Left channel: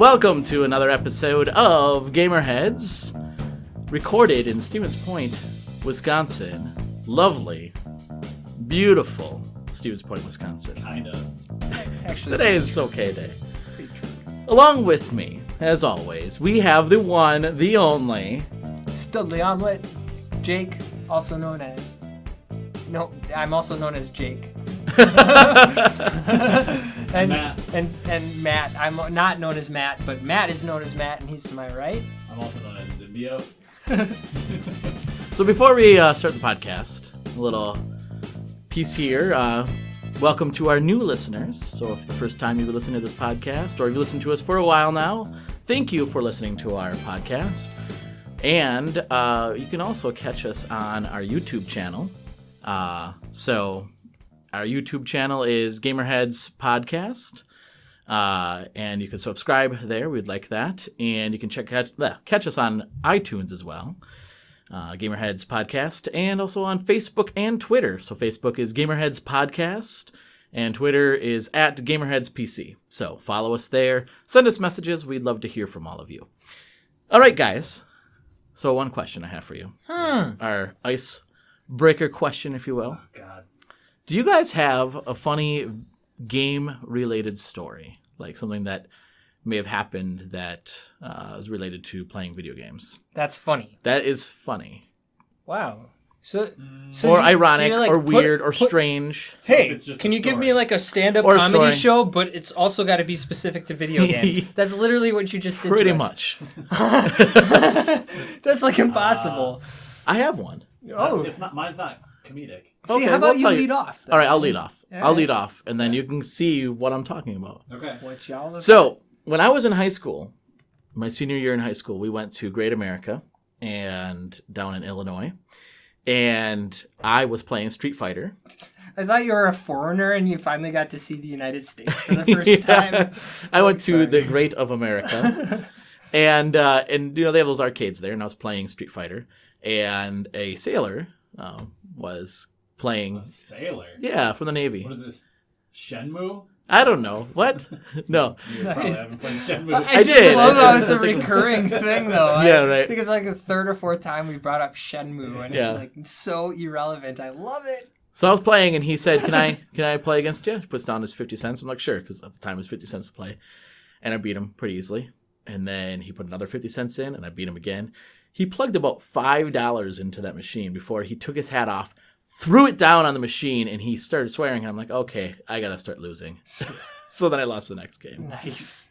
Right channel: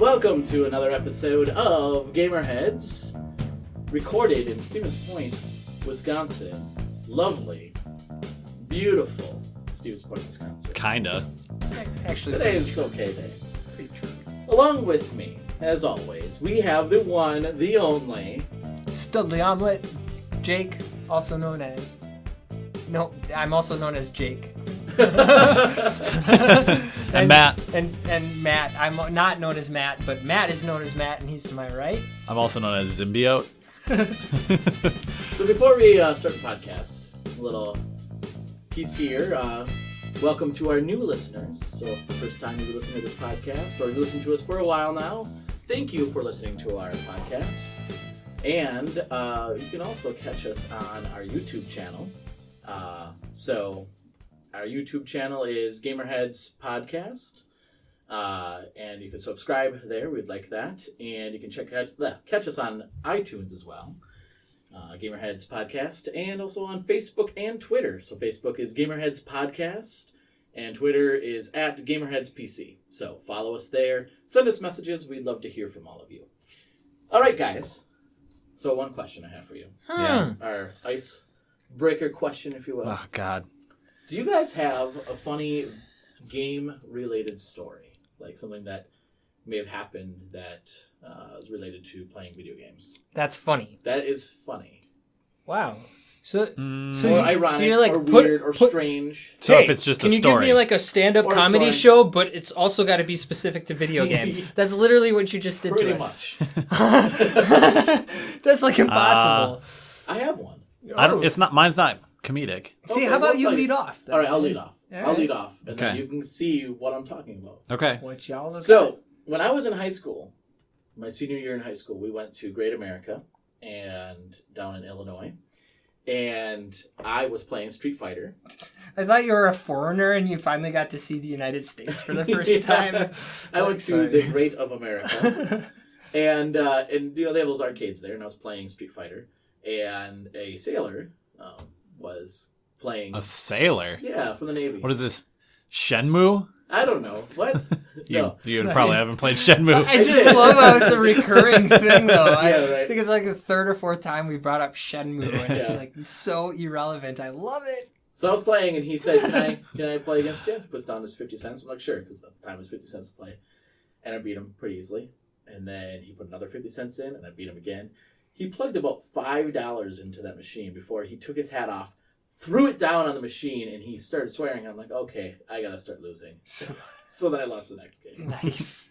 Welcome to another episode of GamerHeads, recorded in Stevens Point, Wisconsin. Lovely, beautiful Stevens Point, Wisconsin. Kinda. Actually, Today is okay day. Along with me, as always, we have the one, the only... Studley Omelet, Jake, also known as... No, I'm also known as Jake. And Matt. And Matt. I'm not known as Matt, but Matt is known as Matt, and he's to my right. I'm also known as Zimbiote. So before we start the podcast, a little piece here. Welcome to our new listeners. So if the first time you've listened to this podcast, or you've listened to us for a while now, thank you for listening to our podcast. And you can also catch us on our YouTube channel. So our YouTube channel is GamerHeads Podcast. And you can subscribe there. We'd like that. And you can catch us on iTunes as well. GamerHeads Podcast, and also on Facebook and Twitter. So Facebook is GamerHeads Podcast, and Twitter is at GamerHeads PC. So follow us there. Send us messages. We'd love to hear from all of you. All right, guys. So one question I have for you. Yeah, our icebreaker question, if you will. Oh, God. Do you guys have a funny game-related story? Like something that may have happened that is related to playing video games? That's funny. That is funny. Wow. So or ironic, like, or weird, or strange. So hey, if it's just can a you give story. me like a stand-up Or a comedy story. show, but it's also got to be specific to video games? That's literally what you just did Pretty to us. much. That's like impossible. I have one. Mine's not comedic. See, Okay, how about we'll you tell lead off? Then? All right, I'll lead off. All I'll right. lead off, and then Okay. you can see what I'm talking about. Okay. What y'all are So, when I was in high school, my senior year in high school, we went to Great America and down in Illinois, and I was playing Street Fighter. I thought you were a foreigner and you finally got to see the United States for the first time. I went to Sorry. the Great of America, and you know they have those arcades there, and I was playing Street Fighter, and a sailor was playing. A sailor? Yeah, from the Navy. What is this? Shenmue? I don't know what. No. You probably haven't played Shenmue. I just did. love how it's a recurring thing, though. Yeah, right. I think it's like the third or fourth time we brought up Shenmue, and it's Yeah. like so irrelevant. I love it. So I was playing, and he said, "Can I play against you?" He puts down his 50 cents. I'm like, "Sure," because at the time it was 50 cents to play, and I beat him pretty easily. And then he put another 50 cents in, and I beat him again. He plugged about $5 into that machine before he took his hat off, threw it down on the machine, and he started swearing. I'm like, "Okay, I gotta start losing." So then I lost the next game. Nice.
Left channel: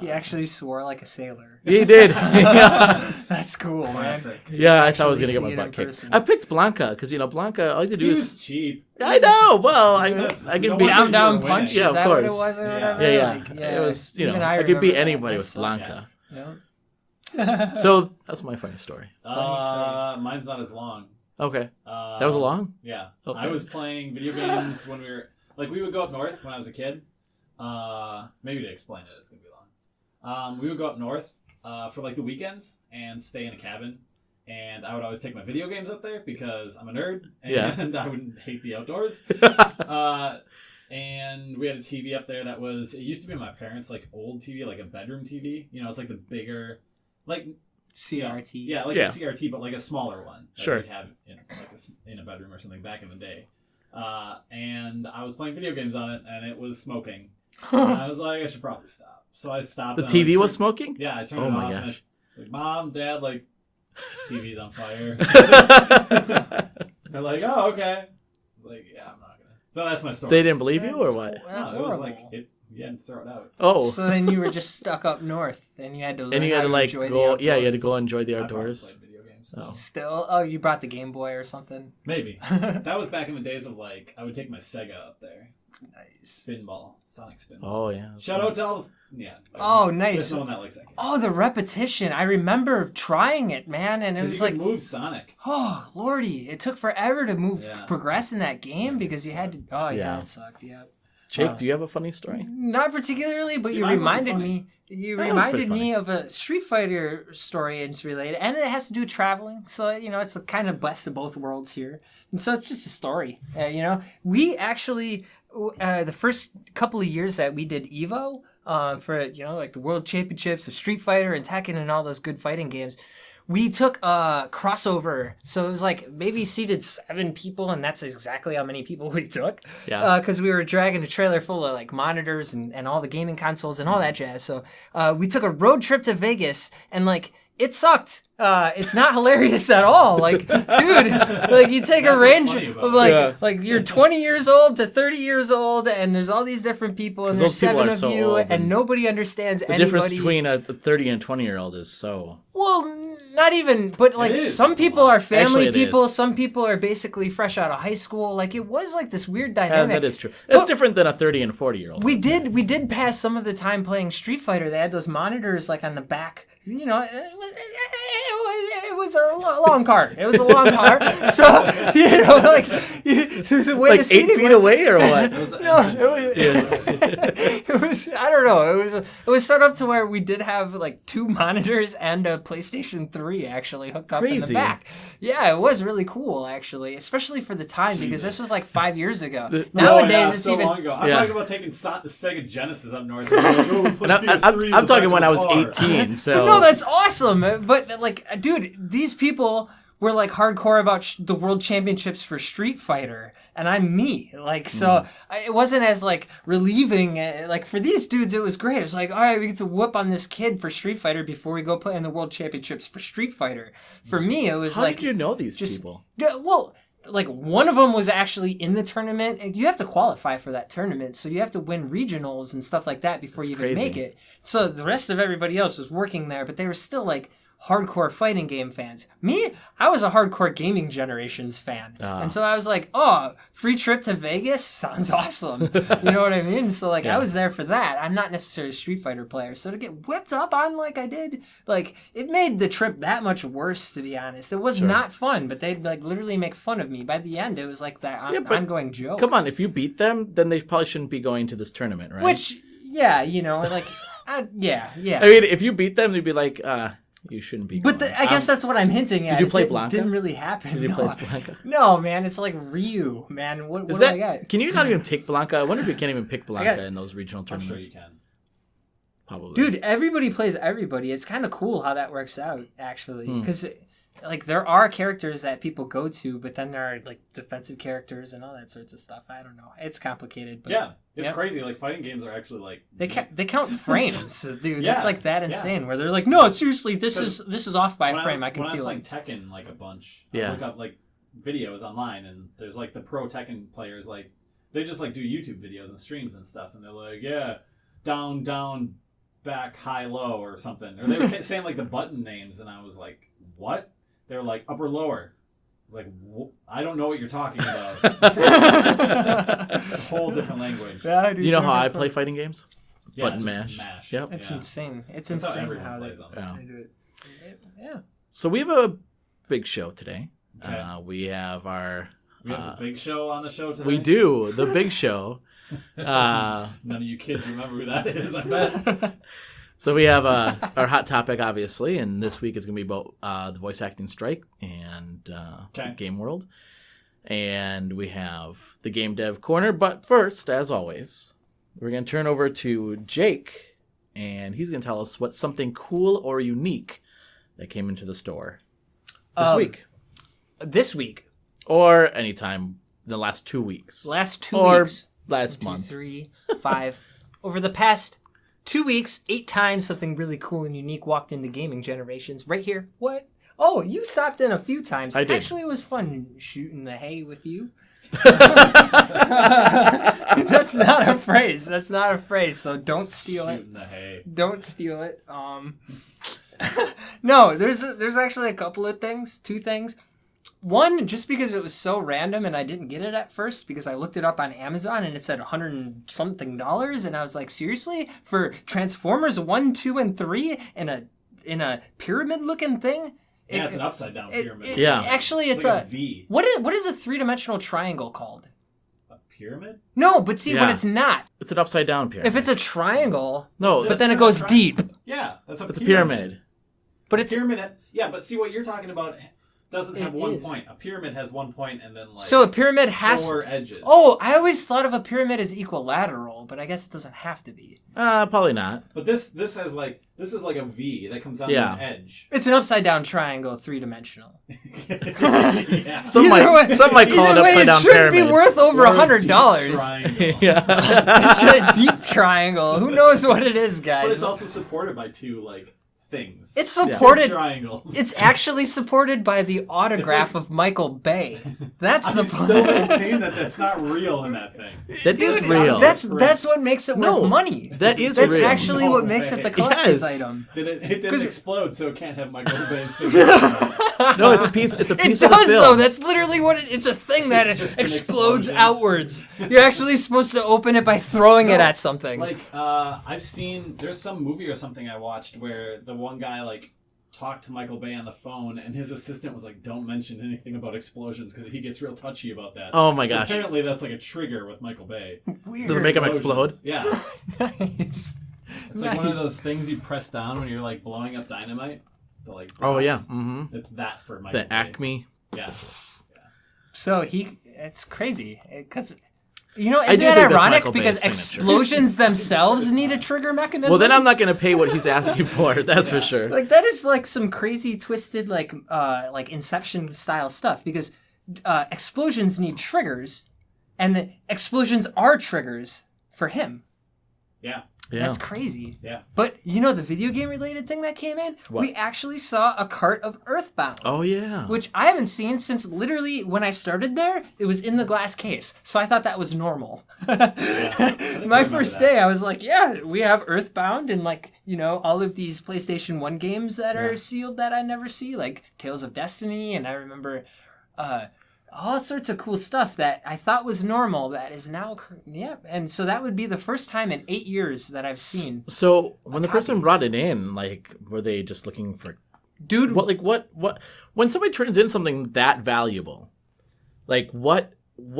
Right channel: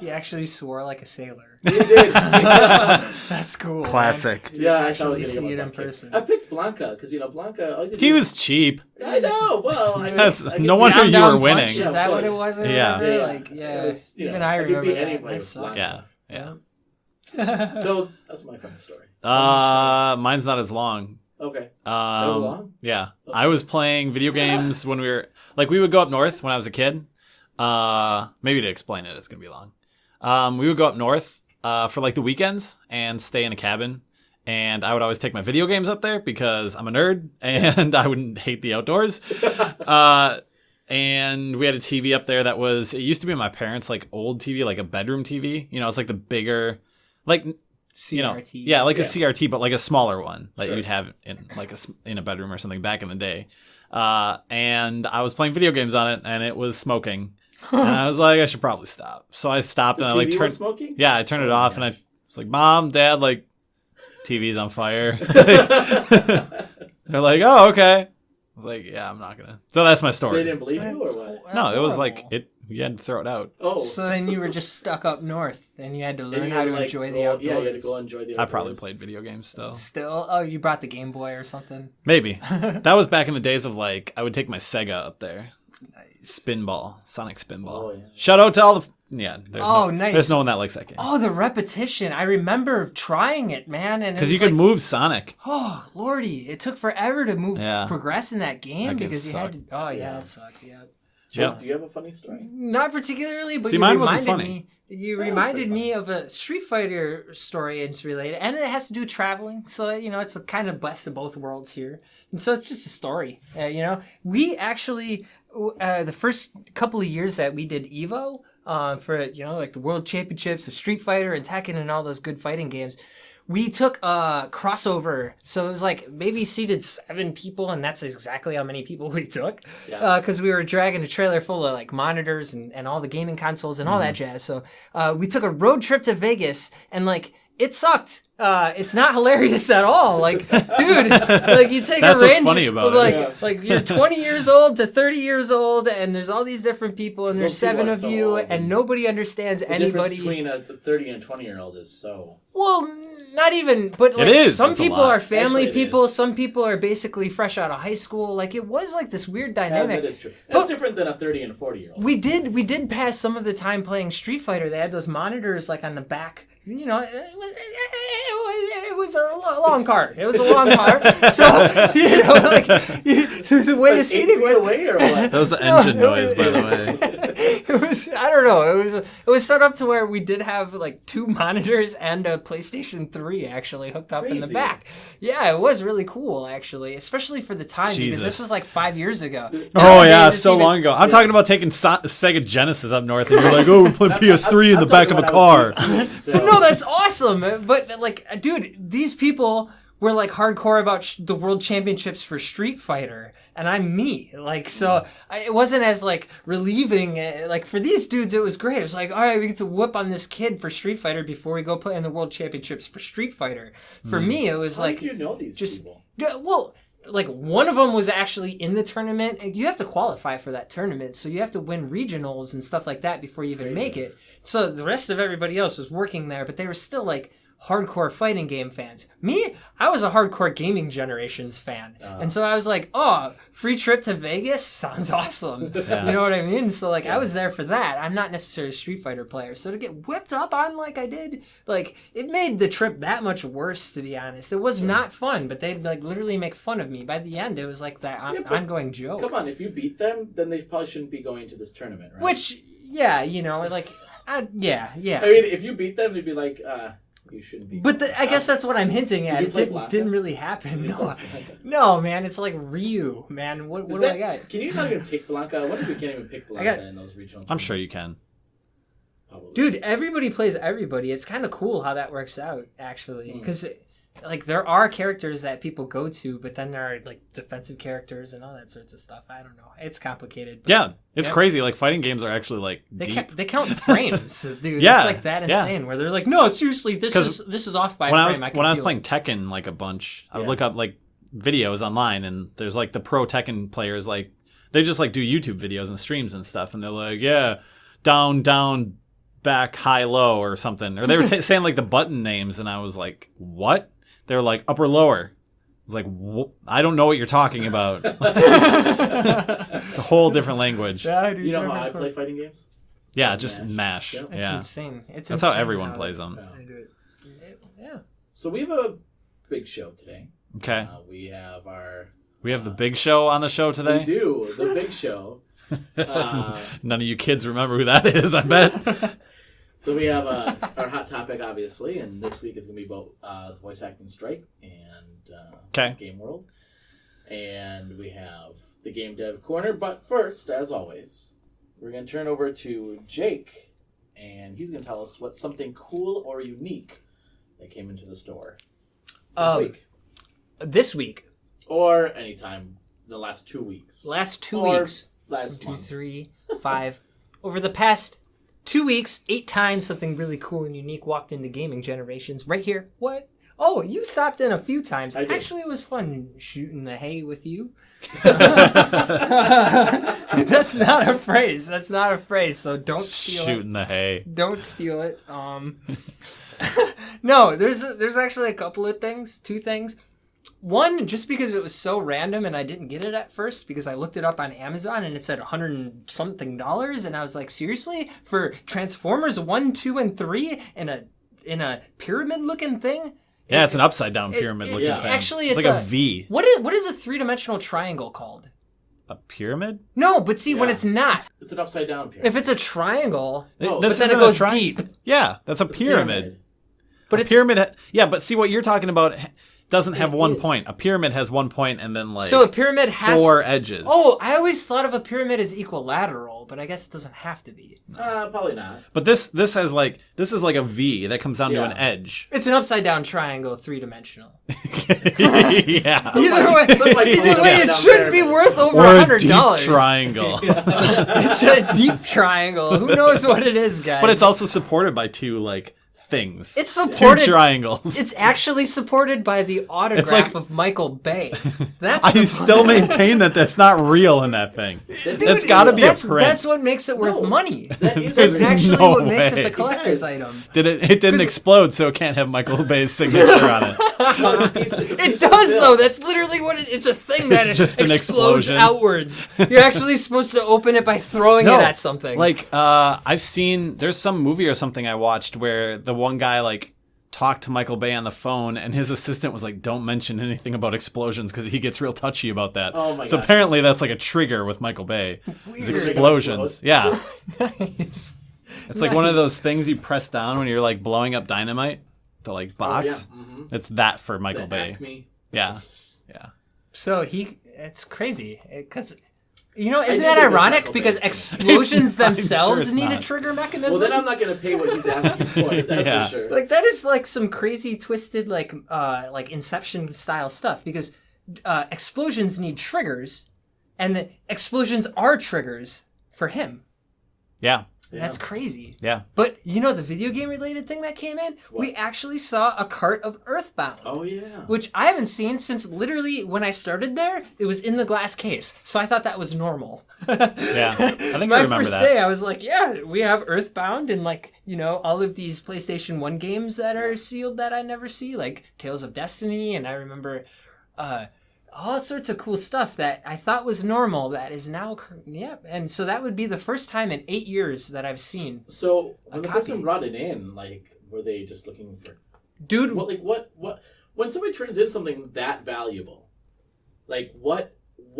He actually swore like a sailor. He did. Yeah, That's cool. Classic. Man. yeah, I thought I was actually gonna see get it one in butt kick. person. I picked Blanca because Blanca. All you had to do He is- was cheap. I know. Well, I That's- can no beat- wonder you Down were winning. punch. Yeah, Is of that what it course. was or Yeah. whatever? Yeah, Like, yeah. It was, you Even know, I I could remember beat that. anybody That with sucked. Blanca. Yeah. So that's my funny story. Mine's not as long. Okay, that was a long. Yeah. Okay. I was playing video games when we would go up north when I was a kid. Maybe to explain it, it's going to be long. We would go up north for like the weekends and stay in a cabin. And I would always take my video games up there because I'm a nerd and I wouldn't hate the outdoors. And we had a TV up there it used to be my parents' like old TV, like a bedroom TV. You know, it's like the bigger, like you know, CRT. yeah, like Yeah. a CRT, but like a smaller one, like Sure. you'd have in like in a bedroom or something back in the day. And I was playing video games on it, and it was smoking. And I was like, I should probably stop. So I stopped. The and I, like, TV was turned- smoking? Yeah, I turned Oh it my off, and I gosh. was like, Mom, Dad, like, TV's on fire. They're like, oh, okay. I was like, yeah, I'm not gonna. So that's my story. They didn't believe you, or what? No, it was like horrible. you had to throw it out. Oh, So then you were just stuck up north, and you had to and learn you how had to to like enjoy the go, outdoors. yeah, you had to go enjoy the I probably outdoors. played video games still. Still, oh, you brought the Game Boy or something. Maybe that was back in the days of like I would take my Sega up there. Nice. Spinball, Sonic Spinball. Oh yeah. Shout out to all the Nice. There's no one that likes that game Oh, the repetition! I remember trying it, man, and it because was you like, could move Sonic. oh lordy, it took forever to Yeah. progress in that game That game because you had to. Oh yeah, Yeah. it sucked. Yeah. Jake, do you have a funny story? Not particularly, but See, you mine wasn't reminded funny. me. You Mine was reminded pretty me of a Street Fighter story, and it's related, and it has to do with traveling. So you know, it's a kind of best of both worlds here, and so it's just a story. You know, we actually the first couple of years that we did Evo, for like the World Championships of Street Fighter and Tekken and all those good fighting games. We took a crossover, so it was like maybe seated 7 people, and that's exactly how many people we took. Yeah. Because we were dragging a trailer full of like monitors and all the gaming consoles and all that jazz. So we took a road trip to Vegas, and like it sucked. It's not hilarious at all. Like, dude, like you take That's a range what's funny about of it. like you're 20 years old to 30 years old, and there's all these different people, and there's those people 7 are of so you, old, and and nobody understands The difference anybody. between a 30 and 20-year-old is so... Well, not even, but like is. some That's a people lot. are family Actually, it people, is. some people are basically fresh out of high school. Like it was like this weird Yeah, dynamic. that is true. That's But- different than a 30 and 40-year-old. We did pass some of the time playing Street Fighter. They had those monitors like on the back. You know, it was a long car. It was a long car. So like the way like the 8 seating feet was. away or what? That was the No, engine it noise, was- by the way. It was, I don't know. It was set up to where we did have like 2 monitors and a PlayStation 3 actually hooked up in the Crazy. back. Yeah, it was really cool actually, especially for the time because this Jesus. was like 5 years ago. Oh Nowadays, yeah, it's so even- long ago. I'm Yeah. talking about taking Sega Genesis up north, and you're like, "Oh, we're putting PS3 in I'm the back talking of when a I car." was 18. So. But no, that's awesome. But like, dude, these people were like hardcore about the World Championships for Street Fighter, and I'm me. Like, so it wasn't as like relieving. Like for these dudes, it was great. It was like, all right, we get to whoop on this kid for Street Fighter before we go play in the World Championships for Street Fighter. For me, it was How like, did you know these just- people? yeah, well. Like one of them was actually in the tournament. And you have to qualify for that tournament, so you have to win regionals and stuff like that before you even crazy. make it. So the rest of everybody else was working there, but they were still like hardcore fighting game fans. Me, I was a hardcore gaming generations fan, and so I was like, "Oh, free trip to Vegas sounds awesome." You know what I mean? So like, I was there for that. I'm not necessarily a Street Fighter player, so to get whipped up on like I did, like it made the trip that much worse. To be honest, it was not fun. But they'd like literally make fun of me. By the end, it was like that but ongoing joke. Come on, if you beat them, then they probably shouldn't be going to this tournament, right? Which, yeah, you know, like, yeah. I mean, if you beat them, they'd be like, you shouldn't be. But going. I guess that's what I'm hinting at. you It play didn't, Blanca? didn't really happen. you No. play Blanca? No, man, it's like Ryu, man. What Is do that, I got? Can you not even pick Blanca? I wonder if you can't even pick Blanca got- in those regional I'm tournaments. sure you can. Probably. Dude, everybody plays everybody. It's kind of cool how that works out, actually. Hmm. Because, like, there are characters that people go to, but then there are, like, defensive characters and all that sorts of stuff. I don't know. It's complicated. But Yeah, it's Yep. crazy. Like fighting games are actually like They deep. they count frames, dude. Yeah, It's like that yeah. insane. Where they're like, no, seriously, this 'Cause is off by a when frame. I I can was feel playing it. Tekken like a bunch, I would Yeah. look up like videos online, and there's like the pro Tekken players, like they just like do YouTube videos and streams and stuff, and they're like, yeah, down, down, back, high, low, or something, or they were saying like the button names, and I was like, what? They were like upper, lower. I was like, I don't know what you're talking about. It's a whole different language. Yeah, Do you know how I play fighting games? Yeah, Button just mash. Yep. It's Yeah. insane. It's That's insane how everyone plays they- them. Yeah. they do it. Yeah. So we have a big show today. Okay. We have our. We have the big show on the show today. We do the big show. None of you kids remember who that is, I bet. So we have our hot topic, obviously, and this week is going to be about the voice acting strike and Game World. And we have the Game Dev Corner. But first, as always, we're going to turn over to Jake, and he's going to tell us what's something cool or unique that came into the store this week. This week, Or anytime in the last 2 weeks. last 2 Or weeks, last 2, month. 3, 5, over the past 2 weeks, 8 times something really cool and unique walked into gaming generations. Right here. What? Oh, you stopped in a few times. I did. Actually, it was fun shooting the hay with you. That's not a phrase. That's not a phrase. So don't steal it. Shooting the hay. Don't steal it. No, there's actually a couple of things, 2 things. One, just because it was so random and I didn't get it at first because I looked it up on Amazon and it said $100 and something, and I was like, seriously? For Transformers 1, 2, and 3 in a pyramid looking thing? Yeah, it's an upside down pyramid. looking yeah. thing. Actually, it's it's like a V. What is a 3-dimensional triangle called? A pyramid? No, but see, when Yeah. it's not. It's an upside down pyramid. If it's a triangle, No, but this then it isn't a goes deep. Yeah, that's a it's a pyramid. pyramid. But it's Pyramid. Yeah, but see what you're talking about. doesn't have It one is. point. A pyramid has 1 point and then like So a pyramid has 4 edges. Oh, I always thought of a pyramid as equilateral, but I guess it doesn't have to be. Probably not. But this has like this is like a V that comes down to an edge. It's an upside down triangle, 3-dimensional. Yeah. Either way, some might call either it way, it upside-down should be pyramid. worth over Or a $100. deep triangle. It's a deep triangle. Who knows what it is, guys? But it's also supported by 2 like things. It's 2 supported. triangles. It's actually supported by the autograph of Michael Bay. That's I the still maintain that that's not real in that thing. That's gotta real. be a That's print. what makes it worth No, money. That is That's real. actually No what makes it way. the collector's Yes. item. It didn't 'Cause- explode, so it can't have Michael Bay's signature on it. No, it's a piece. It's a It piece does of film. though. That's literally what it's a thing that It's just an explodes explosion. outwards. You're actually supposed to open it by throwing it No, at something. Like I've seen there's some movie or something I watched where the one guy like talked to Michael Bay on the phone and his assistant was like, don't mention anything about explosions because he gets real touchy about that. Oh my So gosh. apparently that's like a trigger with Michael Bay. Weird. Does it make 'em Explosions. explode? Yeah. Nice. It's like one of Nice. those things you press down when you're like blowing up dynamite. The like box. Oh yeah. Mm-hmm. It's that for Michael The Bay. Acme. Yeah. Yeah. So it's crazy because. You know, I isn't do that think that's ironic? Michael because Bay's signature. explosions It's not. I'm themselves sure it's need a not. trigger mechanism. Well, then I'm not going to pay what he's asking for. That's Yeah. for sure. Like that is like some crazy twisted like Inception style stuff because explosions need triggers, and the explosions are triggers for him. Yeah. Yeah. That's crazy. Yeah. But you know the video game related thing that came in? What? We actually saw a cart of Earthbound. Oh yeah. Which I haven't seen since literally when I started there, it was in the glass case. So I thought that was normal. Yeah. I think I My remember first that. day, I was like, yeah, we have Earthbound and like, you know, all of these PlayStation 1 games that are sealed that I never see, like Tales of Destiny. And I remember all sorts of cool stuff that I thought was normal that is now, And so that would be the first time in 8 years that I've seen. So when the copy. person brought it in, like, were they just looking for Dude, what when somebody turns in something that valuable, like what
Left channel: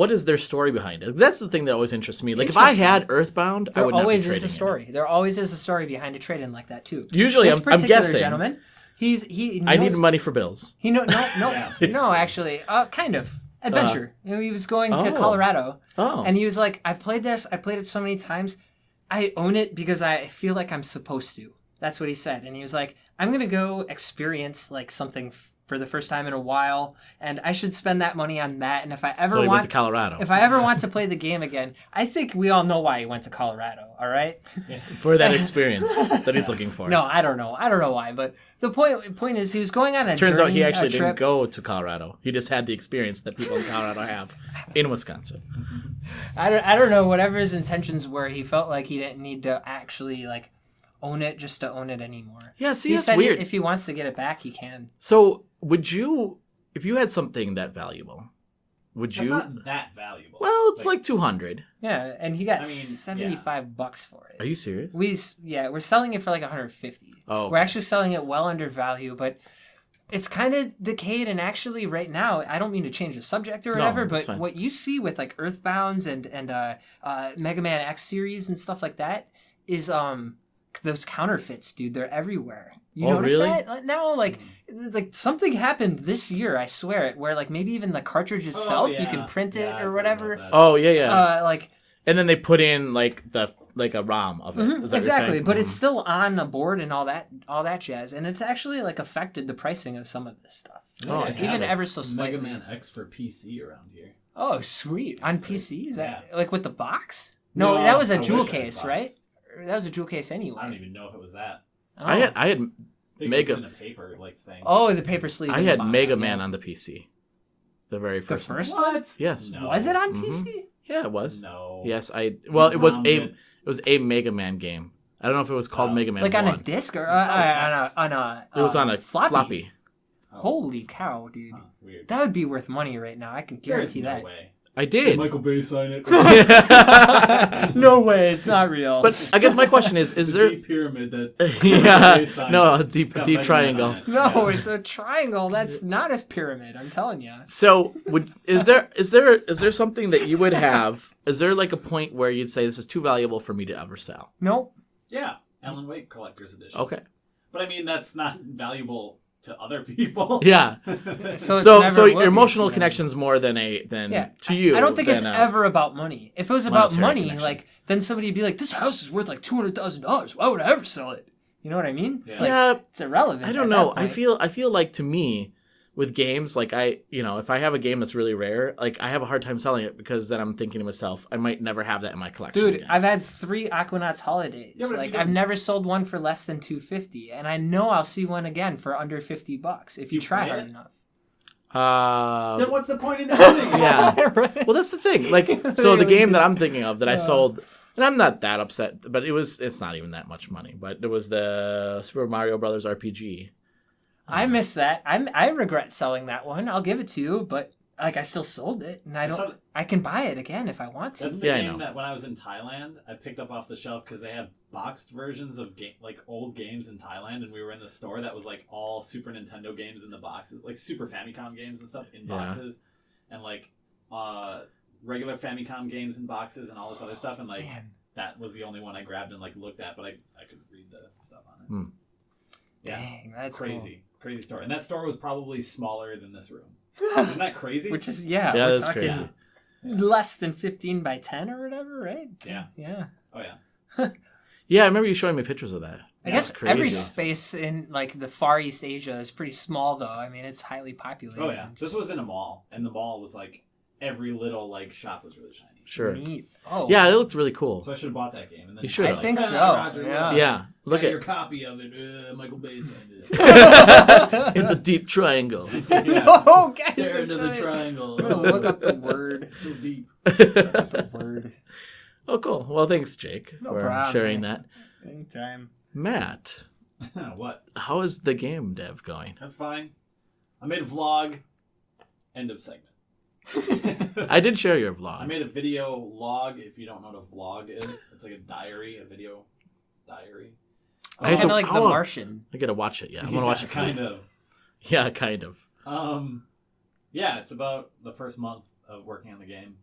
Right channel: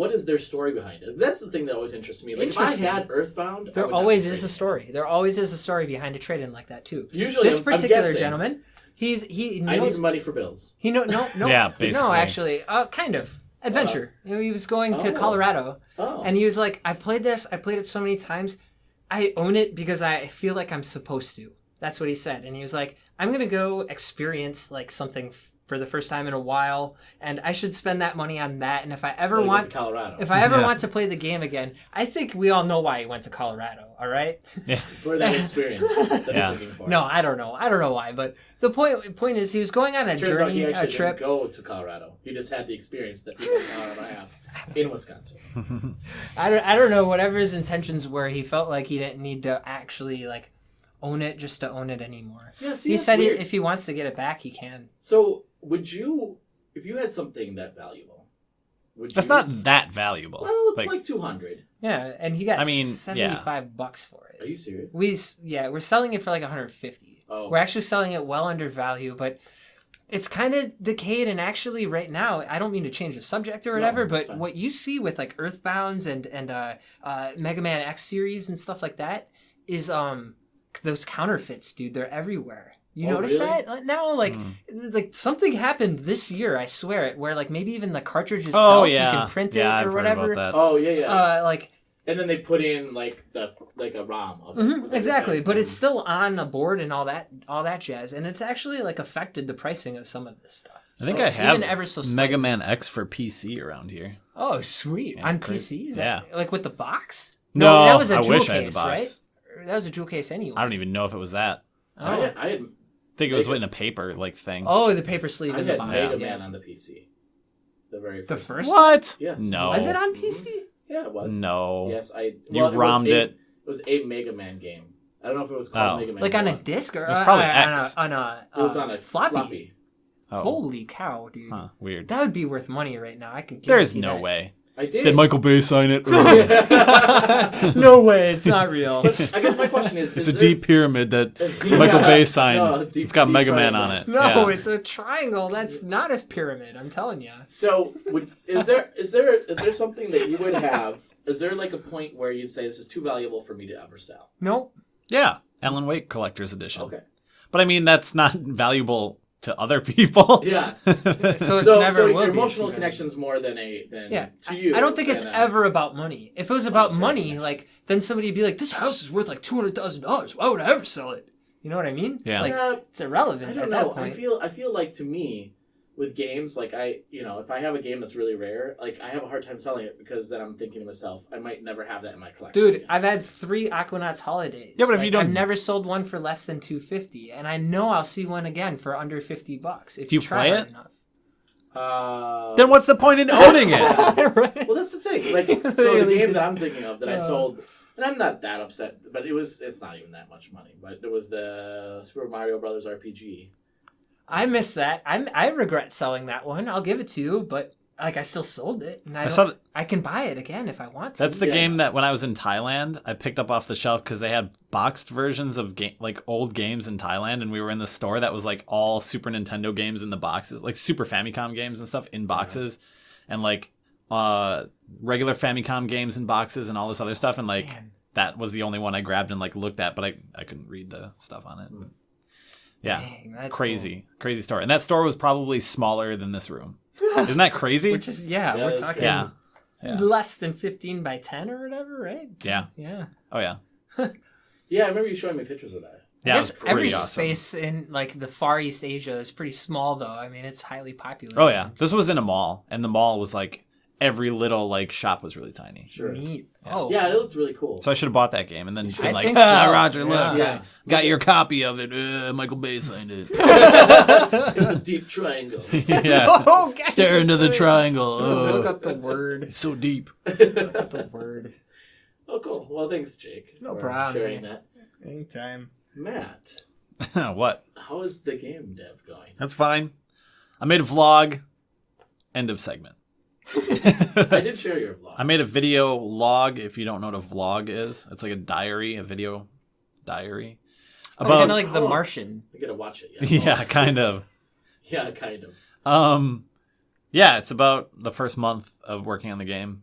is their story behind it? That's the thing that always interests me. Like if I Interesting. had Earthbound, I there would not be always is trading a it. story. There always is a story behind a trade-in like that too. Usually, This I'm particular guessing. gentleman, he knows, I need money for bills. He no Yeah, basically. no actually kind of adventure. You know, he was going to Oh. Colorado, Oh, and he was like, "I've played this. I played it so many times. I own it because I feel like I'm supposed to." That's what he said, and he was like, "I'm gonna go experience like something for the first time in a while, and I should spend that money on that. And if I ever so he went want to Colorado. If I ever want to play the game again, I think we all know why he went to Colorado, all right?" for that experience that he's looking for. No, I don't know. I don't know why, but the point is he was going on a Turns journey, out he actually a trip. didn't go to Colorado. He just had the experience that people in Colorado have in Wisconsin. I don't know whatever his intentions were. He felt like he didn't need to actually like own it just to own it anymore. Yeah, see, He that's said weird. if he wants to get it back, he can. So would you, if you had something that valuable, would you? That's not that valuable. Well, it's like 200. Yeah, and he got I mean, $75 for it. Are you serious? We're selling it for like 150. Oh. We're actually selling it well under value, but it's kind of decayed. And actually, right now, I don't mean to change the subject or whatever, it's but fine. what you see with like Earthbounds and Mega Man X series and stuff like that is those counterfeits, dude. They're everywhere. You Oh, notice really? that now? Like something happened this year. I swear it. Where like maybe even the cartridge itself, you can print it I've or heard whatever. about that. Oh yeah, yeah. Like. And then they put in like a ROM of it. Is that what you're Exactly, saying? but it's still on a board and all that jazz, and it's actually like affected the pricing of some of this stuff. I think Oh, I even have ever so slightly. Mega Man X for PC around here. Oh, sweet! On PC, is that Yeah. like with the box? No, that was a I jewel wish I had the case, box. right? That was a jewel case anyway. I don't even know if it was that. Oh, I had I think it was Mega- in a paper like thing. oh the paper sleeve. I in the had box, Mega yeah. Man on the PC. The very The first. first What? Yes. No. Was it on Mhm. PC? Yeah, it was. No. Yes, it was ROM'd it was a Mega Man game. I don't know if it was called Oh. Mega Man Like on a 1. disc or was probably on a It was on a floppy. Oh. Holy cow, dude! Huh, weird. That would be worth money right now. I can There's guarantee no that. way. I did. Did Michael Bay sign it? No way, it's not real. But I guess my question is It's a there deep pyramid that Michael Yeah. Bay signed. No, a deep- it's got deep Mega triangle. Man on it. No, Yeah. it's a triangle. That's not a pyramid. I'm telling you. So, is there something that you would have? Is there like a point where you'd say this is too valuable for me to ever sell? Nope. Yeah, Alan Wake Collector's Edition. Okay. But I mean, that's not valuable to other people. Yeah. So it's So never will your be emotional to them. connection's more than Yeah, to you. I don't think it's than, ever about money. If it was about monetary money, connection. like then somebody'd be like, "This house is worth like $200,000. Why would I ever sell it?" You know what I mean? Yeah. Like Yeah, it's irrelevant. I don't at know. that point. I feel like to me, with games, like if I have a game that's really rare, like I have a hard time selling it because then I'm thinking to myself, I might never have that in my collection. Dude, again. I've had 3 Aquanauts holidays. Yeah, but if like, you don't- I've never sold one for less than $250, and I know I'll see one again for under $50 if you you try play hard it? enough. Then what's the point in owning it? Yeah. Right? Well, that's the thing. Like, so the Literally game do. that I'm thinking of that I sold, and I'm not that upset, but it's not even that much money. But it was the Super Mario Brothers RPG. I miss that. I regret selling that one. I'll give it to you, but like I still sold it, and I can buy it again if I want to. That's the Yeah, I game know. that when I was in Thailand, I picked up off the shelf because they had boxed versions of old games in Thailand, and we were in the store that was like all Super Nintendo games in the boxes, like Super Famicom games and stuff in boxes, and like regular Famicom games in boxes and all this other stuff, and like Man. that was the only one I grabbed and like looked at, but I couldn't read the stuff on it. Yeah, Dang, that's crazy store, and that store was probably smaller than this room. Isn't that crazy? cool. Which is Yeah, we're that's talking crazy. Yeah. less than 15 by 10 or whatever, right? Yeah. Yeah. Oh yeah. Yeah, I remember you showing me pictures of that. I Yeah, guess it's crazy every awesome. space in like the Far East Asia is pretty small, though. I mean, it's highly populated. Oh yeah. This was in a mall, and the mall was like every little like shop was really tiny. Sure. Neat. Oh Yeah, it looked really cool. So I should have bought that game, and then should. like, I think "Ah, so. Roger, Yeah. look, Yeah. got Look your at- copy of it. Michael Bay signed it. It's a deep triangle. yeah. Oh, guys, Stare into the it's triangle. Look up the word. so deep. Look up the word. Oh, cool. Well, thanks, Jake, No for problem, sharing man. that. Anytime. Matt, What? how is the game dev going? That's fine. I made a vlog. End of segment. I did share your vlog. I made a video log. If you don't know what a vlog is, it's like a diary, a video diary. Kind of like The oh. Martian. I gotta watch it. Yeah, Yeah, kind of. Yeah, kind of. Yeah, it's about the first month of working on the game.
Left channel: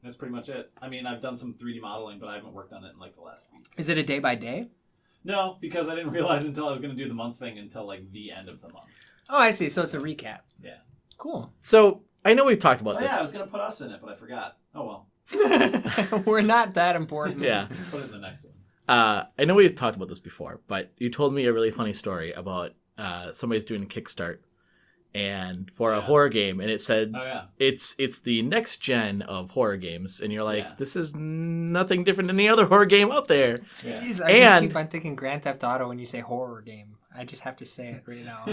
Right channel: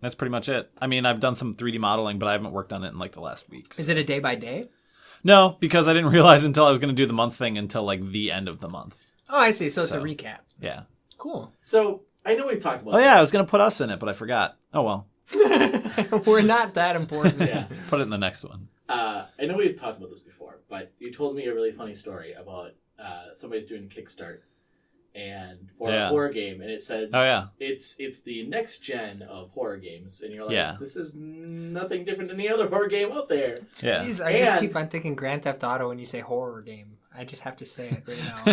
That's pretty much it. I mean, I've done some 3D modeling, but I haven't worked on it in like the last week. Is it a day by day? No, because I didn't realize until I was going to do the month thing until like the end of the month. Oh, I see. So it's a recap. Yeah. Cool. So I know we've talked about. Oh this. yeah, I was going to put us in it, but I forgot. Oh well. We're not that important. Yeah. Put it in the next one. I know we've talked about this before, but you told me a really funny story about somebody's doing a Kickstart and for a Yeah. horror game, and it said Oh yeah. it's the next gen of horror games, and you're like, Yeah. this is nothing different than any other horror game out there. Yeah. Jeez, I just And- keep on thinking Grand Theft Auto when you say horror game. I just have to say it right now.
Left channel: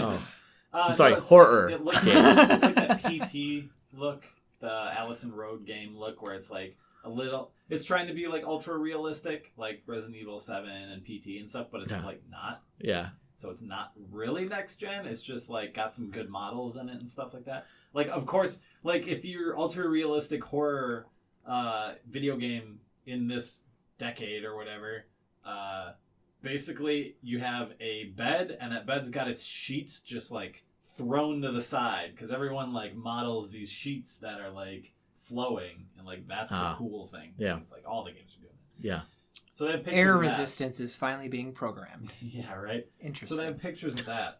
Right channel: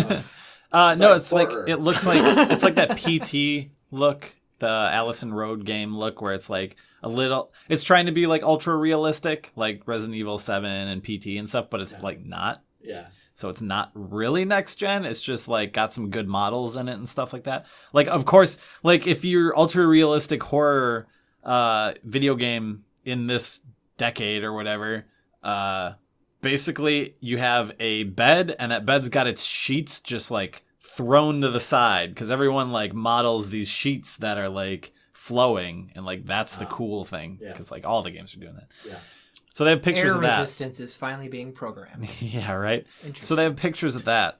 sorry, no, it's horror. like it looks like it's like that PT look, the Allison Road game look, where it's like a little. It's trying to be like ultra realistic, like Resident Evil 7 and PT and stuff, but it's like not. Yeah. So it's not really next gen. It's just like got some good models in it and stuff like that. Like, of course, like if you're ultra realistic horror video game in this decade or whatever, basically you have a bed, and that bed's got its sheets just like thrown to the side because everyone like models these sheets that are like flowing, and like that's the cool thing. Yeah. Because like all the games are doing that. Yeah. So they have pictures Air of that. resistance is finally being programmed. Yeah, right. Interesting. So they have pictures of that,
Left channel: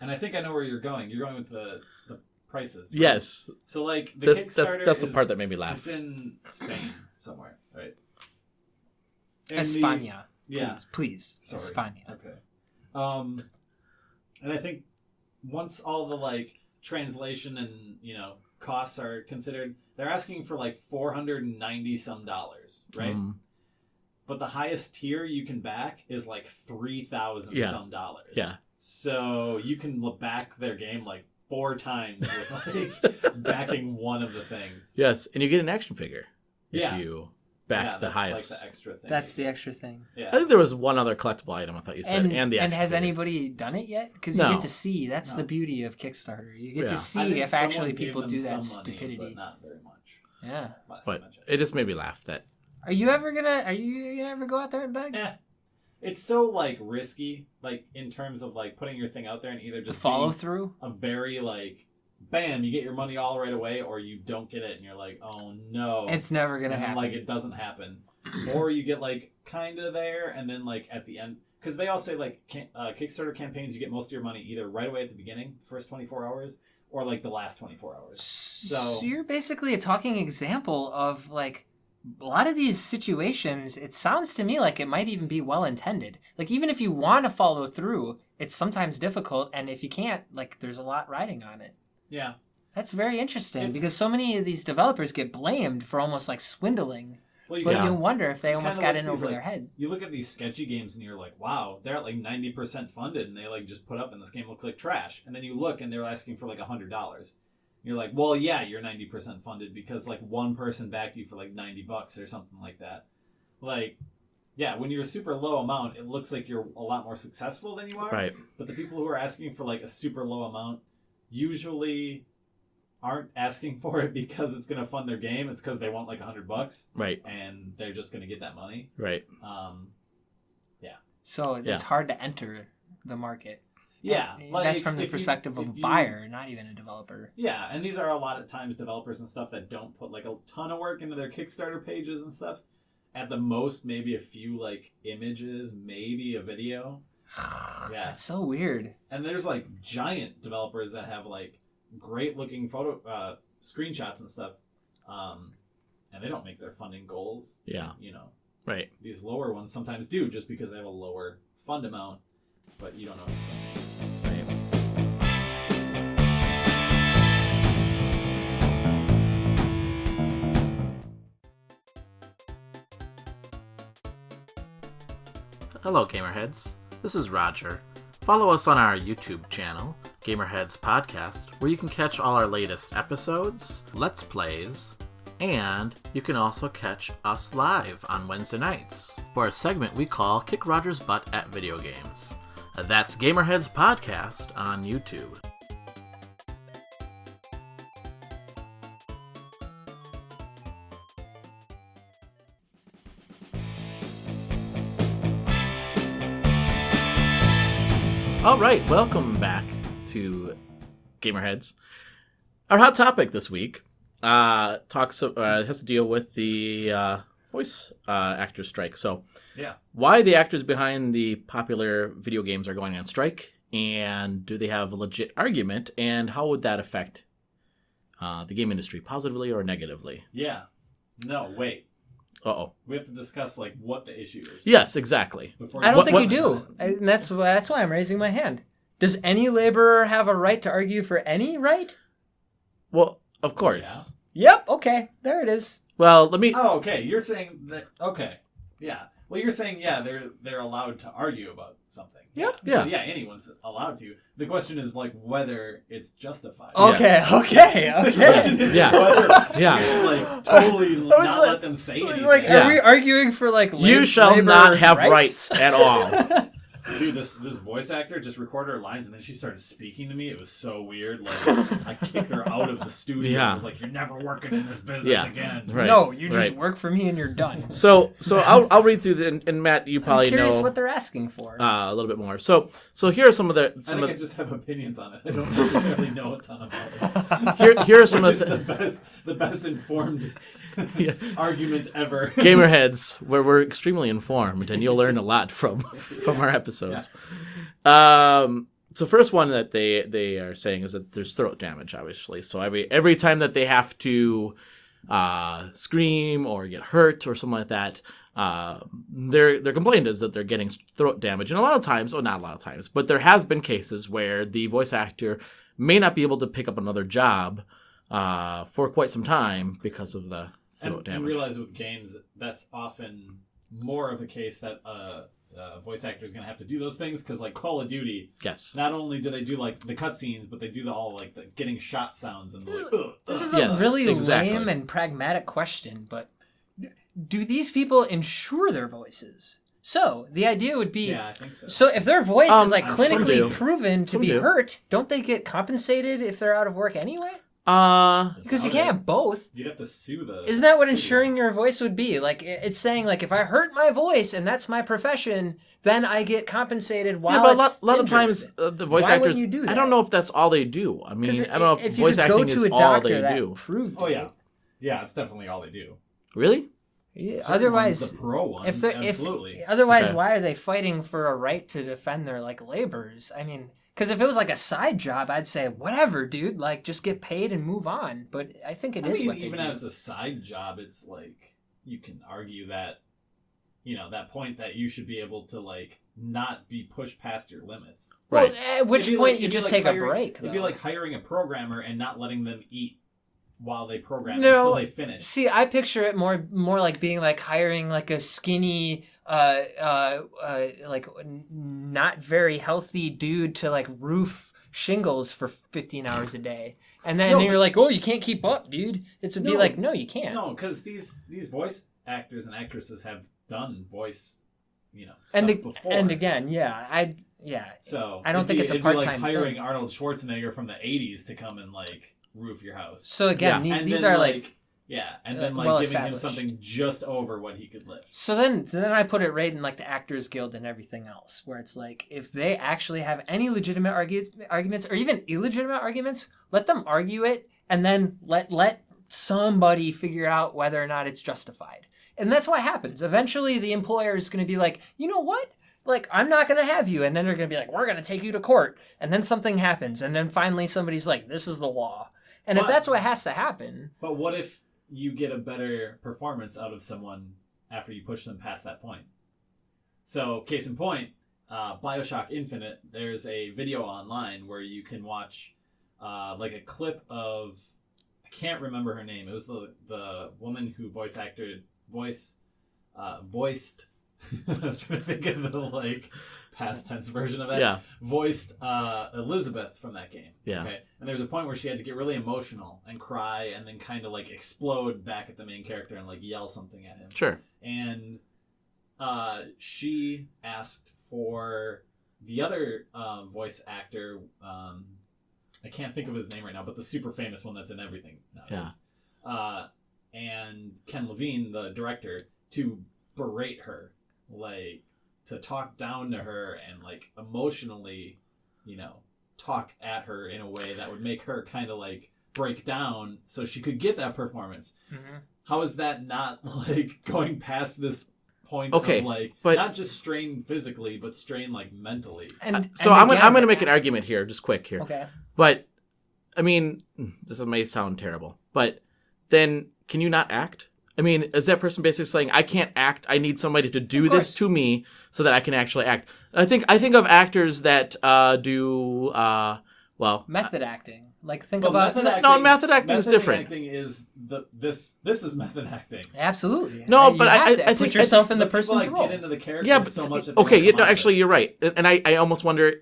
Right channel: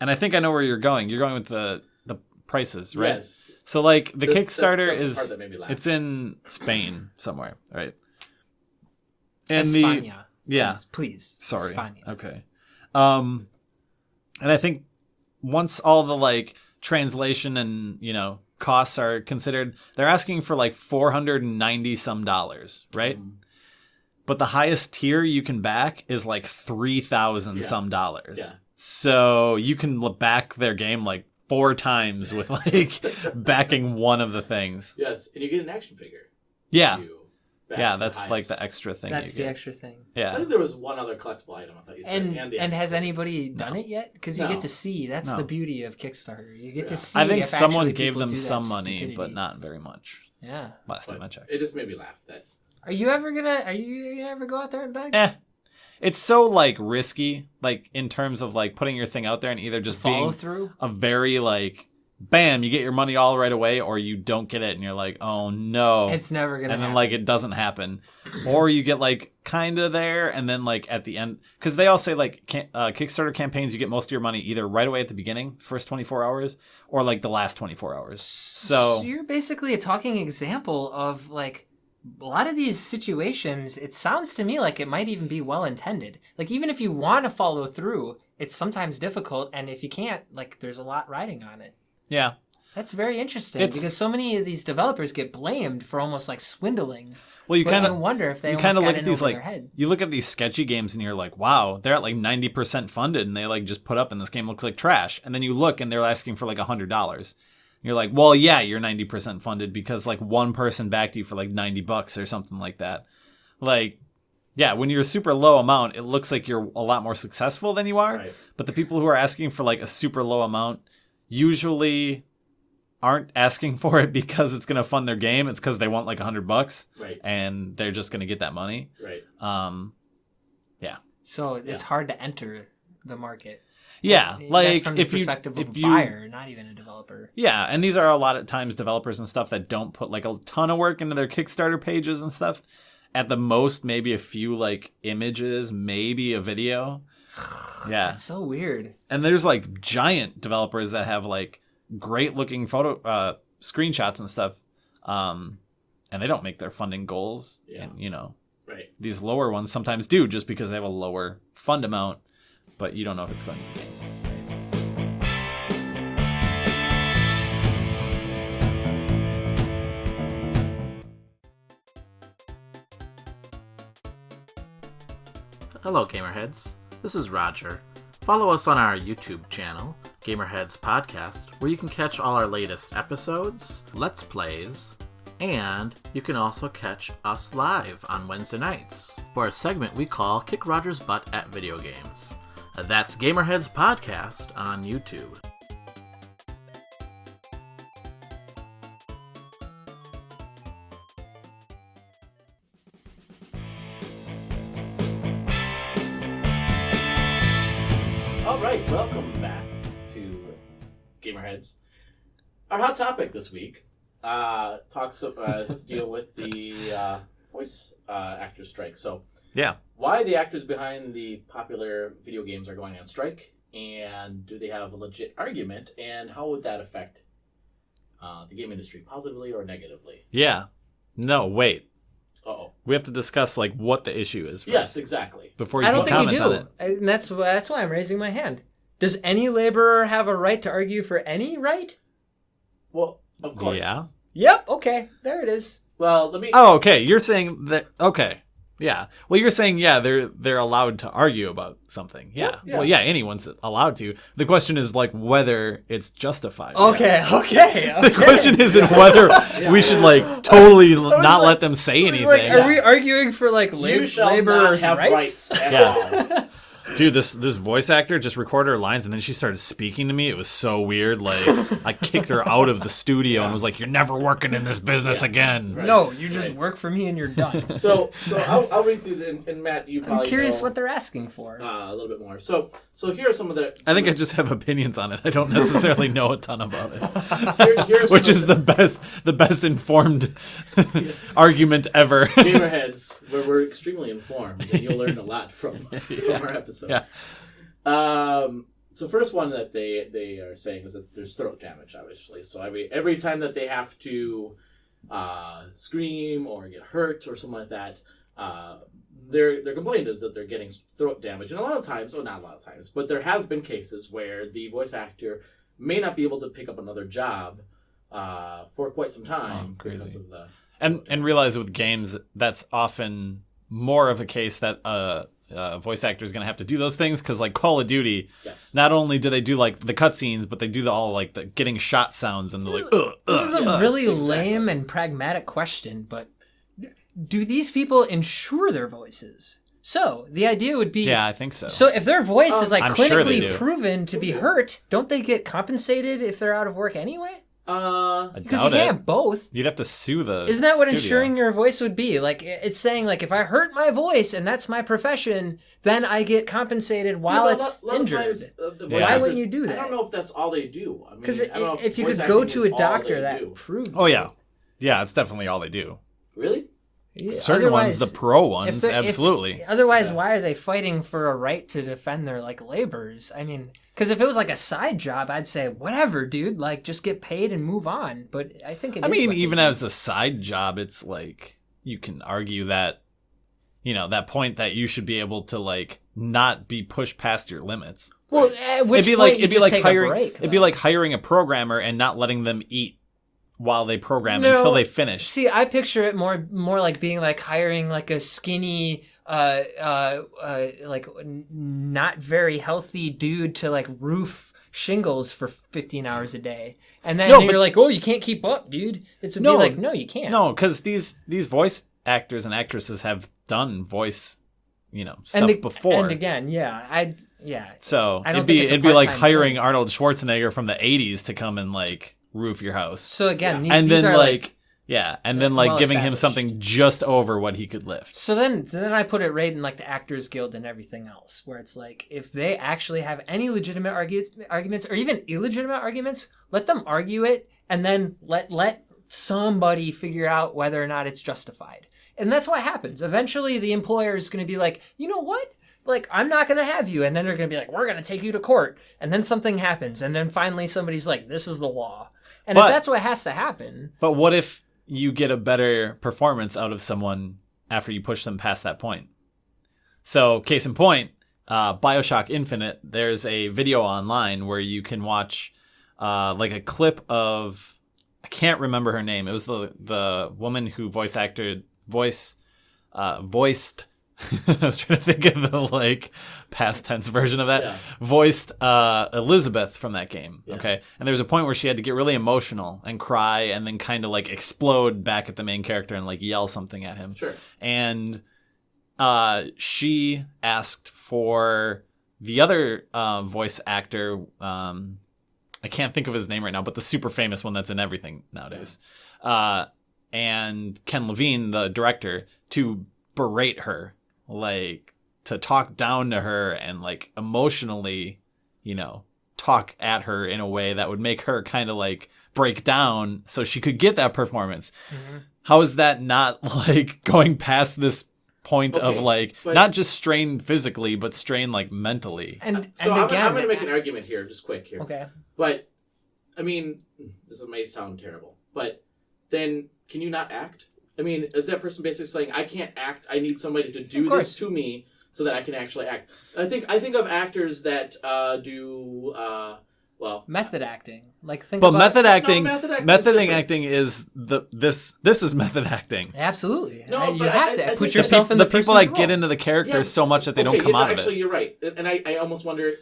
and I think I know where you're going. You're going with the prices, right? Yes. So like the That's- Kickstarter that's the is part that made me laugh. It's in Spain somewhere, right? España. Yeah. Please. Sorry. España. Okay. And I think once all the like translation and costs are considered, they're asking for like $490 some, right? But the highest tier you can back is like $3,000 some dollars. Yeah. So you can back their game like 4 times with like backing one of the things. Yes, and you get an action figure. Yeah. You back Yeah, the that's highest. like the extra thing. That's you the get. extra thing. I Yeah. think there was one other collectible item I thought you said, and the And action has figure. anybody done it yet? Because you No. get to see. That's No. the beauty of Kickstarter. You get Yeah. to see I think if someone actually gave people them do that some money, stupidity. but not very much. Yeah. Last time I But checked. it just made me laugh. That Are you ever gonna go out there and beg? It's so like risky, like in terms of like putting your thing out there and either just Follow being through? a very like bam, you get your money all right away, or you don't get it and you're like, oh no. It's never going to And happen. then like it doesn't happen. Or you get like kind of there and then like at the end, because they all say like Kickstarter campaigns, you get most of your money either right away at the beginning, first 24 hours, or like the last 24 hours. So you're basically a talking example of like a lot of these situations. It sounds to me like it might even be well intended. Like even if you want to follow through, it's sometimes difficult, and if you can't, like there's a lot riding on it. yeah. That's very interesting because so many of these developers get blamed for almost like swindling. Well, you But kind you of wonder if they almost got in over their head. You look at these sketchy games and you're like, wow, they're at like 90% funded and they like just put up and this game looks like trash. And then you look and they're asking for like $100. You're like, well, yeah, you're 90% funded because like one person backed you for like $90 or something like that. Like, yeah, when you're a super low amount, it looks like you're a lot more successful than you are. Right. But the people who are asking for like a super low amount usually aren't asking for it because it's going to fund their game. It's because they want like $100. Right. And they're just going to get that money. Right. Yeah. So it's hard to enter the market. Yeah, And like that's from the perspective of a buyer, not even a developer. Yeah, and these are a lot of times developers and stuff that don't put like a ton of work into their Kickstarter pages and stuff. At the most, maybe a few like images, maybe a video. Yeah, That's so weird. and there's like giant developers that have like great looking photo screenshots and stuff, and they don't make their funding goals. Yeah. And, Right. these lower ones sometimes do just because they have a lower fund amount, but you don't know if it's going to be. Hello, GamerHeads. This is Roger. Follow us on our YouTube channel, GamerHeads Podcast, where you can catch all our latest episodes, Let's Plays, and you can also catch us live on Wednesday nights for a segment we call Kick Roger's Butt at Video Games. That's GamerHeads Podcast on YouTube. All right, welcome back to GamerHeads. Our hot topic this week has to deal with the voice actor strike. So, Yeah. why the actors behind the popular video games are going on strike, and do they have a legit argument, and how would that affect the game industry, positively or negatively? Yeah. No, wait. Uh-oh. We have to discuss like what the issue is. Yes, exactly. Before I don't think you comment on do. it. And that's why I'm raising my hand. Does any laborer have a right to argue for any right? Well, of course. Yeah. Yep. Okay. There it is. Well, let me... Oh, okay. You're saying that. Okay. Yeah. Well, you're saying they're allowed to argue about something. Yeah. Yeah. Well, yeah. Anyone's allowed to. The question is like whether it's justified. Okay. Okay. The question isn't whether we should like totally not like- let them say I was anything. like, are we arguing for like You shall not laborers' have rights? rights at all. Dude, this voice actor just recorded her lines and then she started speaking to me. It was so weird. Like I kicked her out of the studio and was like, "You're never working in this business Yeah. again." Right. No, you just Right. work for me and you're done. So I'll read through and Matt, you probably I'm curious know what they're asking for. a little bit more. So here are some of the. I think I just have opinions on it. I don't necessarily know a ton about it. here are some Which of is the best informed argument ever. GamerHeads, where we're extremely informed, and you'll learn a lot from our episodes. So first one that they are saying is that there's throat damage, obviously. So every time that they have to scream or get hurt or something like that, their complaint is that they're getting throat damage. And a lot of times, not a lot of times, but there has been cases where the voice actor may not be able to pick up another job for quite some time because of the throat and damage. realize with games that's often more of a case that a voice actor is going to have to do those things because like Call of Duty, Yes. not only do they do like the cutscenes, but they do all like the getting shot sounds and the like. This is a Yes, really exactly. lame and pragmatic question, but do these people insure their voices? So the idea would be, Yeah, I think so. so if their voice is like I'm sure they clinically do. proven to Some be do. hurt, don't they get compensated if they're out of work anyway? Because you doubt can't it. have both. You'd have to sue the. Isn't that what studio. insuring your voice would be? Like, it's saying, like, if I hurt my voice and that's my profession, then I get compensated while but it's a lot of injured. times the voice Why actors. wouldn't you do that? I don't know if that's all they do. I mean, Because I don't know if you voice could go acting to a is all doctor they that do. proved Oh it. yeah, yeah. It's definitely all they do. Really? Yeah, Certain otherwise, ones, the pro ones, absolutely. Otherwise, Okay. why are they fighting for a right to defend their like labors? I mean, because if it was like a side job, I'd say whatever, dude. Like, just get paid and move on. But I think it is. I mean, what they even do. as a side job, it's like you can argue that, that point that you should be able to like not be pushed past your limits. Well, Right. at which It'd be point like- you it'd be just like take hiring- a break. It'd be though. like hiring a programmer and not letting them eat while they program No. until they finish. See, I picture it more like being like hiring like a skinny, like not very healthy dude to like roof shingles for 15 hours a day, and then No, you're but- like, oh, you can't keep up, dude. It would be No. like, no, you can't. No, because these voice actors and actresses have done voice, stuff and before. and again, yeah. So I don't it'd think be, it's a it'd be like part-time hiring thing. Arnold Schwarzenegger from the '80s to come and like roof your house. So again, and these then are like and then like well giving him established. something just over what he could lift. So then I put it right in like the Actors Guild and everything else, where it's like if they actually have any legitimate arguments or even illegitimate arguments, let them argue it, and then let somebody figure out whether or not it's justified. And that's what happens. Eventually, the employer is going to be like, you know what? Like, I'm not going to have you. And then they're going to be like, we're going to take you to court. And then something happens. And then finally somebody's like, this is the law. And if But- that's what has to happen, But what if you get a better performance out of someone after you push them past that point? So, case in point, BioShock Infinite, there's a video online where you can watch like a clip of, I can't remember her name. It was the woman who voiced I was trying to think of the like past tense version of that. Yeah. Voiced Elizabeth from that game. Yeah. Okay. And there was a point where she had to get really emotional and cry and then kind of like explode back at the main character and like yell something at him. Sure. And she asked for the other voice actor. I can't think of his name right now, but the super famous one that's in everything nowadays. And Ken Levine, the director, to berate her, like to talk down to her and like emotionally, talk at her in a way that would make her kind of like break down so she could get that performance. How is that not like going past this point Okay, of like but- not just strain physically but strain like mentally? and So and I'm again, going to make an argument here, just quick here. Okay. But, I mean, this may sound terrible, but then can you not act? I mean, is that person basically saying, I can't act, I need somebody to do course. this to me so that I can actually act? I think of actors that do, Method acting. Like think But about method acting, method acting is different. acting is this is method acting. Absolutely. No, You but have to I put think- yourself in the people person's like role. get into the characters but so much that they okay, don't come out of actually, it. you're right. And I almost wonder,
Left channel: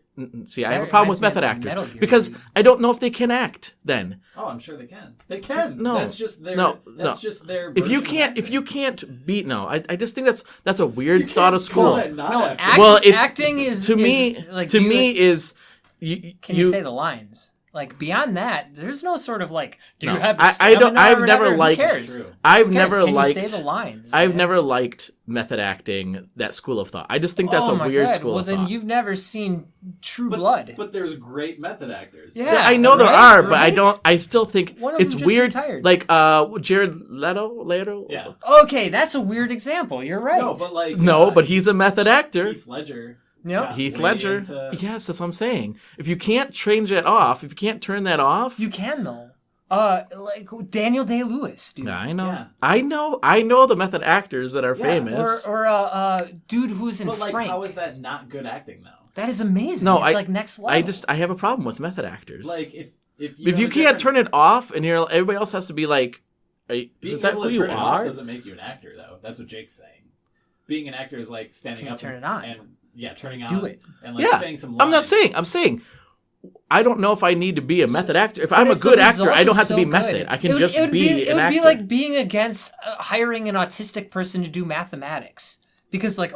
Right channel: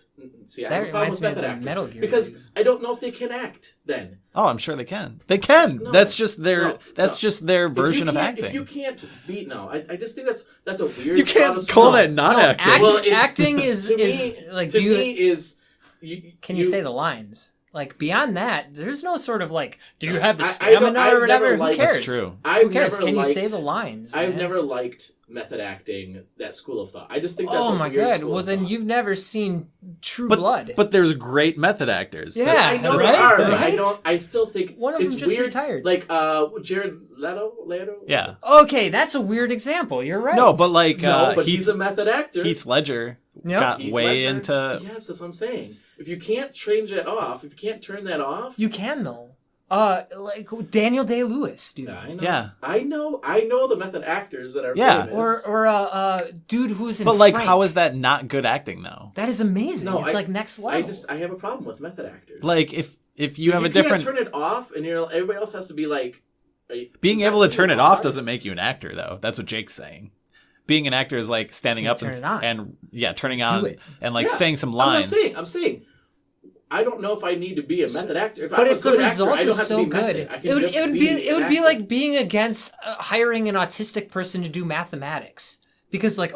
see, I have That a problem with reminds me of method the actors. Metal Gear Because movie. I don't know if they can act then. Oh, I'm sure they can. They can. No. That's just their. No. Just their If version you of can't, acting. if you can't beat, no, I just think that's a weird You thought can't of call school. that not No, acting. Well, it's acting is to is, me. like to do you- me is Can you say the lines? Like beyond that, there's no sort of like, do you have the I stamina don't. I've or whatever? never liked. Who cares? True. I've Who cares? never Can liked. you say the lines? I've man? never liked method acting. That school of thought. I just think that's Oh a my weird god! school Well, of then thought. you've never seen True Blood. But there's great method actors. Yeah. I know there right? are, but I Right? don't. I still think One of it's them just weird. retired. Like Jared Leto. Yeah. Okay, that's a weird example. You're right. No, but like No, but he's a method actor. Heath Ledger. Yep. got Heath way Ledger. into- Yes, that's what I'm saying. If you can't change it off, if you can't turn that off, you can though. Like Daniel Day-Lewis, dude. Yeah, I know. Yeah. I know the method actors that are Yeah. famous. Or dude who's in But like, Frank. how is that not good acting though? That is amazing. No, it's I- like next level. I have a problem with method actors. Like if you if have you a can't different turn it off, and everybody else has to be like, being is that able to who turn you it off are? doesn't make you an actor though. That's what Jake's saying. Being an actor is like standing Can you up turn and, it on? and turning on it. and like Yeah. saying some lines. I'm saying. I don't know if I need to be a method actor. If But I'm a if the good actor, result I don't is have to so be good, method. I can it would, just it would be It an would be actor. like being against hiring an autistic person to do mathematics. Because like,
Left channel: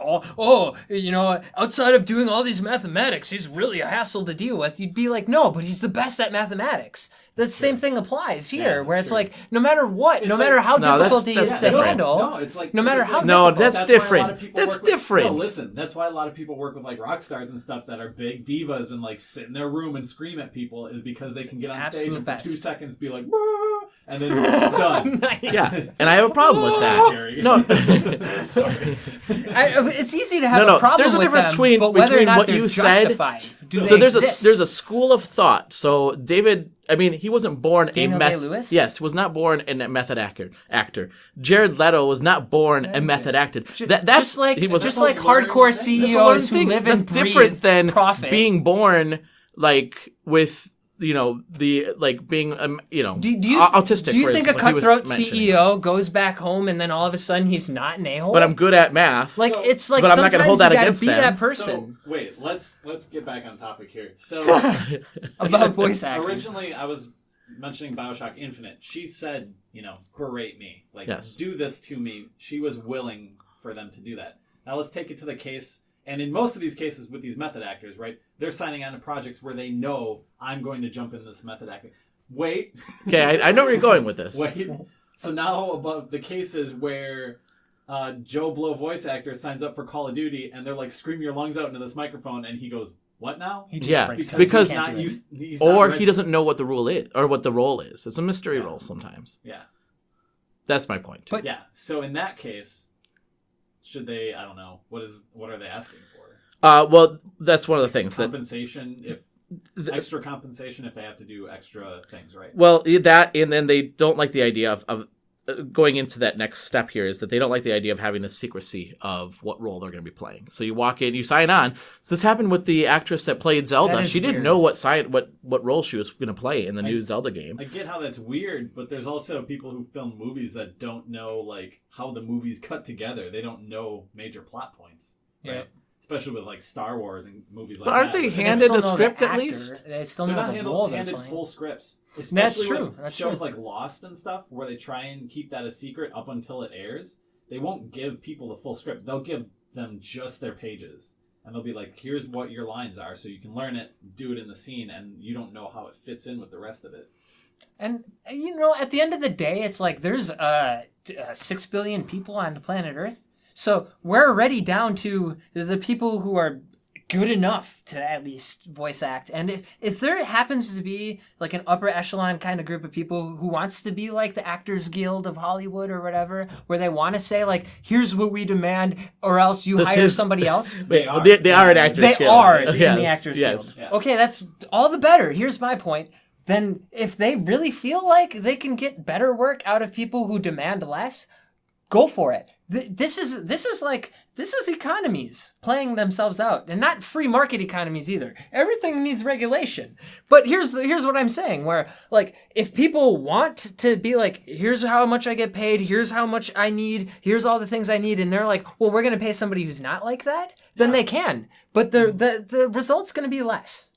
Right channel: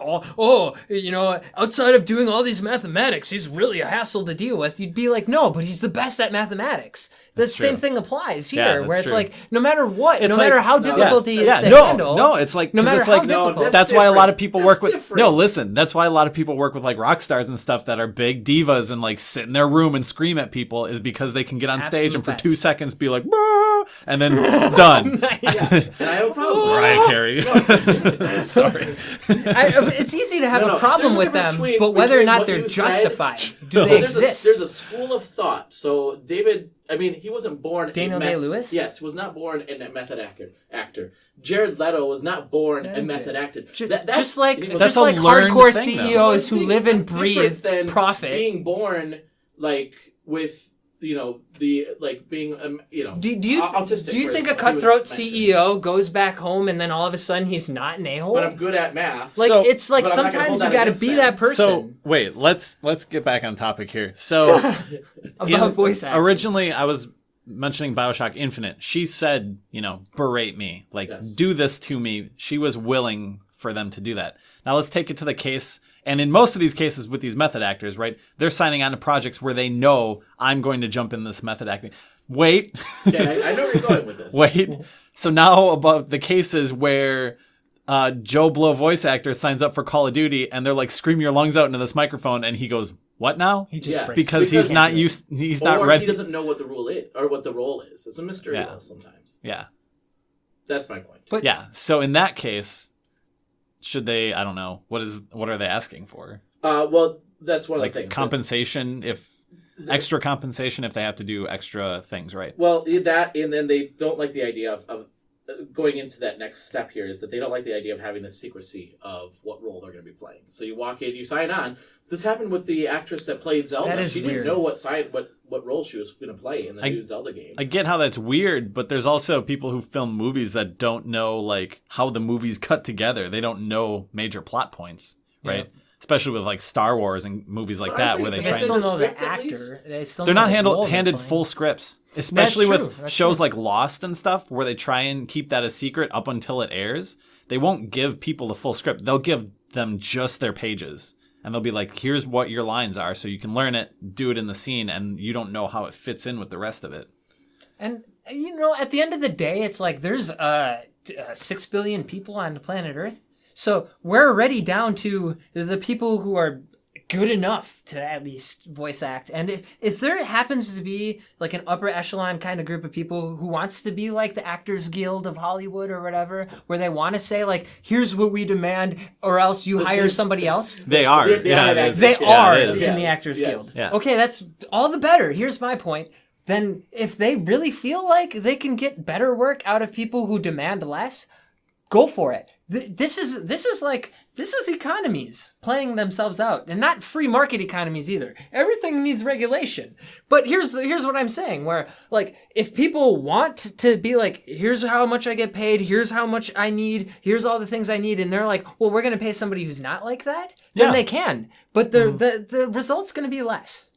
outside of doing all these mathematics, he's really a hassle to deal with. You'd be like, no, but he's the best at mathematics. The same thing applies here, Yeah, that's where it's true. like, no matter what, It's no like- matter how no, difficult it is that's- to no, handle, No, it's like no matter it's how like, no, difficult. that's why a lot different. of people That's work with. different. No, listen. That's why a lot of people work with like rock stars and stuff that are big divas and like sit in their room and scream at people is because they can get on stage Absolute and for best. 2 seconds be like, "Bah," and then done. Nice. Yeah, and I have a problem with Right, that. Carrie. No, sorry. It's easy to have No, a problem there's a with difference them, but whether or between not what they're you said- justified, do So they there's exist? there's a school of thought. So David, I mean, he wasn't born Daniel a Day-Lewis? Yes, was not born a method actor. Jared Leto was not born a method actor. That's just like he was- just that's like a learned hardcore thing, though. CEOs That's who one live thing. and That's breathe different than profit. being born like with being do you autistic. do you for think a instance, like he was cutthroat mentioning. CEO goes back home and then all of a sudden he's not an a-hole? But I'm good at math. like so- it's like but I'm not gonna sometimes hold you that got to against be them. that person So wait, let's get back on topic here. So about voice acting. originally, I was mentioning BioShock Infinite. She said, berate me, like Yes. do this to me. She was willing for them to do that. Now let's take it to the case. And in most of these cases with these method actors, right, they're signing on to projects where they know I'm going to jump in this method acting. Wait. Okay, I know where you're going with this. Wait. So now about the cases where Joe Blow voice actor signs up for Call of Duty and they're like, scream your lungs out into this microphone, and he goes, what now? He just Yeah, breaks Because it. he's He not can't do it. used. He's not Or ready. he doesn't know what the rule is, or what the role is. It's a mystery Yeah. role sometimes. Yeah. That's my point. But- Yeah. So in that case, should they? I don't know. What are they asking for? Well, that's one of the things. that- Compensation extra compensation if they have to do extra things, right? Well, that, and then they don't like the idea of going into that next step here is that they don't like the idea of having the secrecy of what role they're going to be playing. So you walk in, you sign on. So this happened with the actress that played Zelda. That is She didn't weird. know what role she was going to play in the new Zelda game. I get how that's weird, but there's also people who film movies that don't know like how the movie's cut together. They don't know major plot points, right? Yeah. Especially with like Star Wars and movies like But aren't that. they where they handed still a know script the at actor. least? They still they're know not the role they're handed playing. full scripts, especially true. with That's shows true. like Lost and stuff, where they try and keep that a secret up until it airs. They won't give people the full script. They'll give them just their pages, and they'll be like, "Here's what your lines are, so you can learn it, do it in the scene, and you don't know how it fits in with the rest of it." And at the end of the day, it's like there's 6 billion people on the planet Earth. So we're already down to the people who are good enough to at least voice act. And if there happens to be like an upper echelon kind of group of people who wants to be like the Actors Guild of Hollywood or whatever, where they want to say like, here's what we demand or else you hire somebody else. They are. They are an Actors They Guild. are Yeah, in yes, the Actors yes. Guild. Yeah. Okay, that's all the better. Here's my point. Then if they really feel like they can get better work out of people who demand less, go for it. This is economies playing themselves out, and not free market economies either. Everything needs regulation. But here's what I'm saying, where like if people want to be like, here's how much I get paid, here's how much I need, here's all the things I need, and they're like, well, we're gonna pay somebody who's not like that, then Yeah. they can. But the result's gonna be less.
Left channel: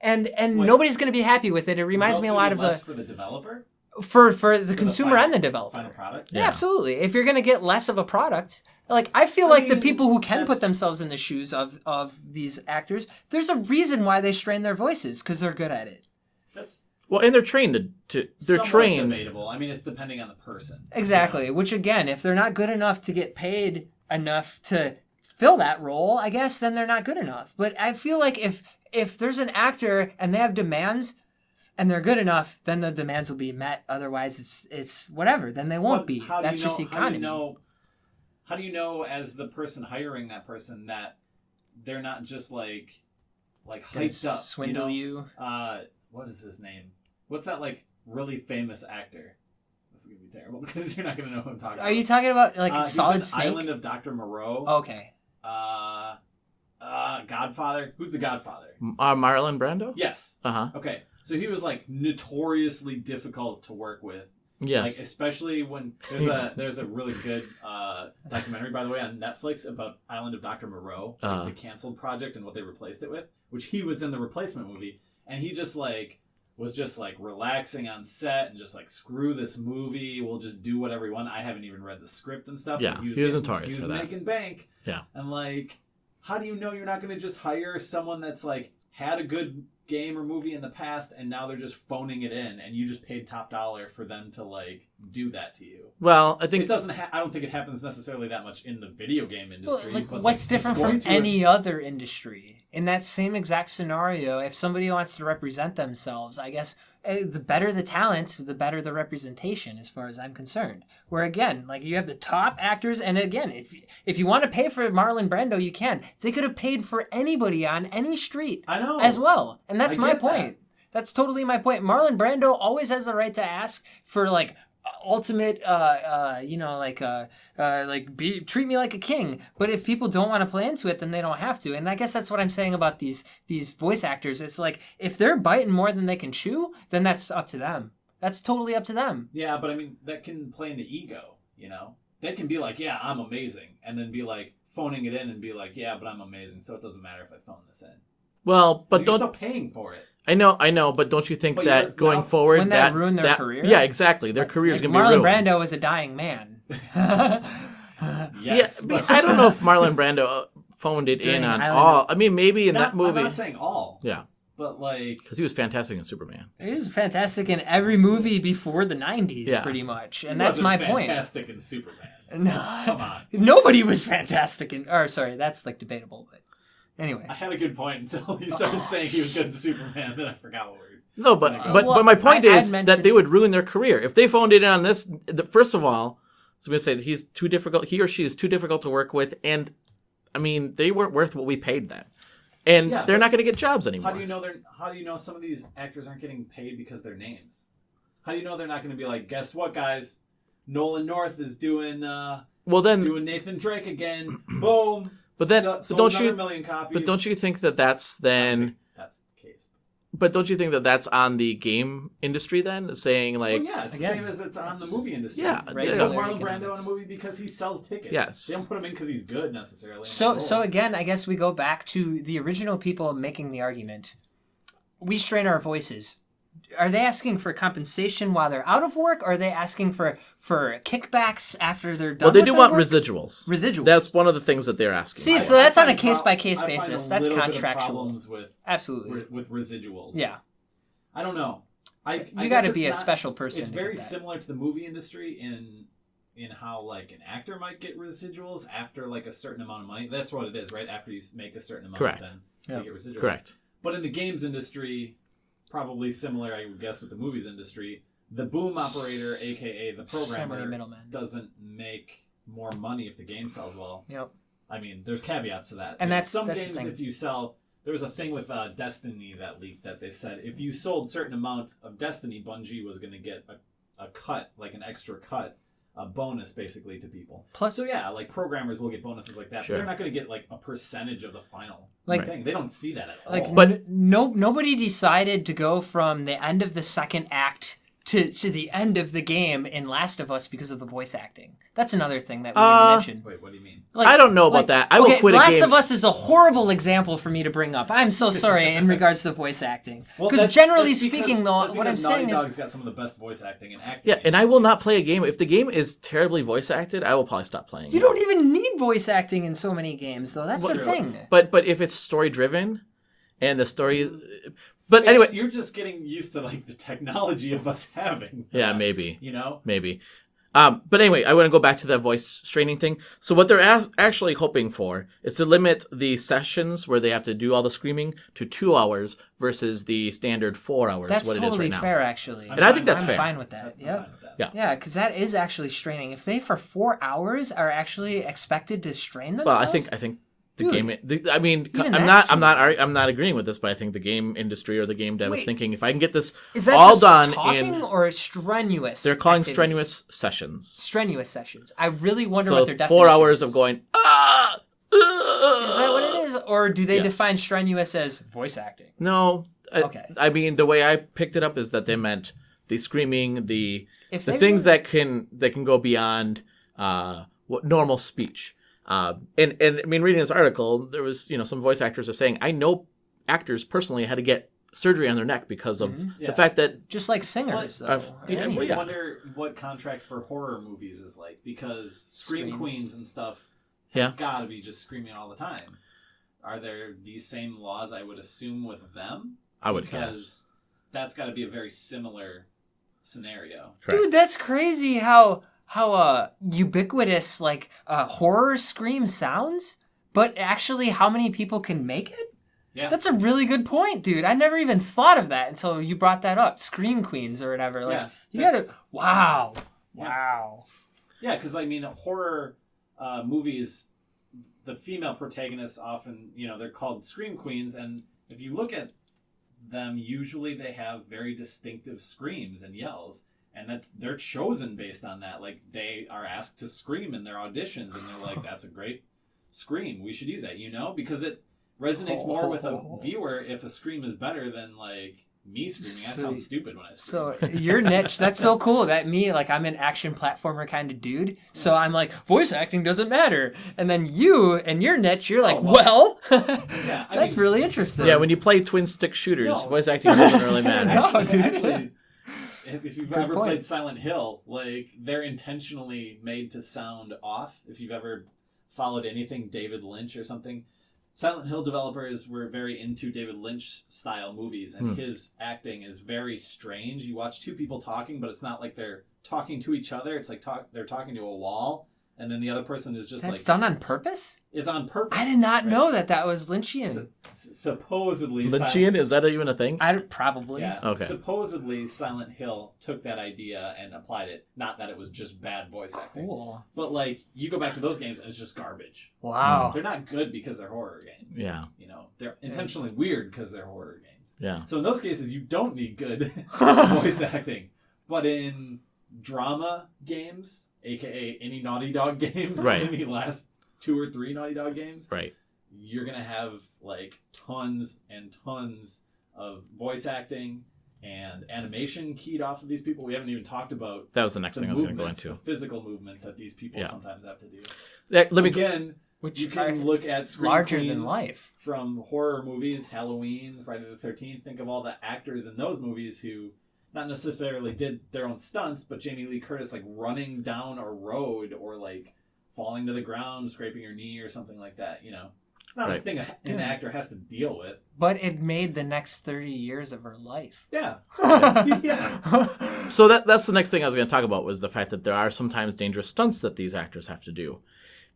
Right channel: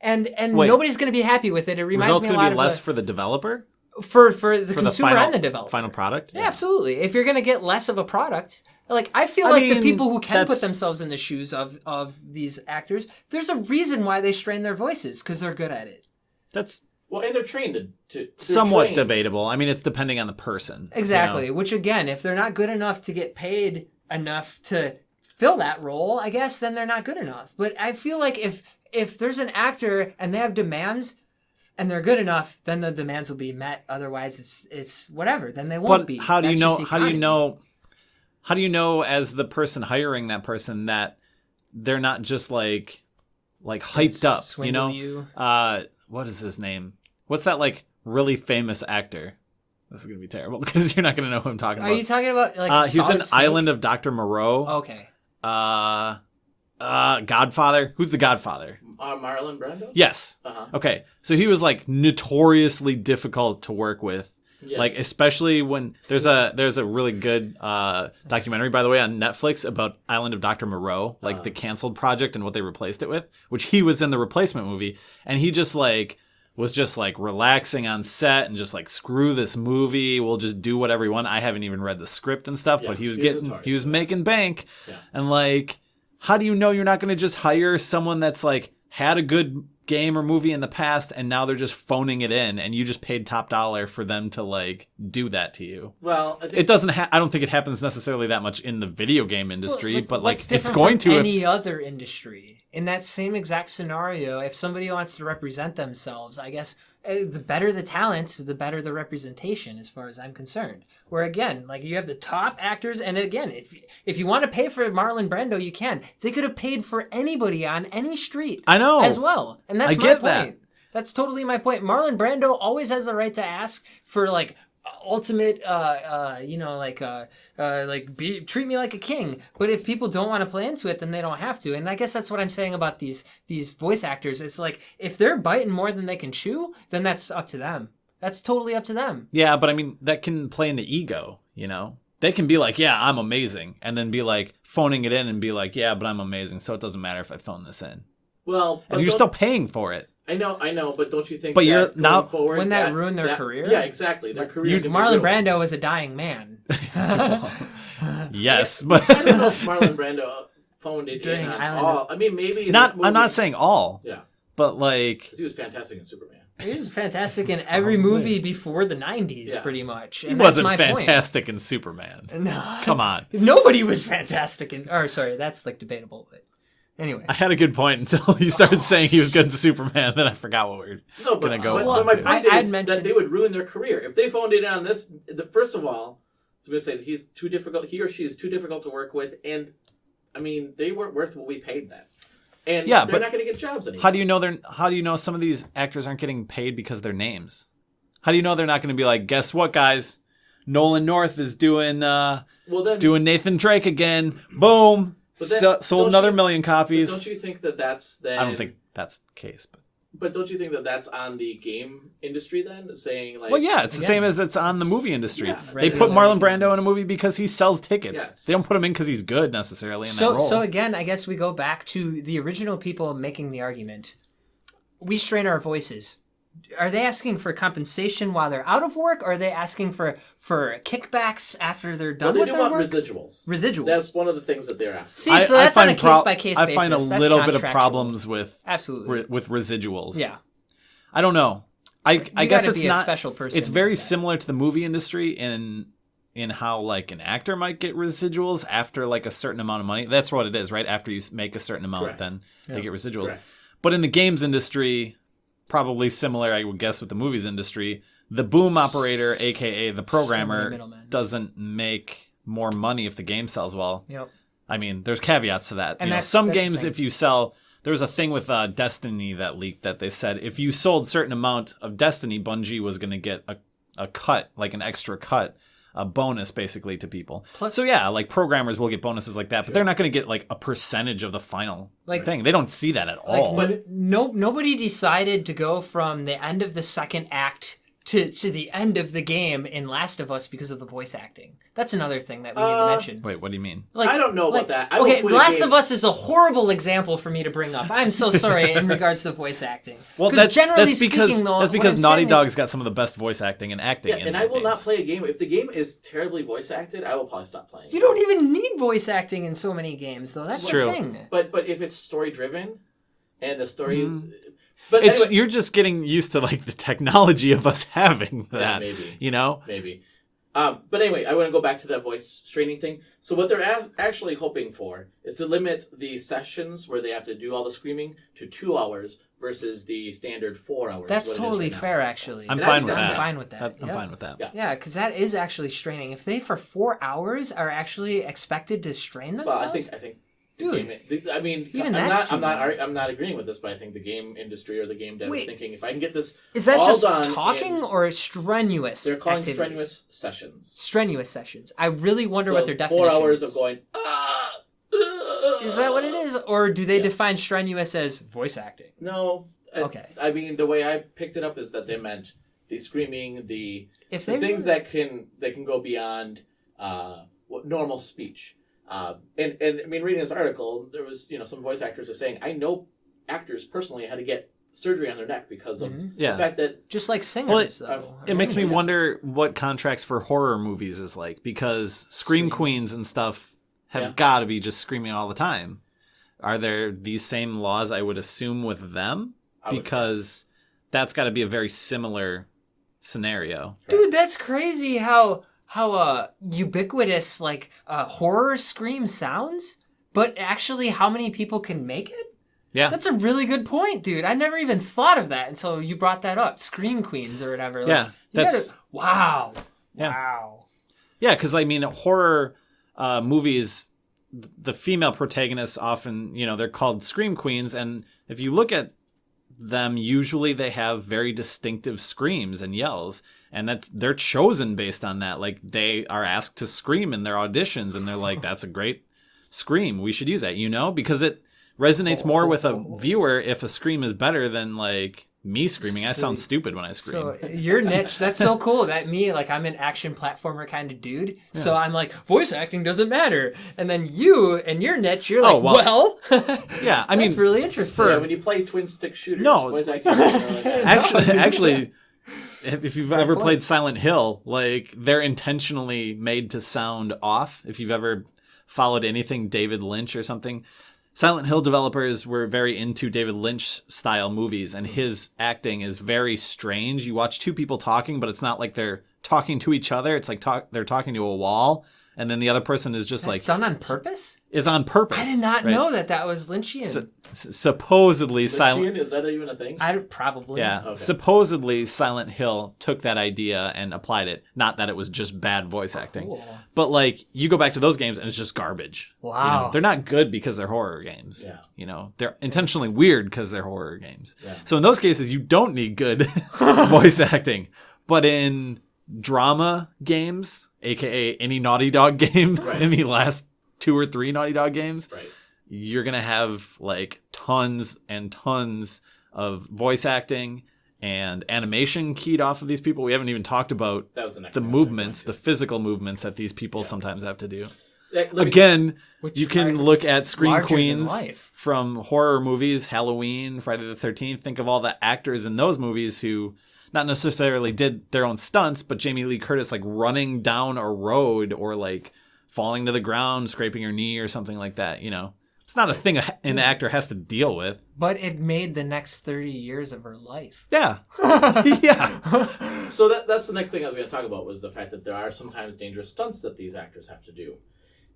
And Wait. nobody's going to be happy with it. It reminds Results me a gonna lot be of less for the developer, for the for consumer final- and the developer. final product. Yeah, absolutely. If you're going to get less of a product, like I feel like the mean, people who can that's- put themselves in the shoes of these actors, there's a reason why they strain their voices because they're good at it. That's Well, and they're trained to they're somewhat trained. debatable. I mean, it's depending on the person. Exactly. Which again, if they're not good enough to get paid enough to fill that role, I guess then they're not good enough. But I feel like if there's an actor and they have demands and they're good enough, then the demands will be met. Otherwise, it's whatever. Then they won't But be. how do That's you know? just How do you economy. know? How do you know as the person hiring that person that they're not just like hyped up? Swindle you. What is his name? What's that like really famous actor? This is gonna be terrible because you're not gonna know who I'm talking Are about. you talking about like He's Solid in Snake? Island of Dr. Moreau. Okay. Godfather. Who's the Godfather? Marlon Brando. Yes. Uh-huh. Okay. So he was like notoriously difficult to work with. Yes. Like especially when there's a really good documentary, by the way, on Netflix about Island of Dr. Moreau, like the canceled project and what they replaced it with, which he was in the replacement movie, and he just like was just like relaxing on set and just like screw this movie, we'll just do whatever we want. I haven't even read the script and stuff, Yeah, but he was notorious for that. making bank. Yeah. And like, how do you know you're not going to just hire someone that's like had a good game or movie in the past, and now they're just phoning it in, and you just paid top dollar for them to like do that to you. Well, I think It doesn't. I don't think it happens necessarily that much in the video game industry, Well, like, but what's like different it's going from to. any other industry? In that same exact scenario, if somebody wants to represent themselves, I guess the better the talent, the better the representation, as far as I'm concerned. Where again, like you have the top actors, and again, if you want to pay for Marlon Brando, you can. They could have paid for anybody on any street. I know. As well, and that's I my get point. that. That's totally my point. Marlon Brando always has the right to ask for like ultimate treat me like a king. But if people don't want to play into it, then they don't have to. And I guess that's what I'm saying about these voice actors. It's like if they're biting more than they can chew, then that's up to them. That's totally up to them. Yeah, but I mean that can play into ego, They can be like, yeah, I'm amazing, and then be like phoning it in and be like, yeah, but I'm amazing, so it doesn't matter if I phone this in. Well, but and you're still paying for it. I know, but don't you think But that you're going forward... Wouldn't that ruin their career? Yeah, exactly. Their career is going to be Marlon ruined. Brando is a dying man. Yes, Yeah, but I don't know if Marlon Brando phoned it During in on Island all. I mean, maybe in that movie... I'm not saying all. Yeah, but like... because he was fantastic in Superman. He was fantastic in every movie before the 90s, Yeah. pretty much. And He that's wasn't my point. fantastic in Superman. No. Come on. Nobody was fantastic in... Or, sorry, that's like debatable, but... Anyway. I had a good point until you started saying he was good in Superman, then I forgot what we were... No, but gonna go. but my point I'd is mentioned- that they would ruin their career if they phoned it in on this. First of all, somebody said he's too difficult. He or she is too difficult to work with, and I mean they weren't worth what we paid them, and Yeah, they're but not going to get jobs anymore. How do you know some of these actors aren't getting paid because of their names? How do you know they're not going to be like, guess what, guys? Nolan North is doing doing Nathan Drake again. Boom. But then sold another million copies. But don't you think that that's then? I don't think that's the case. But don't you think that that's on the game industry then, saying like? Well, yeah, it's the Again, same as it's on the movie industry. Yeah, they put regular Marlon games. Brando in a movie because he sells tickets. Yes. They don't put him in because he's good necessarily. In that So role. again, I guess we go back to the original people making the argument. We strain our voices. Are they asking for compensation while they're out of work, or are they asking for kickbacks after they're done Well, they with do their want work? residuals. Residuals. That's one of the things that they're asking. See, so that's on a find pro- case-by-case I find basis. a That's little bit of contractual. problems with Absolutely. with residuals. Yeah. I don't know. I You guess got to it's be a not- special person. It's to very get that. similar to the movie industry in how like an actor might get residuals after like a certain amount of money. That's what it is, right? After you make a certain amount, Correct. then Yeah. they get residuals. Correct. But in the games industry, probably similar, I would guess, with the movies industry, the boom operator, aka the programmer, middlemen. doesn't make more money if the game sells well. Yep. I mean, there's caveats to that. And You know, that's some the games, thing. if you sell, there was a thing with Destiny that leaked that they said if you sold a certain amount of Destiny, Bungie was going to get a cut, like an extra cut, a bonus basically to people. Plus- so yeah, like programmers will get bonuses like that, Sure. but they're not going to get like a percentage of the final Like- thing. They don't see that at Like, all. But- nobody decided to go from the end of the second act to the end of the game in Last of Us because of the voice acting. That's another thing that we need to mention. Wait, what do you mean? Like, I don't know about that. I will okay, quit a Last game- of Us is a horrible example for me to bring up. I'm so sorry in regards to the voice acting. Well, Because that's generally because- speaking, though, that's what because I'm Naughty saying Dog's is, got some of the best voice acting and acting. Yeah, in and I will not games. play a game if the game is terribly voice acted. I will probably stop playing. you don't even need voice acting in so many games, though. That's True. the thing. But if it's story driven, and the story is, but It's- anyway, you're just getting used to like the technology of us having that, yeah, maybe. you know. Maybe. But anyway, I want to go back to that voice straining thing. So what they're actually hoping for is to limit the sessions where they have to do all the screaming to 2 hours versus the standard 4 hours. That's what totally it is right fair, actually. And I think that's I'm fair. fine with that. I'm Yep. fine with that. Yeah. Yeah, because that is actually straining. If they for 4 hours are actually expected to strain Well, themselves, I think the Dude, game. I mean, even I'm that's I'm not agreeing with this, but I think the game industry or the game dev is Wait. thinking if I can get this is that all just done, talking in, or strenuous? they're calling activities? strenuous sessions. Strenuous sessions. I really wonder So what their definition 4 hours is. of going. Is that what it is, or do they Yes. define strenuous as voice acting? No. Okay. I mean, the way I picked it up is that they meant the screaming, If the they things really- that can go beyond what normal speech. And I mean, reading this article, there was some voice actors are saying, I know actors personally had to get surgery on their neck because of Yeah. the fact that Just like singers, Well, though. It makes me Anyway, yeah. wonder what contracts for horror movies is like, because scream Screams. queens and stuff have Yeah. got to be just screaming all the time. Are there these same laws, I would assume, with them? because that's got to be a very similar scenario. Correct. Dude, that's crazy how ubiquitous like horror Scream sounds, but actually how many people can make it? Yeah. That's a really good point, dude. I never even thought of that until you brought that up. Scream Queens or whatever. Like, wow. Yeah. Wow. Yeah, because I mean, horror movies, the female protagonists often, they're called Scream Queens. And if you look at them, usually they have very distinctive screams and yells. And they're chosen based on that. Like, they are asked to scream in their auditions. And they're like, that's a great scream. We should use that, because it resonates more with a viewer if a scream is better than like me screaming. I sound stupid when I scream. So your niche, that's so cool. That me, like I'm an action platformer kind of dude. Yeah. So I'm like, voice acting doesn't matter. And then you and your niche, you're like, yeah, I mean, that's really interesting. Yeah, when you play twin stick shooters, voice acting doesn't really matter. Actually, if you've ever played Silent Hill, like they're intentionally made to sound off. If you've ever followed anything David Lynch or something, Silent Hill developers were very into David Lynch style movies, and his acting is very strange. You watch two people talking, but it's not like they're talking to each other. It's like they're talking to a wall, and then the other person is just That's like... done on purpose? It's on purpose. I did not know that was Lynchian. Supposedly... Lynchian? Is that even a thing? Probably. Yeah. Okay. Supposedly, Silent Hill took that idea and applied it. Not that it was just bad voice acting. Cool. But, like, you go back to those games and it's just garbage. Wow. They're not good because they're horror games. Yeah. They're intentionally weird because they're horror games. Yeah. So in those cases, you don't need good voice acting. But in drama games, a.k.a. any Naughty Dog game, any last 2 or 3 Naughty Dog games, you're going to have like tons and tons of voice acting and animation keyed off of these people. We haven't even talked about that was the next the thing movements, the physical movements that these people sometimes have to do. Which you can look at Scream Queens life. From horror movies, Halloween, Friday the 13th. Think of all the actors in those movies who not necessarily did their own stunts, but Jamie Lee Curtis like running down a road or like falling to the ground, scraping her knee or something like that, It's not a thing an actor has to deal with. But it made the next 30 years of her life. Yeah. Yeah. So that's the next thing I was going to talk about was the fact that there are sometimes dangerous stunts that these actors have to do.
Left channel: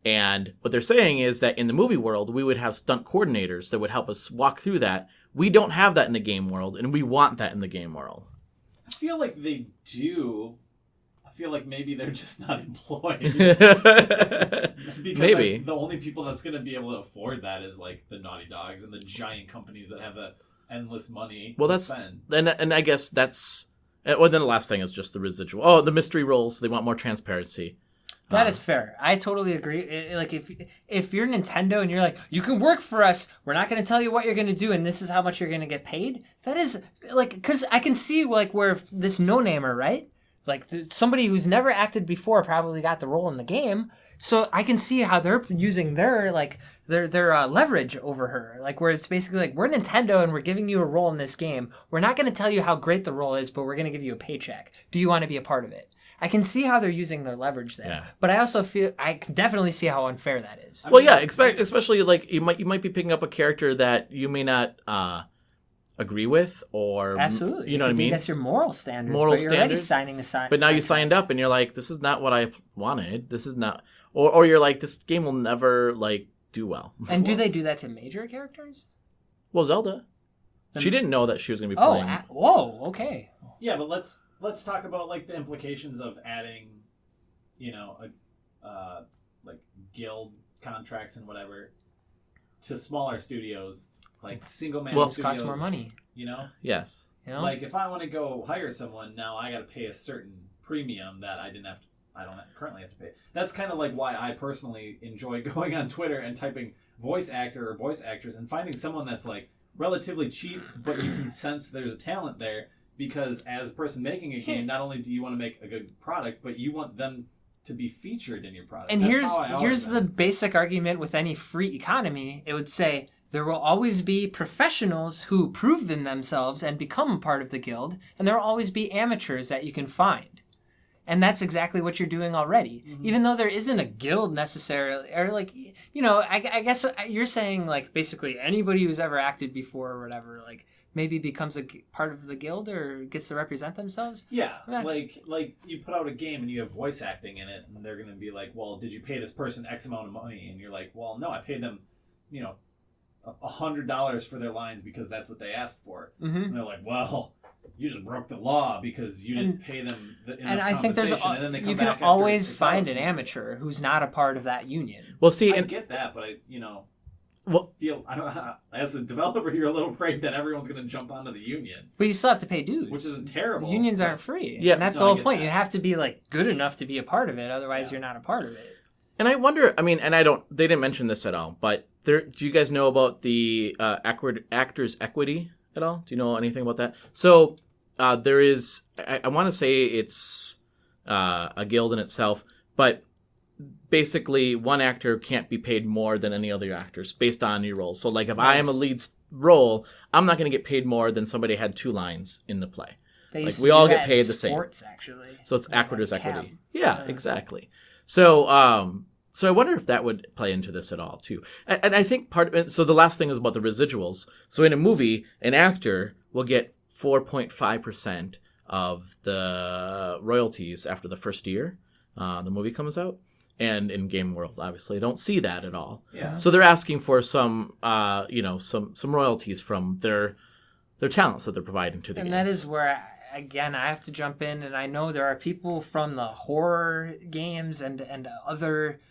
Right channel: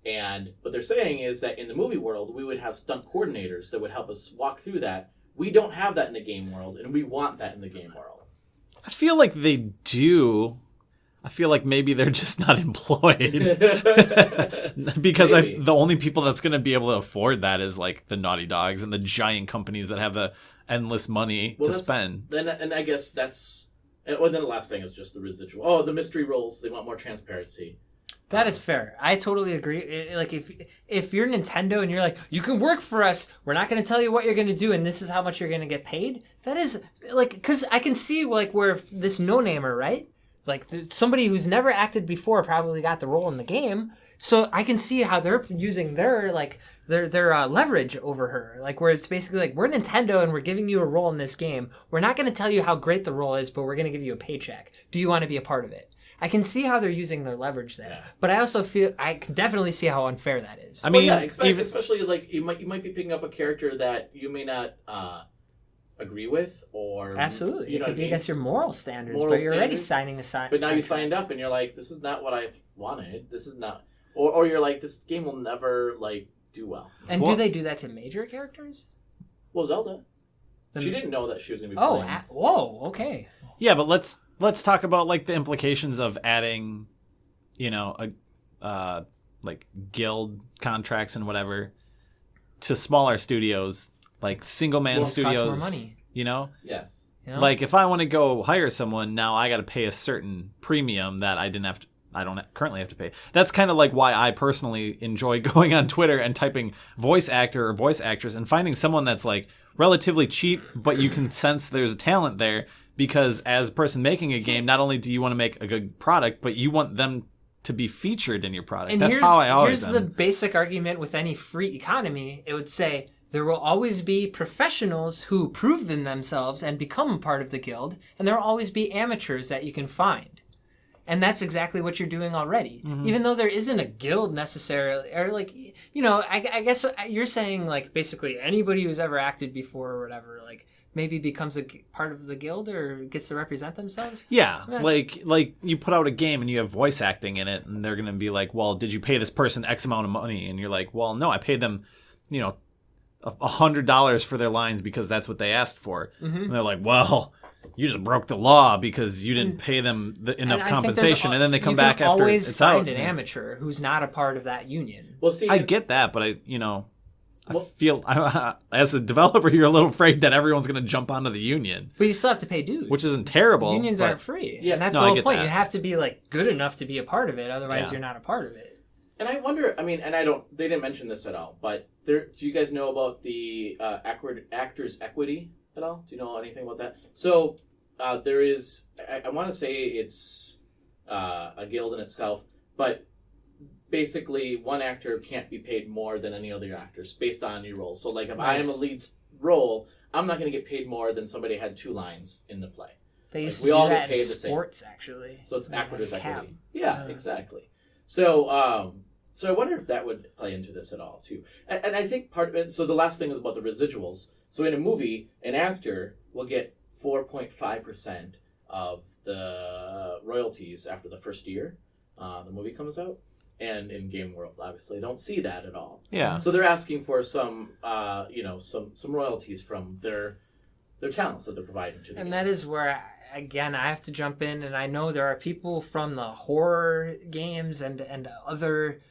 And what they're saying is that in the movie world, we would have stunt coordinators that would help us walk through that. We don't have that in the game world, and we want that in the game world. I feel like they do. I feel like maybe they're just not employed. Because the only people that's going to be able to afford that is like the Naughty Dogs and the giant companies that have the endless money to spend. And I guess that's... Well, then the last thing is just the residual. Oh, the mystery roles. They want more transparency. That is fair. I totally agree. Like if you're Nintendo and you're like, you can work for us, we're not going to tell you what you're going to do, and this is how much you're going to get paid. That is like, because I can see like where this no-namer, right? Like somebody who's never acted before probably got the role in the game, so I can see how they're using their leverage over her. Like where it's basically like, we're Nintendo and we're giving you a role in this game. We're not going to tell you how great the role is, but we're going to give you a paycheck. Do you want to be a part of it? I can see how they're using their leverage there, but I also feel I can definitely see how unfair that is. I mean, especially like you might be picking up a character that you may not agree with, or absolutely, you know what I mean. That's your moral standards, but you're already signing a sign. But now you signed up, and you're like, this is not what I wanted. This is not, or you're like, this game will never like do well. And do they do that to major characters? Well, Zelda, she didn't know that she was going to be playing. Whoa, okay. Yeah, but let's talk about like the implications of adding, like guild contracts and whatever to smaller studios, like single man studios. Cost more money. Yes. Like if I want to go hire someone, now I got to pay a certain premium that I don't currently have to pay. That's kind of like why I personally enjoy going on Twitter and typing voice actor or voice actress and finding someone that's like relatively cheap, but you can sense there's a talent there. Because as a person making a game, not only do you want to make a good product, but you want them to be featured in your product. And that's here's the basic argument with any free economy. It would say there will always be professionals who prove themselves and become a part of the guild, and there will always be amateurs that you can find. And that's exactly what you're doing already. Mm-hmm. Even though there isn't a guild necessarily, or like, I guess you're saying like basically anybody who's ever acted before or whatever, like, maybe becomes part of the guild or gets to represent themselves. Yeah, like you put out a game and you have voice acting in it, and they're gonna be like, well, did you pay this person X amount of money? And you're like, well, no, I paid them, $100 for their lines because that's what they asked for. And they're like, well, you just broke the law because you didn't pay them enough compensation, and then they come back after. You can always it's find out. an amateur who's not a part of that union. Well, see, I get that, but I feel as a developer, you're a little afraid that everyone's going to jump onto the union. But you still have to pay dues. Which isn't terrible. Unions aren't free. Yeah, and that's no, the I whole get point. that. You have to be good enough to be a part of it. Otherwise, you're not a part of it. And I wonder, they didn't mention this at all, but do you guys know about the actors' equity at all? Do you know anything about that? So there is, I want to say it's a guild in itself, but basically one actor can't be paid more than any other actors based on your role. So if I am a lead role, I'm not going to get paid more than somebody had 2 lines in the play. They used to we do all that get paid in the same. sports, actually. So it's actors' like equity. cab. Yeah, exactly. So so I wonder if that would play into this at all too. And I think part of it, so the last thing is about the residuals. So in a movie, an actor will get 4.5% of the royalties after the first year the movie comes out. And in game world, obviously, don't see that at all. Yeah. So they're asking for some, some royalties from their talents that they're providing to the And games. that is where, again, I have to jump in. And I know there are people from the horror games and other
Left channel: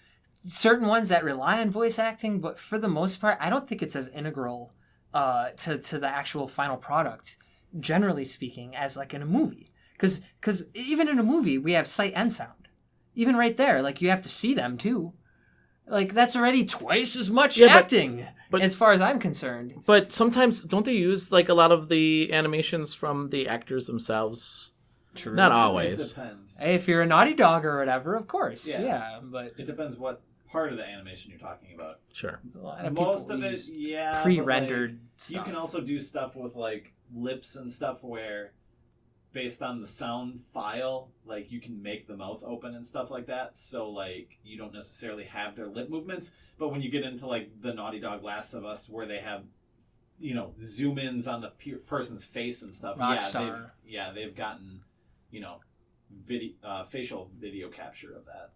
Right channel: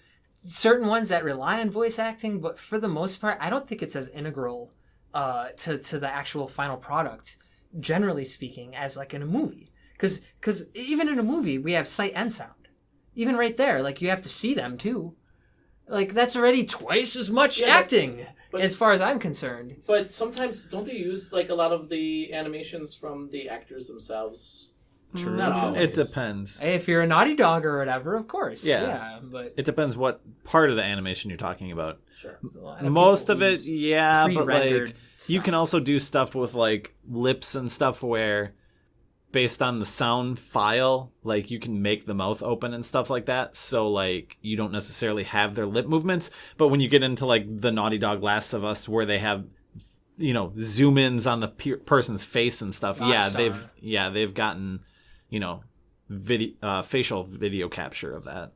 certain ones that rely on voice acting. But for the most part, I don't think it's as integral to the actual final product, generally speaking, as in a movie. Because even in a movie, we have sight and sound. Even right there, you have to see them too. That's already twice as much acting, but as far as I'm concerned. But sometimes, don't they use a lot of the animations from the actors themselves? True. Not always. It depends. Hey, if you're a Naughty Dog or whatever, of course. Yeah. But It depends what part of the animation you're talking about. Sure. Most of it, yeah. pre-rendered but you can also do stuff with lips and stuff where, based on the sound file, you can make the mouth open and stuff like that. So you don't necessarily have their lip movements. But when you get into the Naughty Dog Last of Us, where they have, zoom ins on the person's face and stuff. Rockstar. They've gotten, facial video capture of that.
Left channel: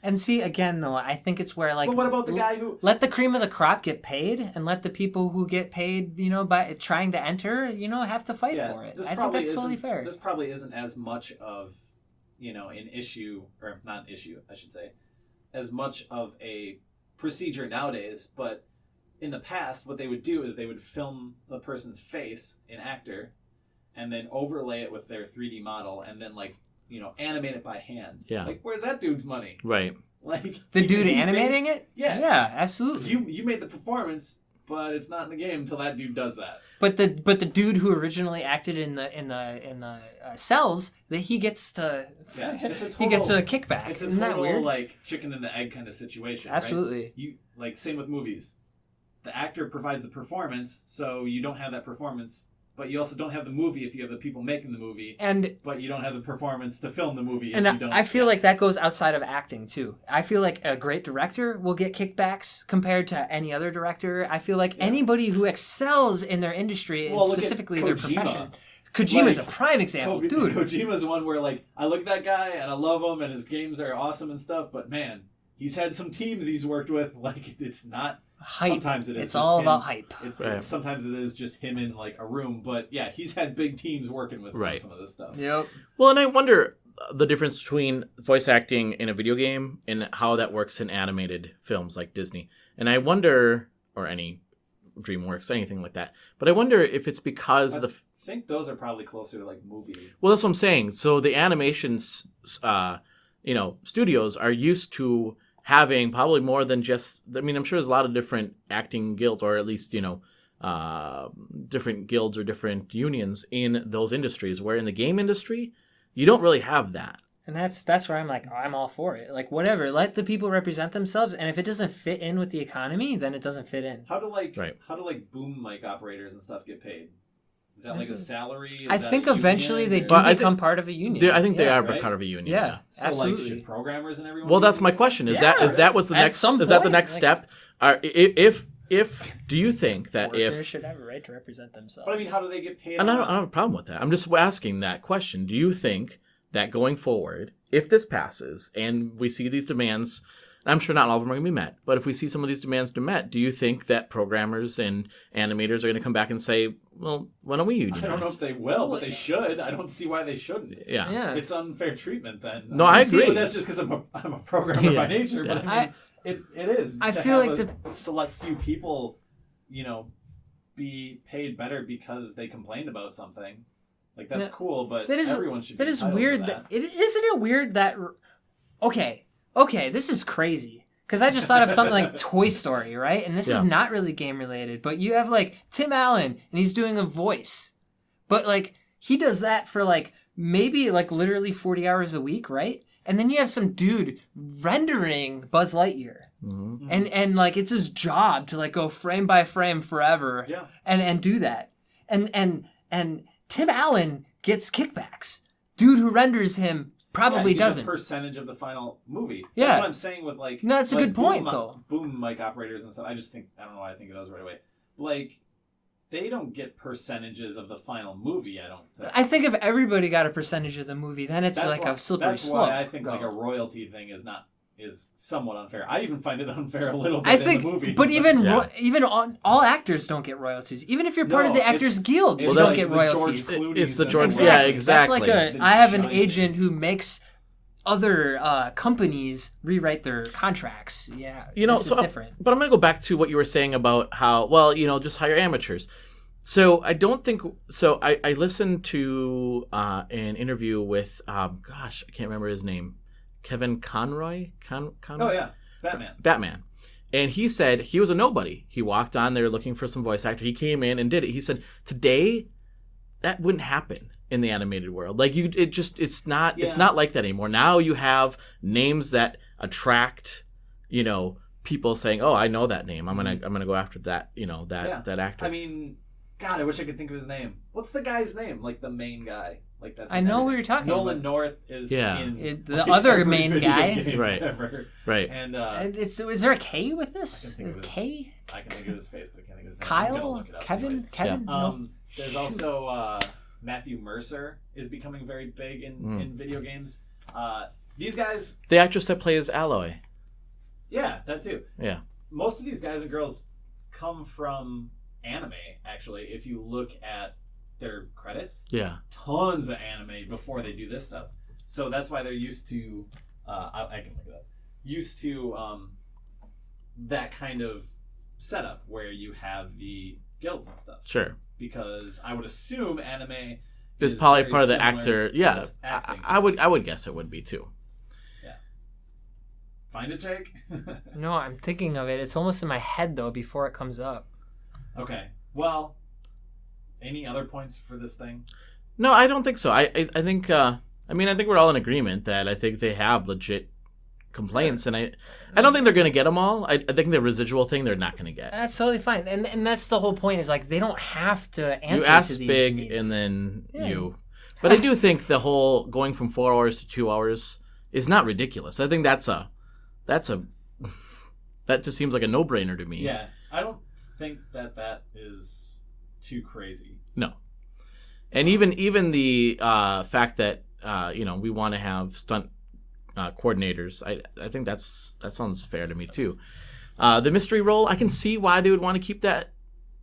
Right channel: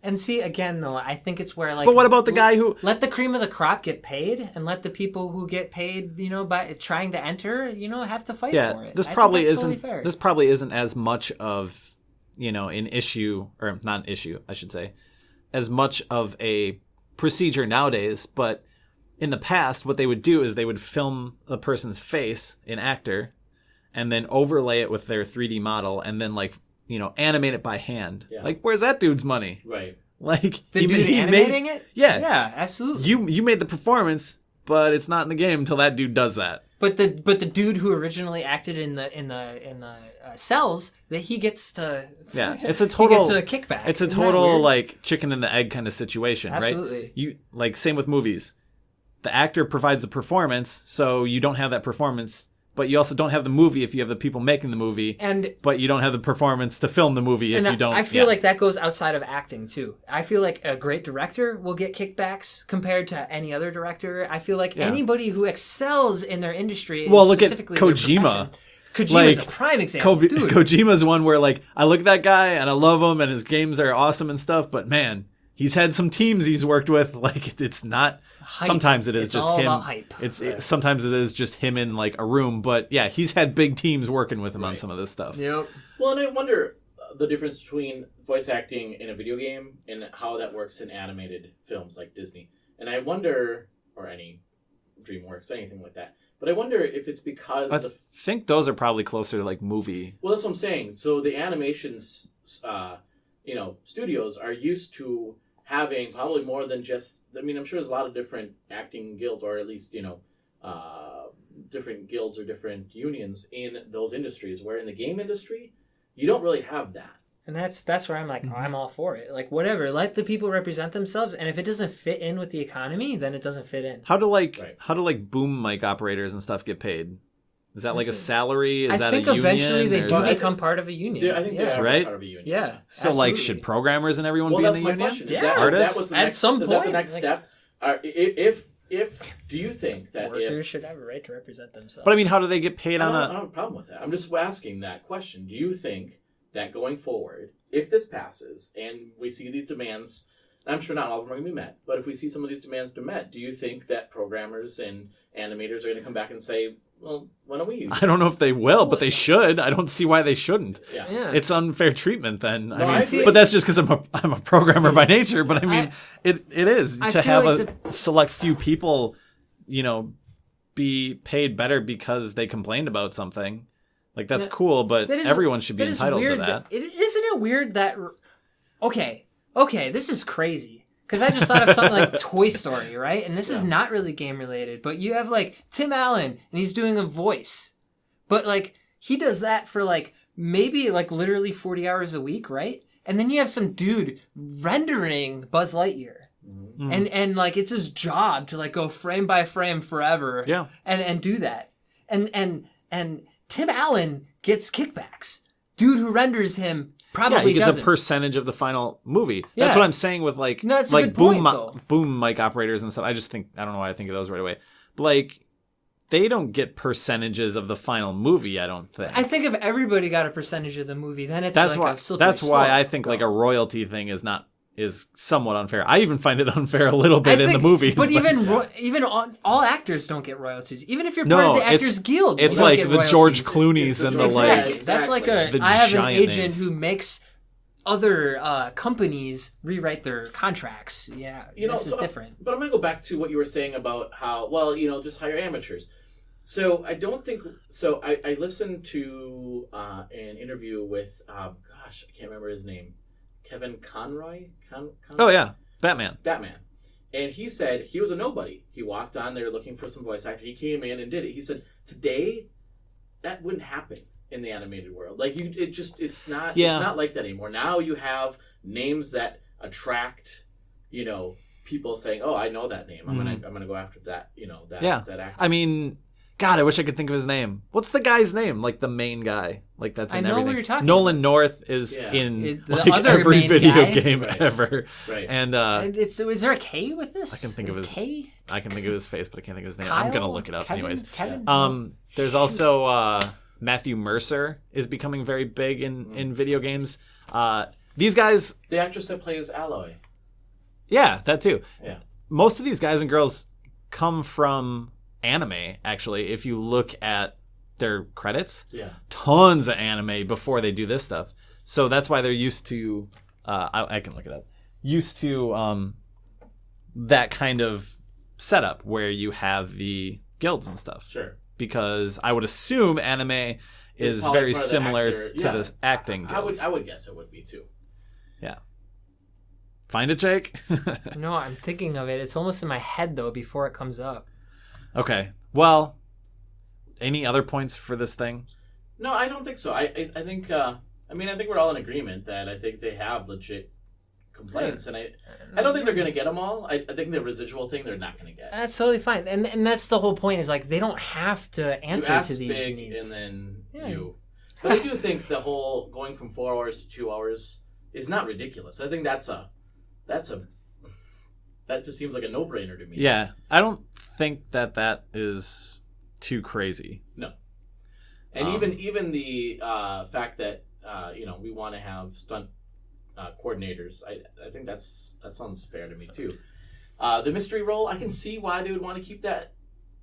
And see, again, though, I think it's where But what about the guy who let the cream of the crop get paid, and let the people who get paid, by trying to enter, have to fight for it. This I probably think that's isn't. totally fair. This probably isn't as much of, an issue, or not an issue, I should say, as much of a procedure nowadays. But in the past, what they would do is they would film a person's face, an actor, and then overlay it with their 3D model, and then animate it by hand. Yeah. Where's that dude's money? Right. The dude animating it? Yeah. Yeah, absolutely. You made the performance, but it's not in the game until that dude does that. But the dude who originally acted in the cells, that he gets to It's a total he gets a kickback. It's a Isn't that total weird? chicken and the egg kind of situation, Absolutely. right? You same with movies. The actor provides the performance, so you don't have that performance, but you also don't have the movie if you have the people making the movie, but you don't have the performance to film the movie if you don't. I feel like that goes outside of acting too. I feel like a great director will get kickbacks compared to any other director. I feel like anybody who excels in their industry, and specifically look at their Kojima. profession. Kojima's a prime example, dude. Kojima's one where I look at that guy and I love him and his games are awesome and stuff, but man, he's had some teams he's worked with. It's not. Hype. Sometimes it is. It's just all him. about hype. Sometimes it is just him in a room, but yeah, he's had big teams working with him on some of this stuff. Yep. Well, and I wonder the difference between voice acting in a video game and how that works in animated films like Disney. And I wonder, or any DreamWorks, anything like that. But I wonder if it's because I think those are probably closer to movie. Well, that's what I'm saying. So the animations, studios are used to having probably more than just. I'm sure there's a lot of different acting guilds, or at least different guilds or different unions in those industries. Where in the game industry, you don't really have that. And that's where I'm I'm all for it. Whatever, let the people represent themselves, and if it doesn't fit in with the economy, then it doesn't fit in. How do boom mic operators and stuff get paid? Is that a salary? I think eventually they do become part of a union. I think they are right? part of a union. Yeah. So absolutely. should programmers and everyone? Well, be that's in the my union? question. Is Yeah, that what's the at next? some Is that the point, next step? If do you think that workers should have a right to represent themselves? But I mean, how do they get paid I on don't have a problem with that. I'm just asking that question. Do you think that going forward, if this passes and we see these demands, I'm sure not all of them are going to be met, but if we see some of these demands to met, do you think that programmers and animators are going to come back and say, well, why don't we use I don't know if they will, but they should. I don't see why they shouldn't. Yeah. It's unfair treatment then. No, I agree. But that's just because I'm a programmer by nature. But I mean, it is. I to feel have like a select few people, be paid better because they complained about something. Like, that's cool, but everyone should be entitled to that. Isn't it weird that... Okay, this is crazy. Because I just thought of something like Toy Story, right? And this is not really game related, but you have like Tim Allen and he's doing a voice. But like he does that for like maybe like literally 40 hours a week, right? And then you have some dude rendering Buzz Lightyear. Mm-hmm. And like it's his job to like go frame by frame forever and do that. And Tim Allen gets kickbacks. Dude who renders him probably he gets doesn't. a percentage of the final movie. Yeah. That's what I'm saying with like no, that's a good point though. Boom mic operators and stuff. I don't know why I think of those right away. But like they don't get percentages of the final movie, I don't think. I think if everybody got a percentage of the movie, then it's a slippery slope. That's why I think like a royalty thing is somewhat unfair. I even find it unfair a little bit in the movies. But even all actors don't get royalties. Even if you're part of the Actors Guild, you don't get royalties. George Clooney's. Exactly. That's like I have an agent who makes other companies rewrite their contracts. Yeah, this is different. But I'm going to go back to what you were saying about how, just hire amateurs. So I don't think... So I listened to an interview with, I can't remember his name. Kevin Conroy? Oh, yeah. Batman. And he said he was a nobody. He walked on there looking for some voice actor. He came in and did it. He said, today, that wouldn't happen in the animated world. Like, it's not like that anymore. Now you have names that attract, people saying, oh, I know that name. I'm gonna go after that, that actor. I mean... God, I wish I could think of his name. What's the guy's name? Like the main guy. Like that's. I know what you're talking Nolan about. North is in the other every main video guy game ever. Right. And is there a K with this? I can think of his K. I can think of his face, but I can't think of his name. Kyle? I'm gonna look it up. Kevin. Anyways. Kevin. Yeah. There's also Matthew Mercer is becoming very big in video games. These guys, the actress that plays Aloy. Yeah, that too. Yeah. Most of these guys and girls come from anime, actually. If you look at their credits, tons of anime before they do this stuff. So that's why they're used to I can look it up, used to that kind of setup where you have the guilds and stuff. Sure. Because I would assume anime is probably very part of the similar actor to the acting. I would guess it would be too. Yeah. Find it, Jake? No, I'm thinking of it. It's almost in my head though before it comes up. Okay. Well, any other points for this thing? No, I don't think so. I think I think we're all in agreement that I think they have legit complaints, and I don't think they're going to get them all. I think the residual thing they're not going to get. That's totally fine, and that's the whole point. Is like they don't have to answer you ask to these big needs. And then you. But I do think the whole going from 4 hours to 2 hours is not ridiculous. I think that just seems like a no-brainer to me. Yeah, I don't think that is too crazy. No. And even the fact that we want to have stunt coordinators, I think that sounds fair to me too. The mystery role, I can see why they would want to keep that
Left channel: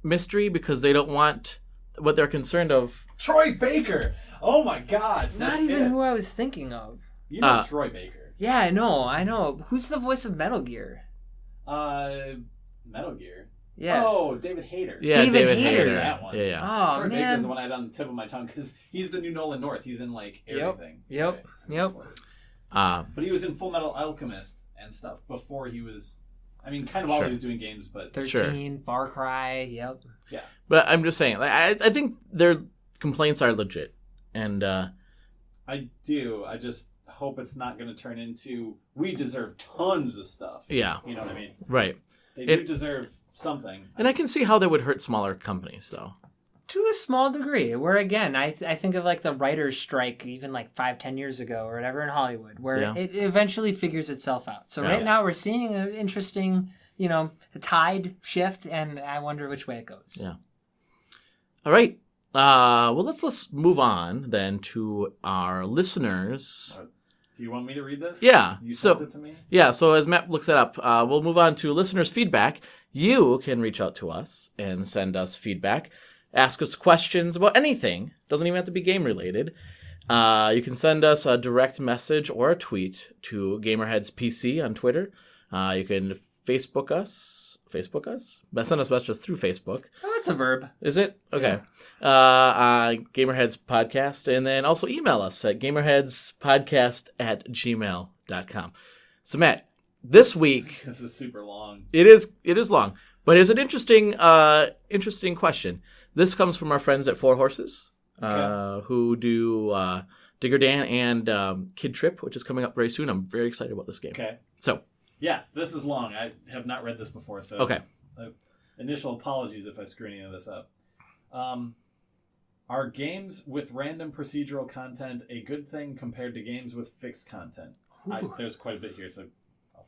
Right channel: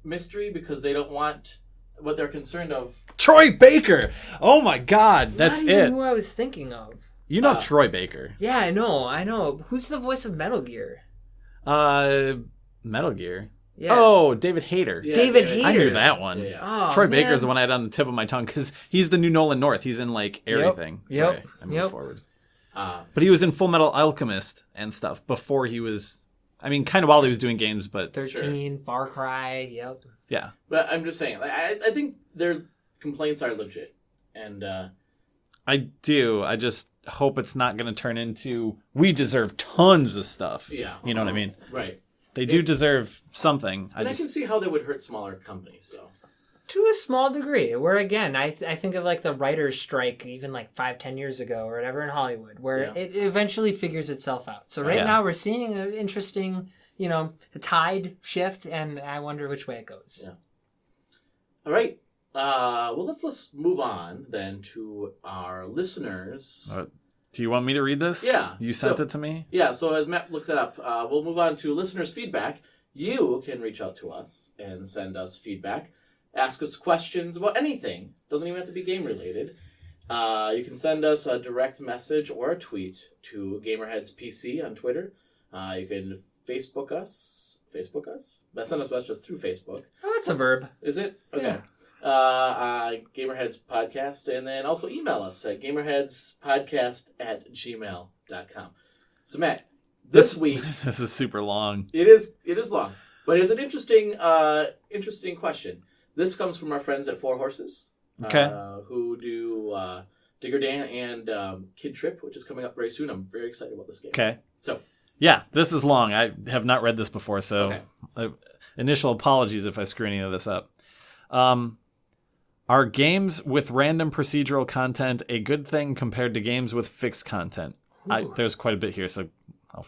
mystery, because they don't want what they're concerned of. Troy Baker. Oh my God, that's not even who I was thinking of. You know Troy Baker. Yeah, I know. Who's the voice of Metal Gear? Metal Gear. Yeah. Oh, David Hayter. Yeah, David Hayter. I knew that one. Yeah. Oh, Troy man. Baker's the one I had on the tip of my tongue because he's the new Nolan North. He's in like everything. Yep. Forward. But he was in Full Metal Alchemist and stuff before he was. I mean, kind of while he was doing games, but 13, Far Cry. Yep. Yeah. But I'm just saying, I think their complaints are legit, and I do. I just hope it's not going to turn into we deserve tons of stuff. Yeah. You know what I mean? Right. They do deserve something. I can see how that would hurt smaller companies, though. To a small degree, where again, I think of like the writer's strike even like 5-10 years ago or whatever in Hollywood, where it eventually figures itself out. So right now we're seeing an interesting, a tide shift, and I wonder which way it goes. Yeah. All right. Well, let's move on then to our listeners. Do you want me to read this? Yeah. You sent it to me? Yeah, so as Matt looks it up, we'll move on to listeners' feedback. You can reach out to us and send us feedback. Ask us questions about anything. Doesn't even have to be game-related. You can send us a direct message or a tweet to GamerHeads PC on Twitter. You can Facebook us? Send us messages through Facebook. Oh, it's a verb. Is it? Okay. Yeah. GamerHeads Podcast. And then also email us at gamerheadspodcast@gmail.com. So, Matt, this week... This is super long. It is long. But it's an interesting question. This comes from our friends at Four Horses, who do Digger Dan and Kid Trip, which is coming up very soon. I'm very excited about this game. Okay. So... Yeah, this is long. I have not read this before, so okay. Initial apologies if I screw any of this up. Are games with random procedural content a good thing compared to games with fixed content? There's quite a bit here, so I'll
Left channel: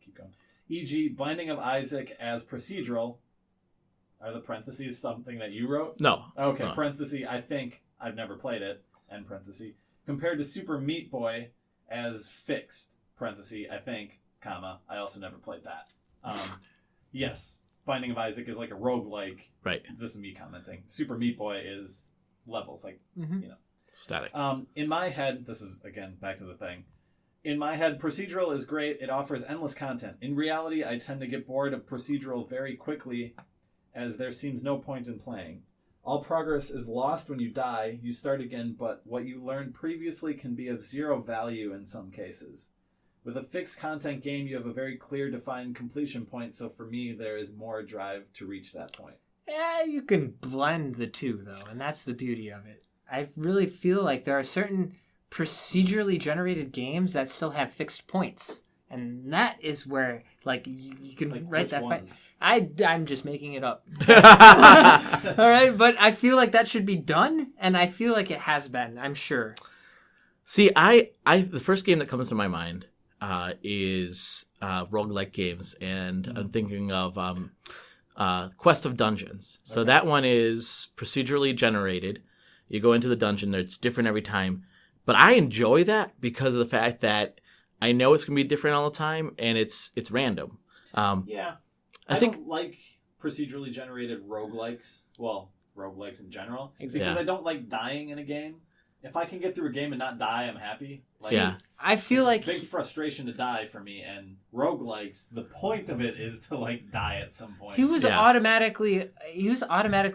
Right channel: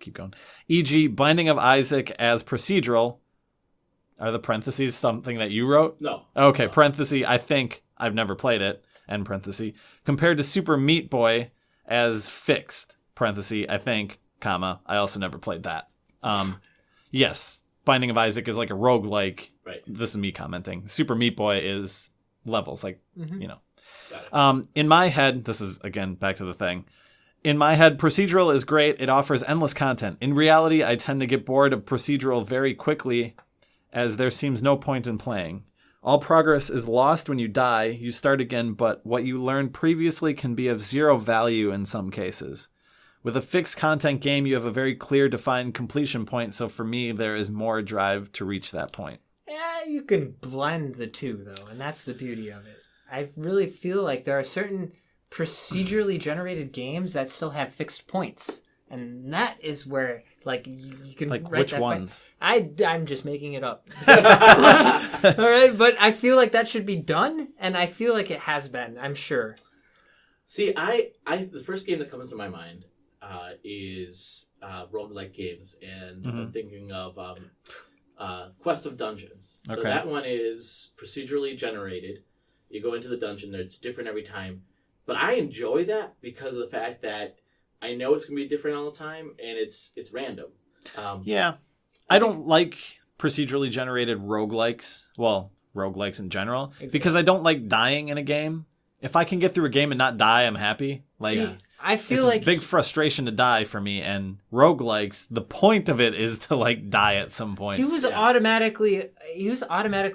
keep going. E.g., Binding of Isaac as procedural. Are the parentheses something that you wrote? No. Okay, no. Parenthesis, I think I've never played it, end parenthesis. Compared to Super Meat Boy as fixed, parenthesis, I think, comma, I also never played that. Yes, Binding of Isaac is like a roguelike. Right. This is me commenting. Super Meat Boy is levels, like, Static. In my head, this is, again, back to the thing. In my head, procedural is great. It offers endless content. In reality, I tend to get bored of procedural very quickly, as there seems no point in playing. All progress is lost when you die. You start again, but what you learned previously can be of zero value in some cases. With a fixed content game, you have a very clear, defined completion point, so for me, there is more drive to reach that point. Yeah, you can blend the two, though, and that's the beauty of it. I really feel like there are certain procedurally generated games that still have fixed points, and that is where, like, you can like write which that. Ones? I'm just making it up. All right, but I feel like that should be done, and I feel like it has been. I'm sure. See, the first game that comes to my mind is roguelike games, and I'm thinking of Quest of Dungeons. So that one is procedurally generated. You go into the dungeon, it's different every time. But I enjoy that because of the fact that I know it's going to be different all the time, and it's random. Yeah. I don't like procedurally generated roguelikes. Well, roguelikes in general. Exactly. Because I don't like dying in a game. If I can get through a game and not die, I'm happy. Like, yeah. I feel it's like a big frustration to die for me, and roguelikes, the point of it is to like die at some point. he was automatically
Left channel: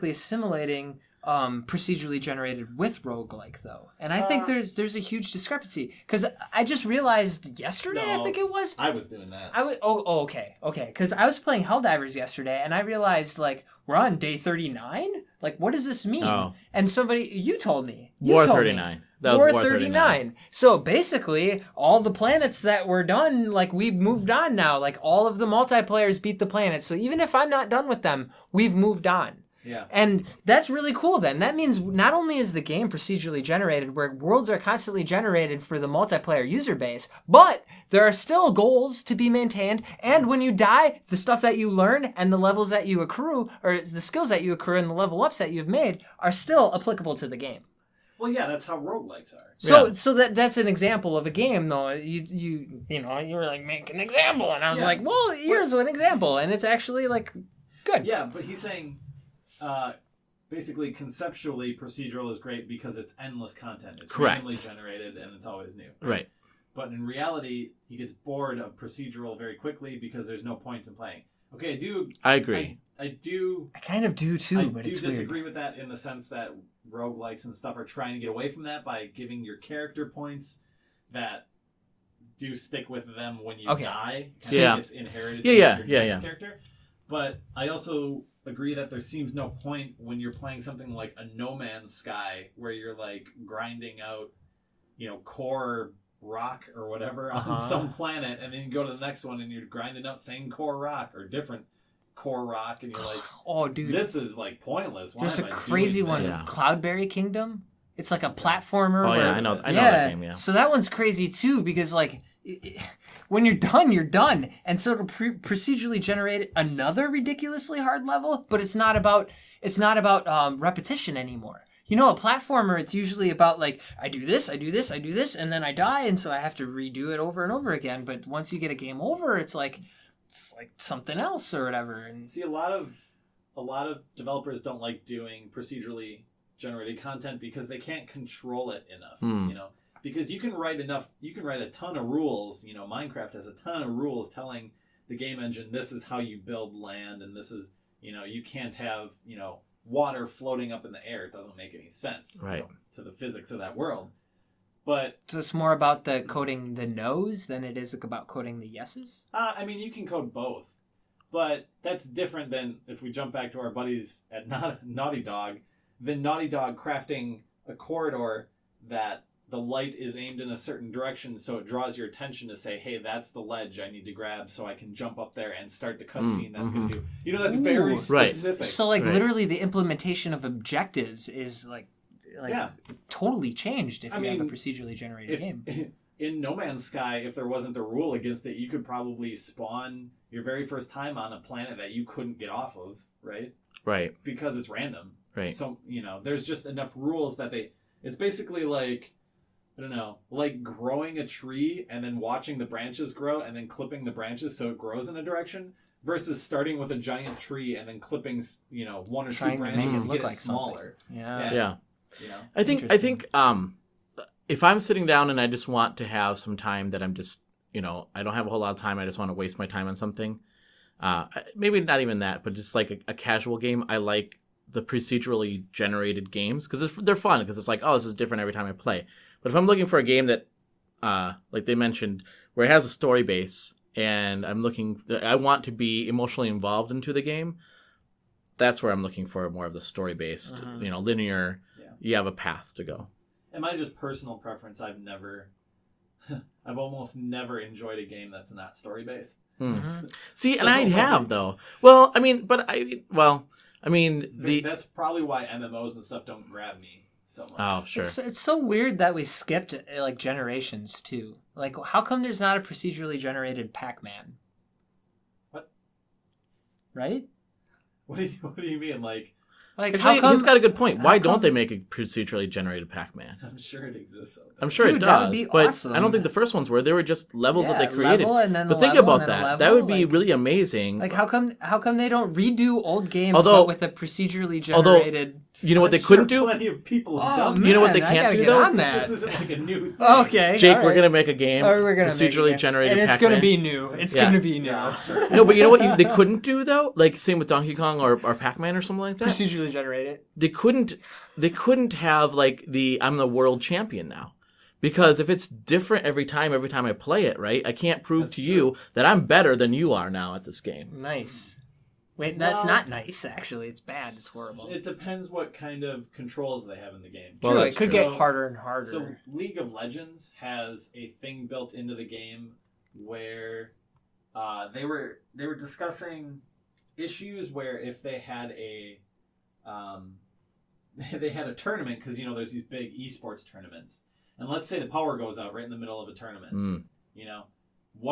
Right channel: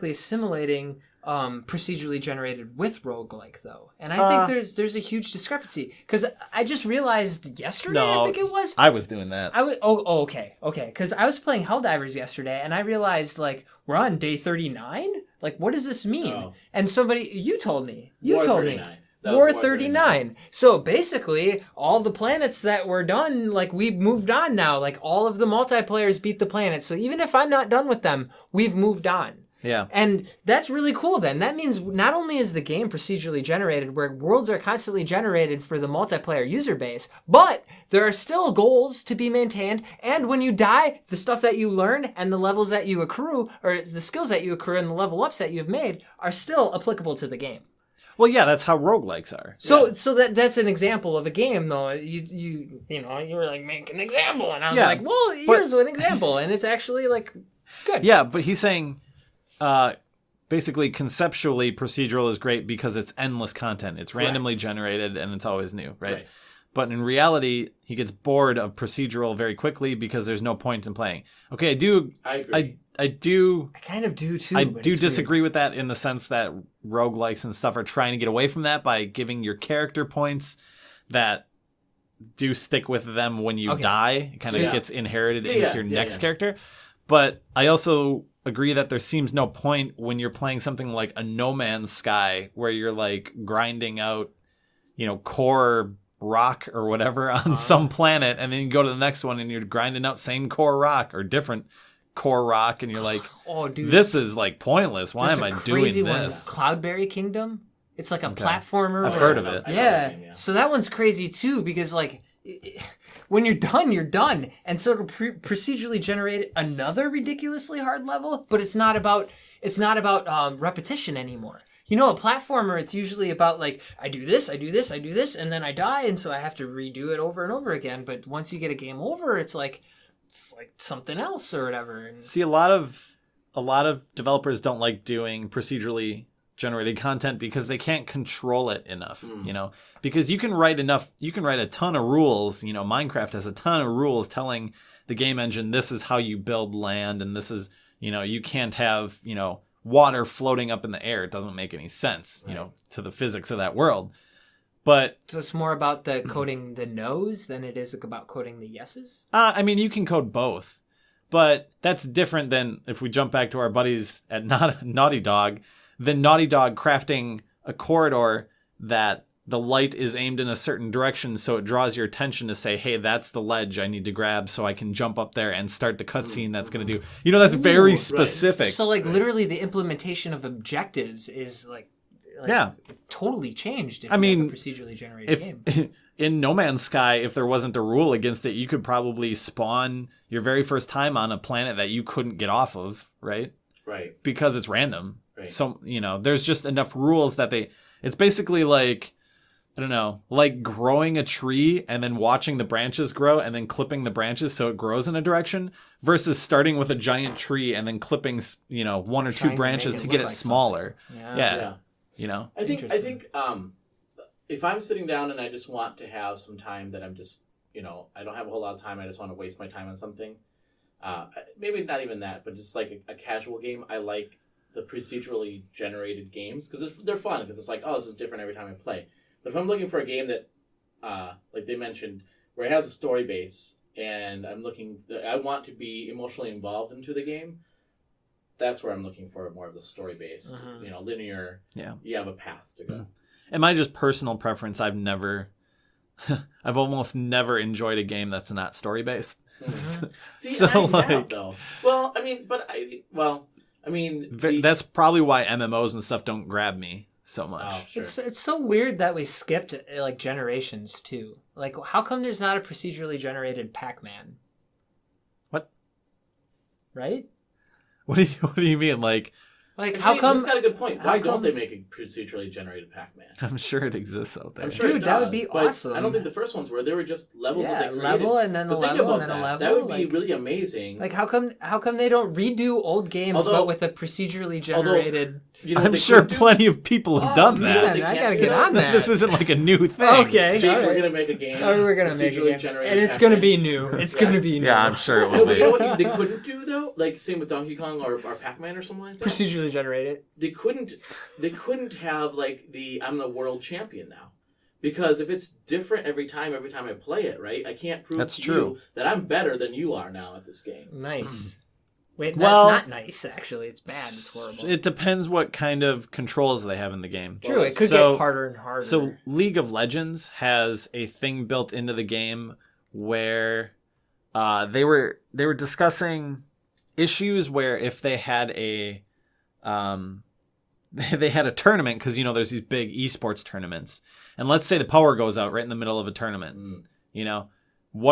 assimilating procedurally generated with roguelike, though, and I think there's a huge discrepancy because I just realized yesterday. I think it was. I was doing that. Okay, because I was playing Helldivers yesterday, and I realized like we're on day 39. Like, what does this mean? Oh. And you told me. War 39. That was War War 39. So basically, all the planets that were done, like, we've moved on now. Like, all of the multiplayers beat the planets. So even if I'm not done with them, we've moved on. Yeah. And that's really cool then. That means not only is the game procedurally generated, where worlds are constantly generated for the multiplayer user base, but there are still goals to be maintained. And when you die, the stuff that you learn and the levels that you accrue, or the skills that you accrue and the level ups that you've made, are still applicable to the game. Well, yeah, that's how roguelikes are. So that's an example of a game, though. You were like, make an example, and I was like, well, here's an example, and it's actually like good. Yeah, but he's saying, basically, conceptually, procedural is great because it's endless content. It's randomly generated, and it's always new, right? But in reality, he gets bored of procedural very quickly because there's no point in playing. Okay, I agree. I kind of do too. I but do it's disagree weird. with that in the sense that roguelikes and stuff are trying to get away from that by giving your character points that do stick with them when you die. It kind of gets inherited into your next character. But I also agree that there seems no point when you're playing something like a No Man's Sky where you're like grinding out, core rock or whatever on some planet, and then you go to the next one and you're grinding out same core rock or different core rock, and you're like, oh dude, this is like pointless. Why am I doing this? There's a crazy one, Cloudberry Kingdom. It's like a platformer. I know that game, yeah. So that one's crazy too because like when you're done, you're done. And so it'll procedurally generate another ridiculously hard level, but it's not about repetition anymore. You know, a platformer, it's usually about like, I do this, and then I die, and so I have to redo it over and over again. But once you get a game over, it's like something else or whatever. And see, a lot of developers don't like doing procedurally generated content because they can't control it enough, you know, because you can write a ton of rules. You know, Minecraft has a ton of rules telling the game engine, this is how you build land, and this is, you know, you can't have, you know, water floating up in the air. It doesn't make any sense, you know, to the physics of that world. But so it's more about the coding the no's than it is about coding the yeses? I mean, you can code both, but that's different than if we jump back to our buddies at Naughty Dog, then Naughty Dog crafting a corridor that the light is aimed in a certain direction, so it draws your attention to say, hey, that's the ledge I need to grab so I can jump up there and start the cutscene that's going to do. You know, that's very specific. So, like, literally the implementation of objectives is, like totally changed if you have a procedurally generated game. In No Man's Sky, if there wasn't a rule against it, you could probably spawn your very first time on a planet that you couldn't get off of, right? Right. Because it's random. Right. So, you know, there's just enough rules that it's basically like, I don't know, like growing a tree and then watching the branches grow and then clipping the branches so it grows in a direction versus starting with a giant tree and then clipping, you know, one or two branches to get it smaller. Yeah. You know, I think if I'm sitting down and I just want to have some time that I'm just, you know, I don't have a whole lot of time, I just want to waste my time on something. Maybe not even that, but just like a casual game. I like the procedurally generated games because they're fun because it's like, oh, this is different every time I play. But if I'm looking for a game that, like they mentioned, where it has a story base and I want to be emotionally involved into the game, that's where I'm looking for more of the story-based, you know, linear. Yeah. You have a path to go. And my just personal preference, I've almost never enjoyed a game that's not story-based. Mm-hmm. See, so, and I have, though. Well, I mean, that's probably why MMOs and stuff don't grab me so much. Oh, sure. It's so weird that we skipped, like, generations, too. Like, how come there's not a procedurally generated Pac-Man? What? Right? What do you mean? Like actually, how come? He's got a good point. Why don't they make a procedurally generated Pac-Man? I'm sure it exists out there. I'm sure it does. That would be awesome. I don't think the first ones were. They were just levels that they created. Level and then but think about that. That would be really amazing. Like how come they don't redo old games but with a procedurally generated? You know what they could do? Plenty of people have done that. You know what they can't do? Get on that. This isn't like a new thing. Okay, Jake, we're gonna make a game. We're gonna procedurally generated, and it's gonna be new. It's gonna be new. Yeah, I'm sure. No, but you know what they couldn't do though? Like same with Donkey Kong or Pac-Man or something like that. Procedurally generated. They couldn't have like I'm the world champion now. Because if it's different every time I play it, right? I can't prove to you that I'm better than you are now at this game. Nice. Wait, that's not nice, actually. It's bad. It's horrible. It depends what kind of controls they have in the game. True, it could get harder and harder. So League of Legends has a thing built into the game where they were discussing issues where if they had a tournament, because, you know, there's these big esports tournaments. And let's say the power goes out right in the middle of a tournament, you know.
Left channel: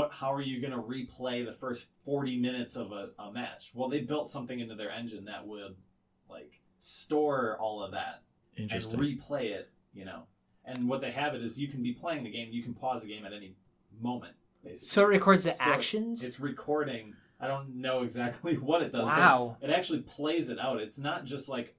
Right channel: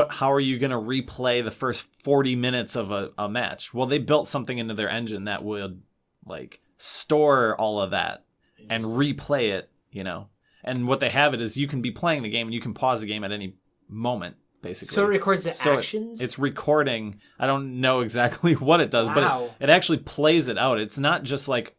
How are you going to replay the first 40 minutes of a match? Well, they built something into their engine that would like store all of that and replay it, you know. And what they have it is you can be playing the game and you can pause the game at any moment, basically. So it records the actions? It's recording. I don't know exactly what it does, but it actually plays it out. It's not just like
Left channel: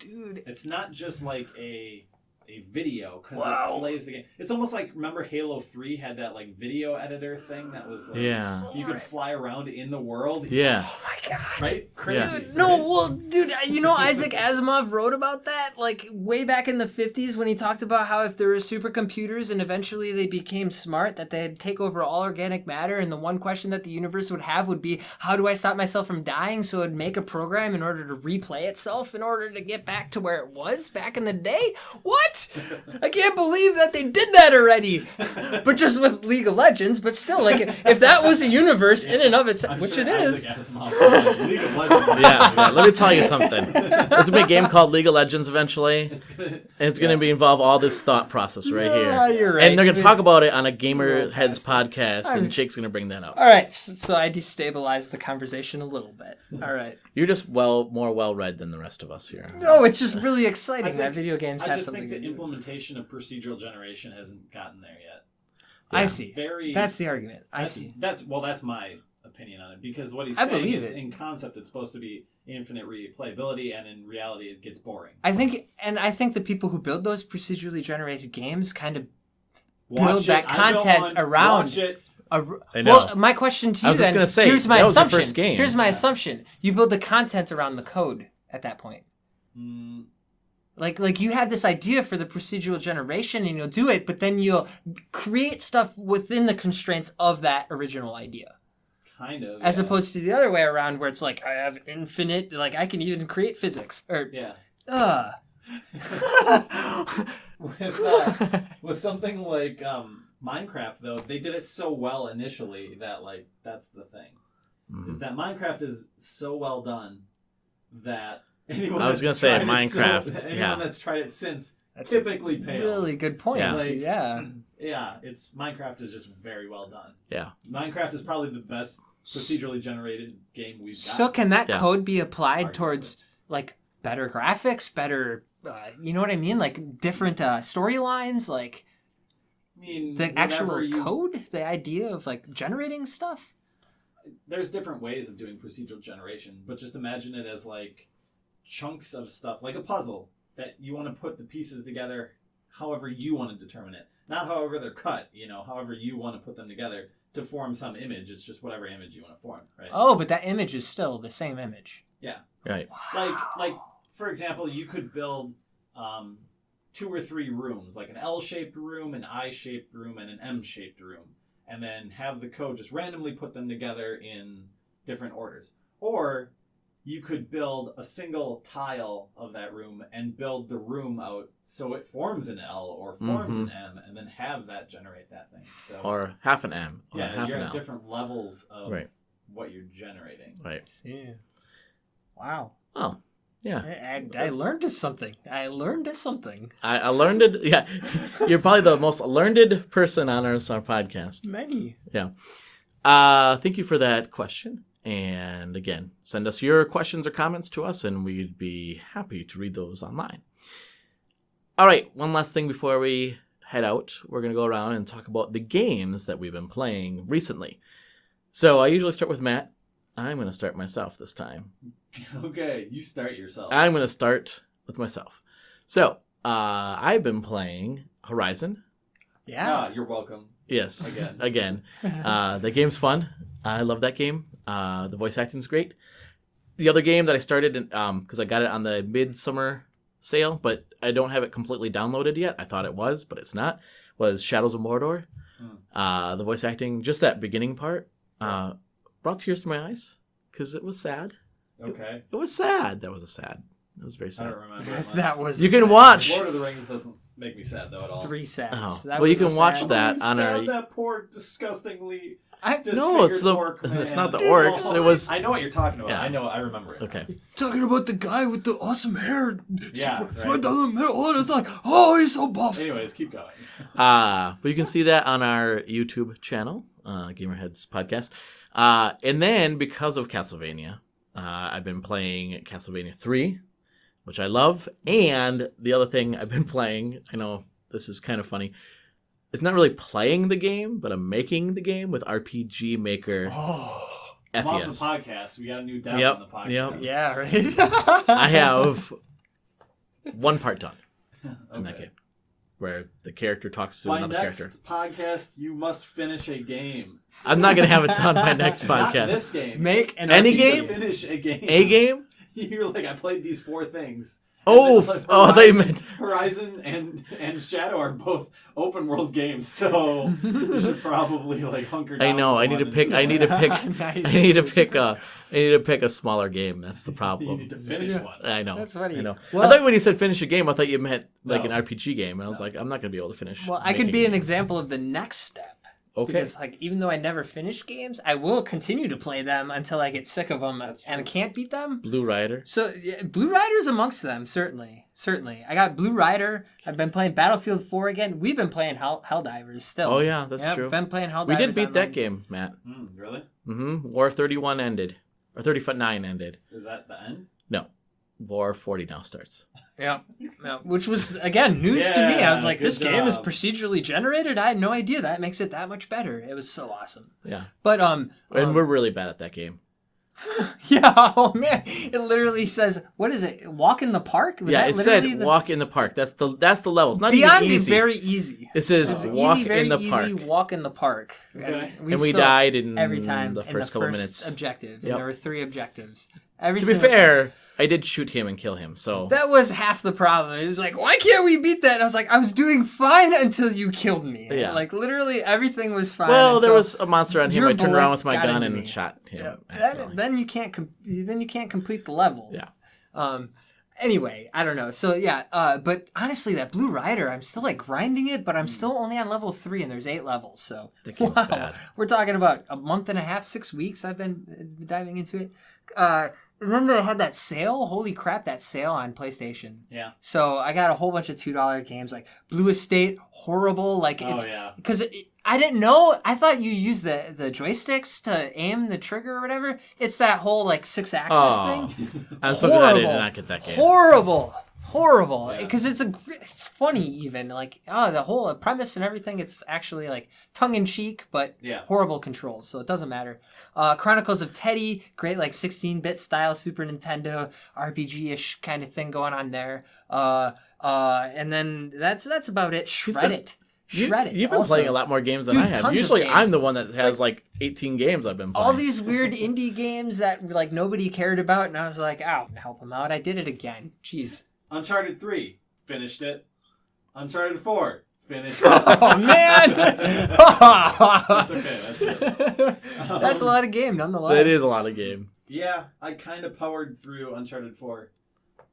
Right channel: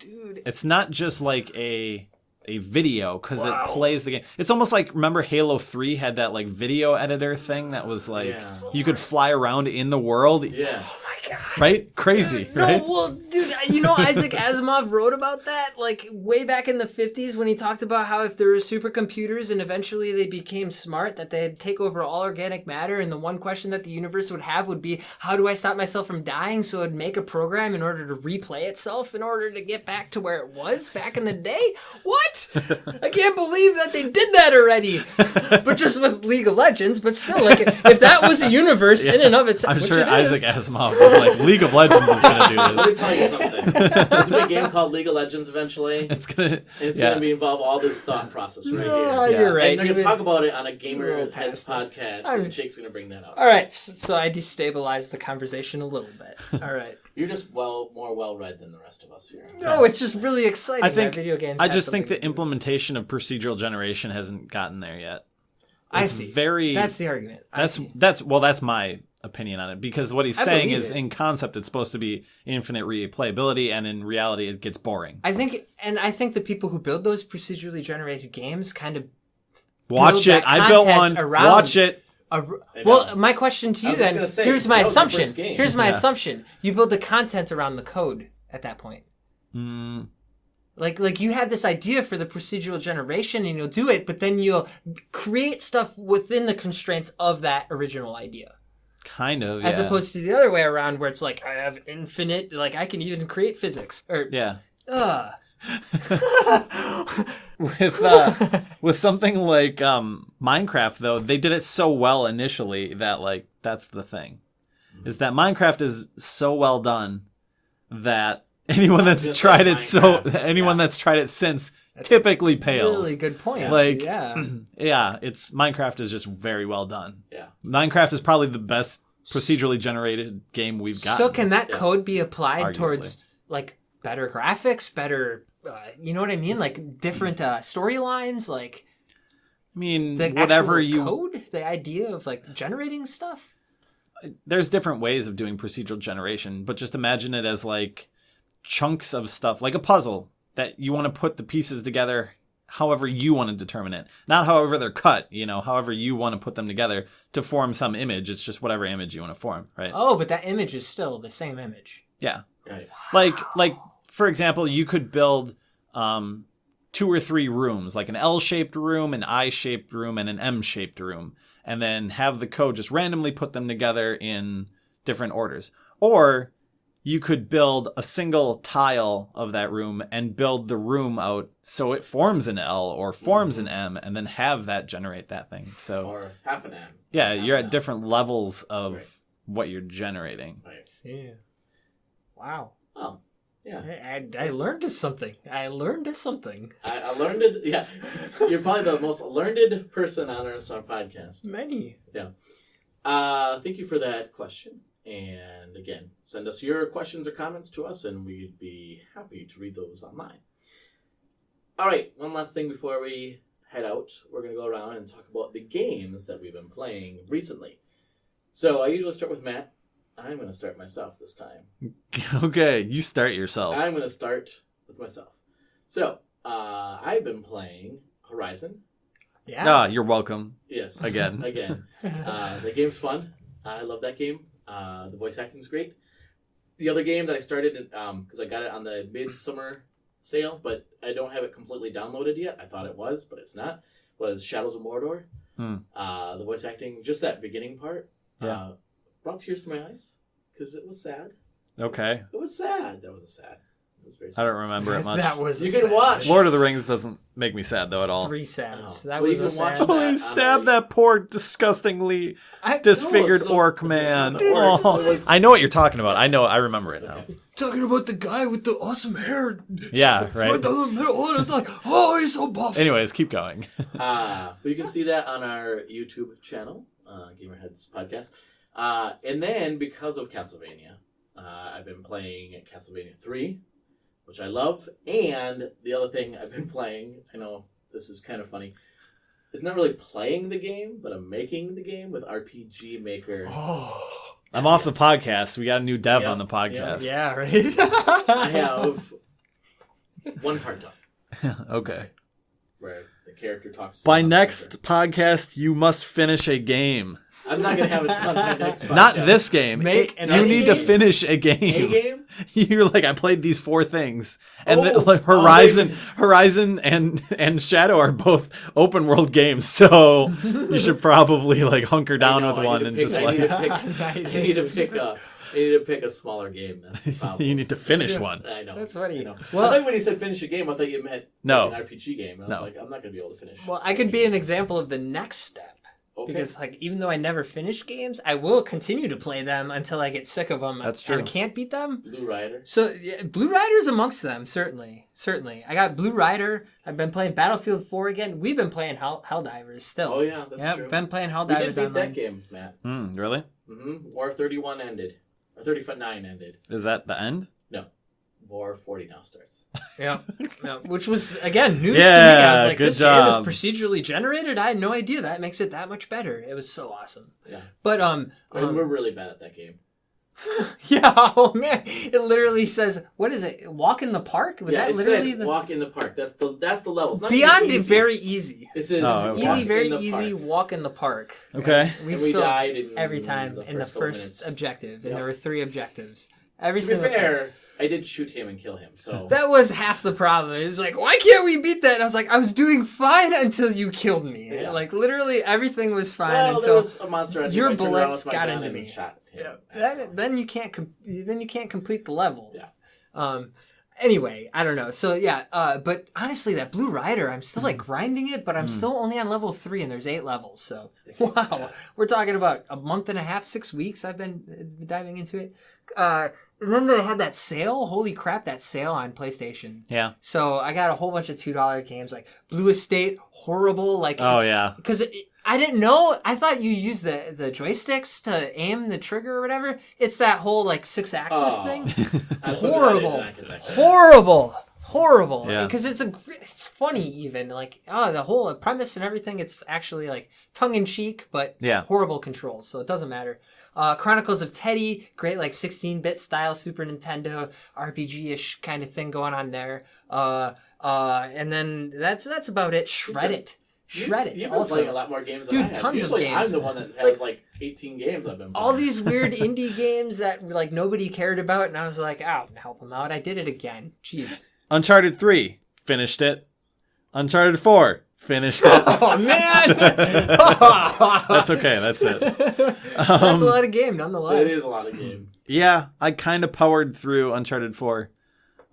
it's not just like a video because it plays the game. It's almost like, remember Halo 3 had that like video editor thing that was like you could fly around in the world. Yeah. Oh my god. Right? Crazy. Dude, no, right? Well, dude, you know Isaac Asimov wrote about that like way back in the 50s when he talked about how if there were supercomputers and eventually they became smart, that they'd take over all organic matter, and the one question that the universe would have would be, how do I stop myself from dying? So it'd make a program in order to replay itself in order to get back to where it was back in the day. What? what? I can't believe that they did that already. But just with League of Legends, but still, like, if that was a universe in and of itself, which it is. Isaac Asimov was like, League of Legends. Yeah, dude. Let me tell you something. There's gonna be a game called League of Legends eventually. It's gonna involve all this thought process right Yeah, here. you're right. And they're gonna talk about it on a little GamerHeads past podcast, and Jake's gonna bring that up. All right, so I destabilized the conversation a little bit. All right. You're just more well-read than the rest of us here. No, it's just really exciting that video games. I have just think something the to do. implementation of procedural generation hasn't gotten there yet. I It's see. Very. That's the argument. I see. That's my opinion on it, because what he's I saying believe is it. in concept it's supposed to be infinite replayability, and in reality it gets boring. I think the people who build those procedurally generated games kind of Watch that it. I built content one. around. Watch it. Well, my question to I you was just then, gonna say, here's my that was the assumption. first game. Here's my Yeah. assumption. You build the content around the code at that point. Like you had this idea for the procedural generation and you'll do it, but then you'll create stuff within the constraints of that original idea. Kind of. As yeah. opposed to the other way around where it's like, I have infinite, like I can even create physics. Or, Yeah. With something like Minecraft, though, they did it so well initially that, like, that's the thing. Is that Minecraft is so well done that anyone that's tried it since typically pales. Really good point. Yeah. Like, yeah. Yeah, Minecraft is just very well done. Yeah. Minecraft is probably the best procedurally generated game we've got. So can that code be applied Arguably. towards like better graphics, better, you know what I mean? Like different storylines, like I mean, the whatever actual code, the idea of like generating stuff. There's different ways of doing procedural generation, but just imagine it as like chunks of stuff, like a puzzle that you want to put the pieces together however you want to determine it. Not however they're cut, however you want to put them together to form some image. It's just whatever image you want to form, right? Oh, but that image is still the same image. Yeah. Right. Like for example, you could build 2 or 3 rooms, like an L-shaped room, an I-shaped room, and an M-shaped room, and then have the code just randomly put them together in different orders. Or you could build a single tile of that room and build the room out so it forms an L or forms an M, and then have that generate that thing. So Or half an M. yeah, you're at different levels of what you're generating. Right. See. Wow. Oh, yeah. I learned something. I learned something. I learned it. Yeah. You're probably the most learned person on our podcast. Many. Yeah. Thank you for that question. And again, send us your questions or comments to us, and we'd be happy to read those online. All right, one last thing before we head out. We're going to go around and talk about the games that we've been playing recently. So I usually start with Matt. I'm going to start myself this time. Okay, you start yourself. I'm going to start with myself. So I've been playing Horizon. Yeah. You're welcome. Yes. Again. The game's fun. I love that game. The voice acting's great. The other game that I started, because I got it on the midsummer sale, but I don't have it completely downloaded yet. I thought it was, but it's not, was Shadows of Mordor. The voice acting, just that beginning part, brought tears to my eyes because it was sad. Okay. It was sad. That was very sad. I don't remember it much. That was You can watch. Lord of the Rings doesn't make me sad, though, at all. 3 sads. Oh. That Well, was you can a watch sad- that. Stab that poor, disgustingly No, disfigured it's the- orc man. It's not the orcs. Oh. It was. I know what you're talking about. Yeah. I remember it. Okay. Talking about the guy with the awesome hair. Yeah, Right right. down the middle, and it's like, oh, he's so buff. Anyways, keep going. But you can see that on our YouTube channel, GamerHeads podcast. And then because of Castlevania, I've been playing Castlevania 3, which I love. And the other thing I've been playing, I know this is kind of funny, it's not really playing the game, but I'm making the game with RPG Maker. I'm off the podcast. We got a new dev on the podcast. Yeah, right. I have one part done. Okay. Where the character talks to By another next character. podcast, you must finish a game. I'm not going to have it done by next podcast. Not this game. Make You any need to game? finish a game. A game? You're like, I played these 4 things. And Oh, then, like, oh, Horizon and Shadow are both open world games, so you should probably like hunker down. I know. with I one need to and pick. just, I like- need to pick. Nice. I need to pick I need to pick a smaller game. That's the problem. You need to finish one. I know. That's funny. I know. Well, I thought when you said finish a game, I thought you meant No. like an RPG game. And I was like, I'm not going to be able to finish. well, I could be an example of the next step. Okay. Because like even though I never finish games, I will continue to play them until I get sick of them That's and I true. can't beat them. Blue Rider. So yeah, Blue Rider's amongst them, certainly. I got Blue Rider. I've been playing Battlefield 4 again. We've been playing Helldivers still. Oh, yeah, that's Yep, true. been playing Helldivers. We did beat online. that game, Matt. Really? War 31 ended. Or 39 ended. Is that the end? No. War 40 now starts. Yeah, which was again news to me. Yeah, I was like, good this game is job. procedurally generated. I had no idea. That makes it that much better. It was so awesome. Yeah. But And we're really bad at that game. yeah, oh man, it literally says, what is it? Walk in the park? Was that it literally said the walk in the park. That's the levels. Not beyond even it easy. very easy. It says walk Easy, very in the easy. park. Walk in the park. Okay. And And we still- died in every time the in the first couple first minutes. objective, and Yep. there were 3 objectives. Every To be single time. fair, I did shoot him and kill him. So That was half the problem. It was like, why can't we beat that? And I was like, I was doing fine until you killed me. Yeah. Like literally everything was fine. well, until there was a monster on him. your I turned around bullets with my got gun into and me. shot him. Yeah. accidentally. Then you can't complete the level. Yeah. Anyway, I don't know. So yeah, but honestly, that Blue Rider, I'm still like grinding it, but I'm still only on level 3, and there's 8 levels. So game's wow, bad. we're talking about a month and a half, 6 weeks. I've been diving into it. And then they had that sale. Holy crap, that sale on PlayStation. Yeah. So I got a whole bunch of $2 games like Blue Estate, horrible. Like Oh, yeah. because I didn't know. I thought you used the joysticks to aim the trigger or whatever. It's that whole like 6-axis thing. I'm so glad I did Horrible. not get that game. Horrible. Yeah. Because it's funny even like the whole premise and everything. It's actually like tongue in cheek, but Yeah. horrible controls. So it doesn't matter. Chronicles of Teddy, great like 16-bit style Super Nintendo RPG-ish kind of thing going on there. And then that's about it. Shred it. You've been also. playing a lot more games than Dude, I have. tons of Usually, games. I'm the one that has like 18 games I've been playing. All these weird indie games that like nobody cared about, and I was like, "Ow, help them out!" I did it again. Jeez. Uncharted 3, finished it. Uncharted 4, finished it. Oh man, That's okay, that's it. that's a lot of game, nonetheless. It is a lot of game. Yeah, I kind of powered through Uncharted 4.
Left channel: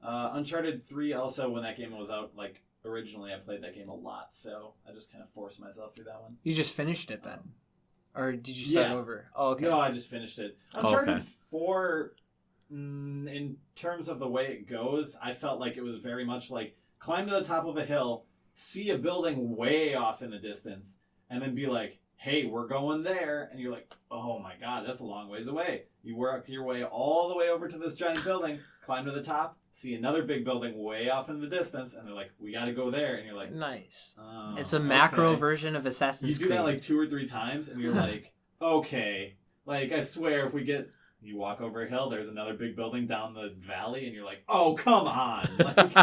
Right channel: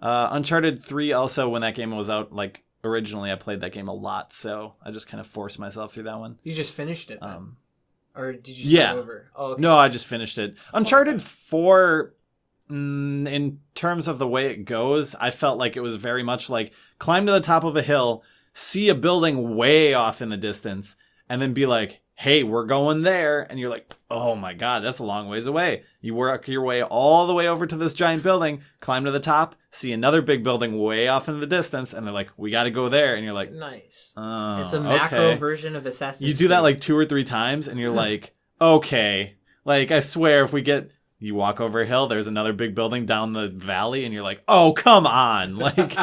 Uncharted 3 also, when that game was out, like, originally I played that game a lot, so I just kind of forced myself through that one. You just finished it then, Um, or did you start yeah. over? Oh, okay. No, I just finished it. Uncharted okay. 4, in terms of the way it goes, I felt like it was very much like climb to the top of a hill, see a building way off in the distance, and then be like, hey, we're going there. And you're like, oh my God, that's a long ways away. You work your way all the way over to this giant building, climb to the top, see another big building way off in the distance, and they're like, we got to go there. And you're like, Nice. oh, It's a macro okay. version of Assassin's You Creed. do that like 2 or 3 times, and you're like, okay. Like, I swear, if we get... You walk over a hill, there's another big building down the valley, and you're like, oh, come on. Like,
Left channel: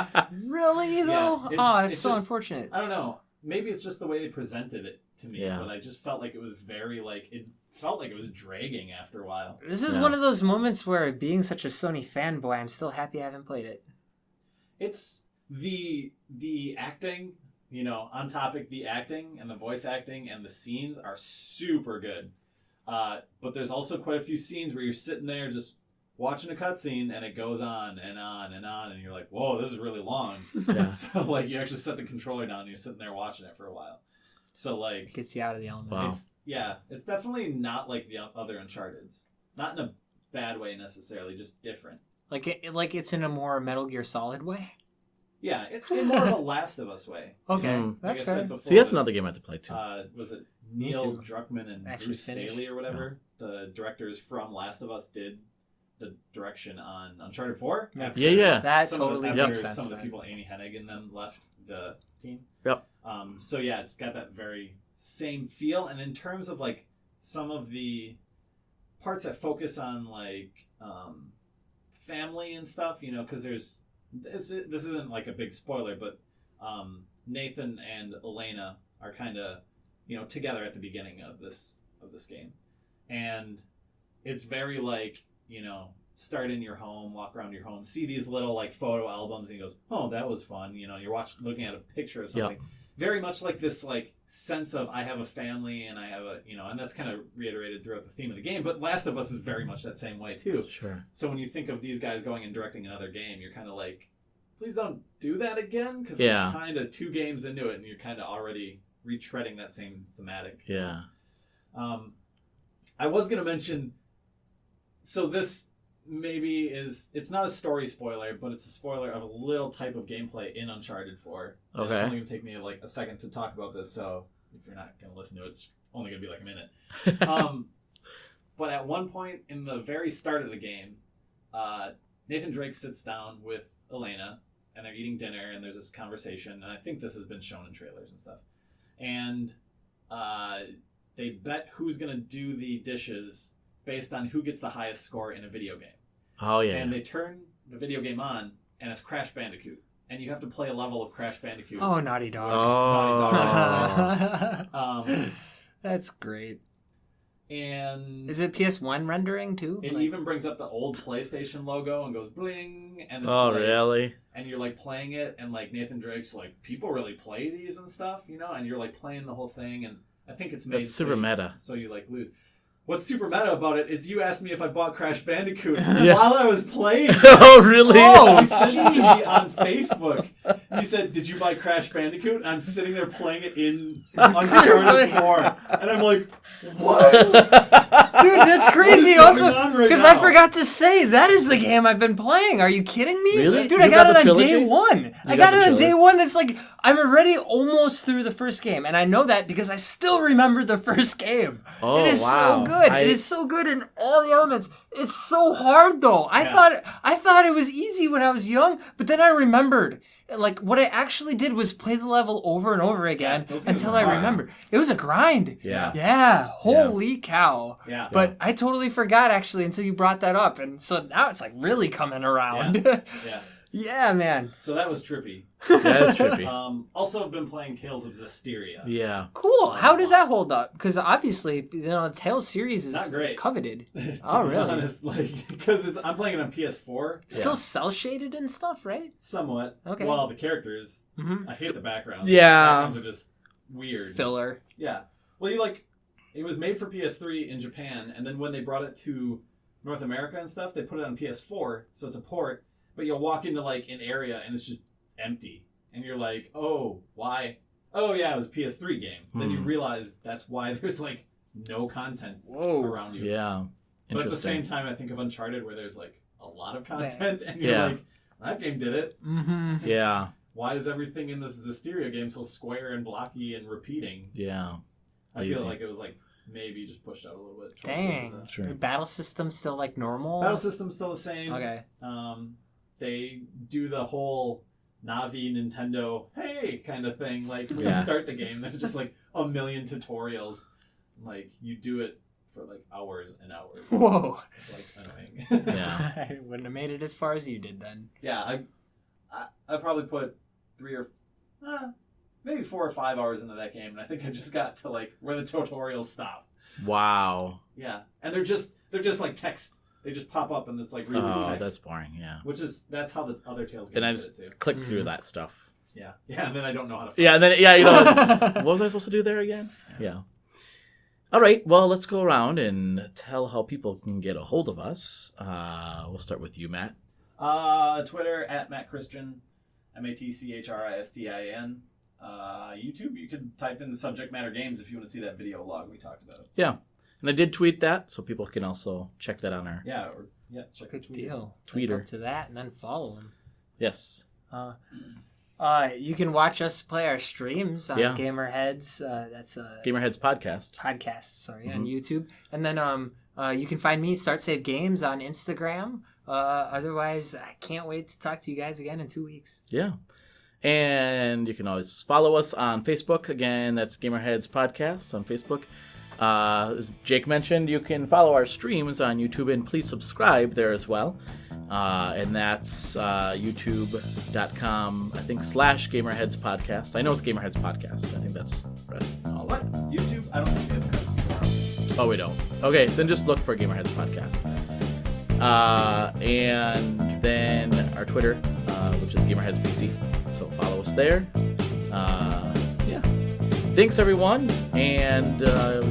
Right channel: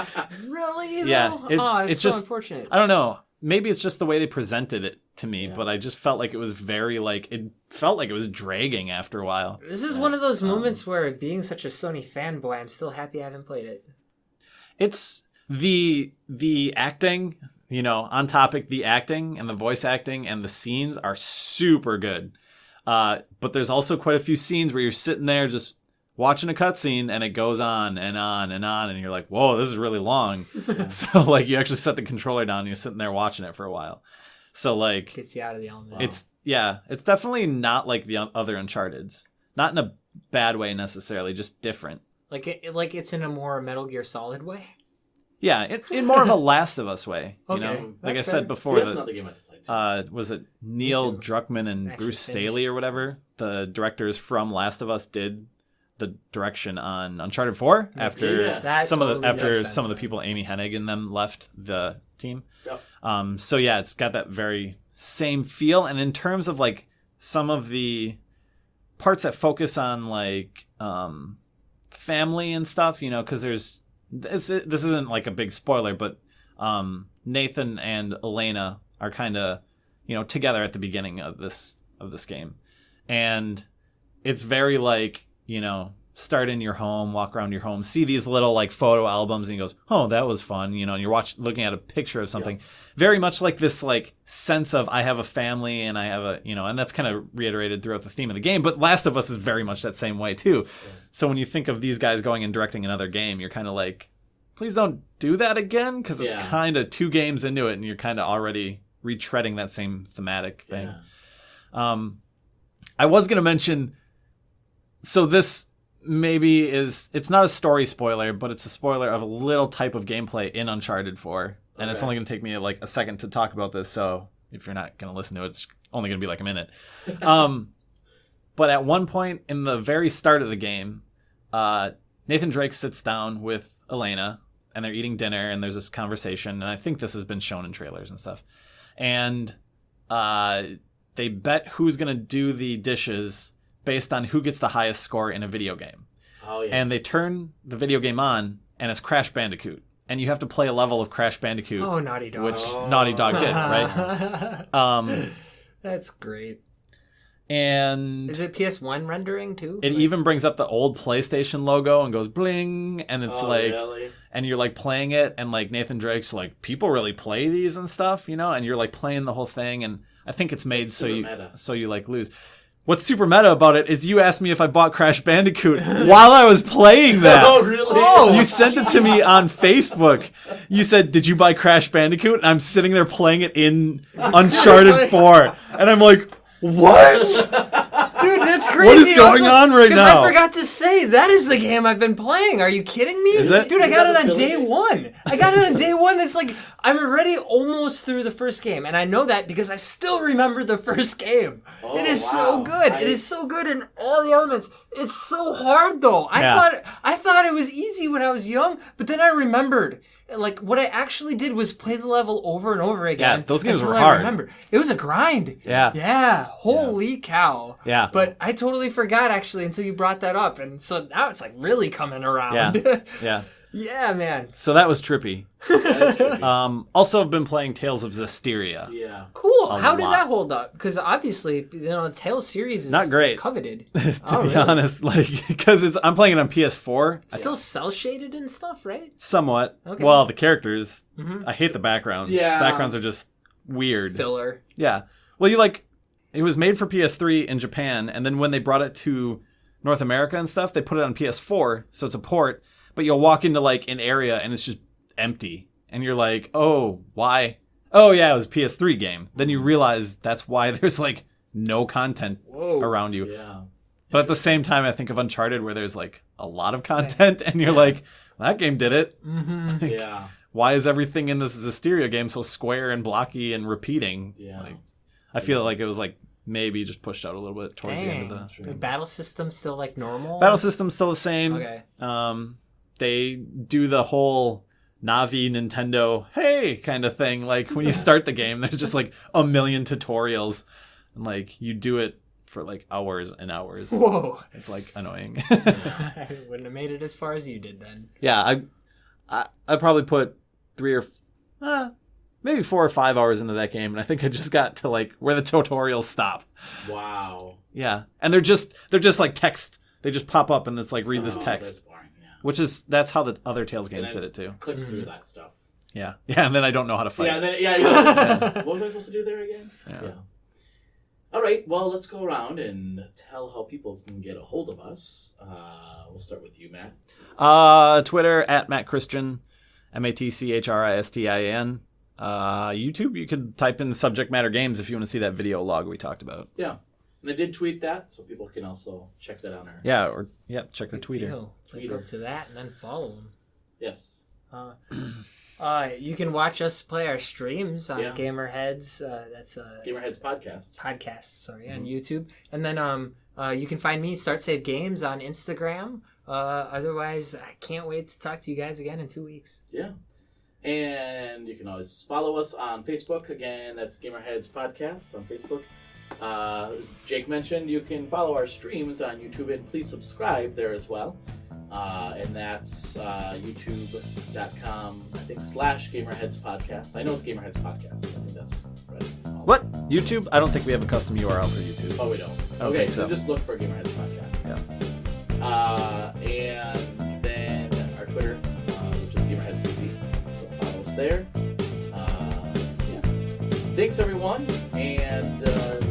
Really though? Yeah, It's it's so just- unfortunate. I don't know. Maybe it's just the way they presented it to me, Yeah. but I just felt like it was very, like, it felt like it was dragging after a while. This is Yeah. one of those moments where, being such a Sony fanboy, I'm still happy I haven't played it. It's the acting, you know, on topic, the acting and the voice acting and the scenes are super good. But there's also quite a few scenes where you're sitting there just watching a cutscene and it goes on and on and on, and you're like, whoa, this is really long. Yeah. So, like, you actually set the controller down and you're sitting there watching it for a while. So, like, Gets you out of the element. Wow. it's definitely not like the other Uncharted's. Not in a bad way necessarily, just different. Like it's in a more Metal Gear Solid way. Yeah, in more of a Last of Us way. You Okay, know? Like I that's said fair. before. See, that's another game I have to play too. Was it Neil too. Druckmann and Actually Bruce finished. Staley or whatever? The directors from Last of Us did the direction on Uncharted 4 after Yeah. That some totally of the, makes after sense some of the then. people, Amy Hennig and them, left the team. Yep. So yeah, it's got that very same feel. And in terms of like some of the parts that focus on like family and stuff, you know, because this isn't like a big spoiler, but Nathan and Elena are kind of, you know, together at the beginning of this game, and it's very like, you know, start in your home, walk around your home, see these little like photo albums, and he goes, oh, that was fun, you know, and you're looking at a picture of something. very much like this like sense of I have a family and I have a, and that's kind of reiterated throughout the theme of the game. But Last of Us is very much that same way too. Sure. So when you think of these guys going and directing another game, you're kind of like, please don't do that again, because it's kind of 2 games into it and you're kind of already retreading that same thematic thing. Yeah. I was going to mention, so this maybe it's not a story spoiler, but it's a spoiler of a little type of gameplay in Uncharted 4. And it's only going to take me like a second to talk about this, so if you're not going to listen to it, it's only going to be like a minute. But at one point in the very start of the game, Nathan Drake sits down with Elena, and they're eating dinner, and there's this conversation, and I think this has been shown in trailers and stuff. And they bet who's going to do the dishes based on who gets the highest score in a video game. Oh, yeah. And they turn the video game on, and it's Crash Bandicoot. And you have to play a level of Crash Bandicoot. Oh, Naughty Dog. Which Naughty Dog did, right? That's great. And is it PS1 rendering, too? It even brings up the old PlayStation logo and goes bling, and it's really? And you're like playing it, and like Nathan Drake's like, people really play these and stuff, and you're like playing the whole thing, and I think it's made super meta. So you like lose. What's super meta about it is you asked me if I bought Crash Bandicoot while I was playing that. Oh, really? Oh, you sent it to me on Facebook. You said, did you buy Crash Bandicoot? And I'm sitting there playing it in Uncharted 4. And I'm like, what? Dude, that's crazy. What is going on right now? Because I forgot to say, that is the game I've been playing. Are you kidding me? Really? Dude, I got it on day 1. I got it on day 1. That's like, I'm already almost through the first game. And I know that because I still remember the first game. Oh, it is wow. so good. It is so good in all the elements. It's so hard, though. I thought it was easy when I was young, but then I remembered. Like, what I actually did was play the level over and over again those games until were I hard. remembered. It was a grind. Yeah. Yeah. Holy cow. Yeah. But I totally forgot, actually, until you brought that up. And so now it's, like, really coming around. Yeah. Yeah, man. So that was trippy. That is trippy. Also, I've been playing Tales of Zestiria. Yeah. Cool. How does that hold up? Because obviously, the Tales series is not great, coveted. to be honest, like because I'm playing it on PS4. Still cell shaded and stuff, right? Somewhat. Okay. Well, the characters. I hate the backgrounds. Yeah. Backgrounds are just weird. Filler. Yeah. Well, it was made for PS3 in Japan, and then when they brought it to North America and stuff, they put it on PS4, so it's a port. But you'll walk into like an area and it's just empty, and you're like, "Oh, why? Oh yeah, it was a PS3 game." Then you realize that's why there's like no content around you. Yeah. But at the same time, I think of Uncharted where there's like a lot of content, and you're like, "That game did it." Mm-hmm. Yeah. Why is everything in this Zestiria game so square and blocky and repeating? Yeah. I feel like it was like maybe just pushed out a little bit towards the end of The battle system's still like normal? Battle system's still the same. Okay. They do the whole Navi Nintendo hey kind of thing. Like when you start the game, there's just like a million tutorials, and like you do it for like hours and hours. Whoa, it's like annoying. I wouldn't have made it as far as you did then. Yeah, I probably put 3 or maybe 4 or 5 hours into that game, and I think I just got to like where the tutorials stop. Wow. Yeah, and they're just like text. They just pop up and it's like read this text. That's boring. Yeah. That's how the other Tales games did it too. Click through that stuff. Yeah. Yeah, and then I don't know how to fight. Yeah, and then you know what was I supposed to do there again? Yeah. All right. Well, let's go around and tell how people can get a hold of us. We'll start with you, Matt. Twitter @MattChristian, MattChristian. YouTube, you could type in subject matter games if you want to see that video log we talked about. Yeah. And I did tweet that, so people can also check that on our... check the Twitter. Tweet up to that and then follow him. Yes. You can watch us play our streams on GamerHeads. That's GamerHeads podcast. On YouTube. And then you can find me, Start Save Games, on Instagram. Otherwise, I can't wait to talk to you guys again in 2 weeks. Yeah. And you can always follow us on Facebook. Again, that's GamerHeads Podcast on Facebook. As Jake mentioned, you can follow our streams on YouTube, and please subscribe there as well. And that's youtube.com, I think, /GamerHeads Podcast. I know it's GamerHeads Podcast. I think that's what? YouTube? I don't think we have a custom URL for YouTube. Oh, we don't. Okay, so then just look for GamerHeads Podcast. Yeah. And then our Twitter, which is GamerHeads PC. So follow us there. thanks everyone, and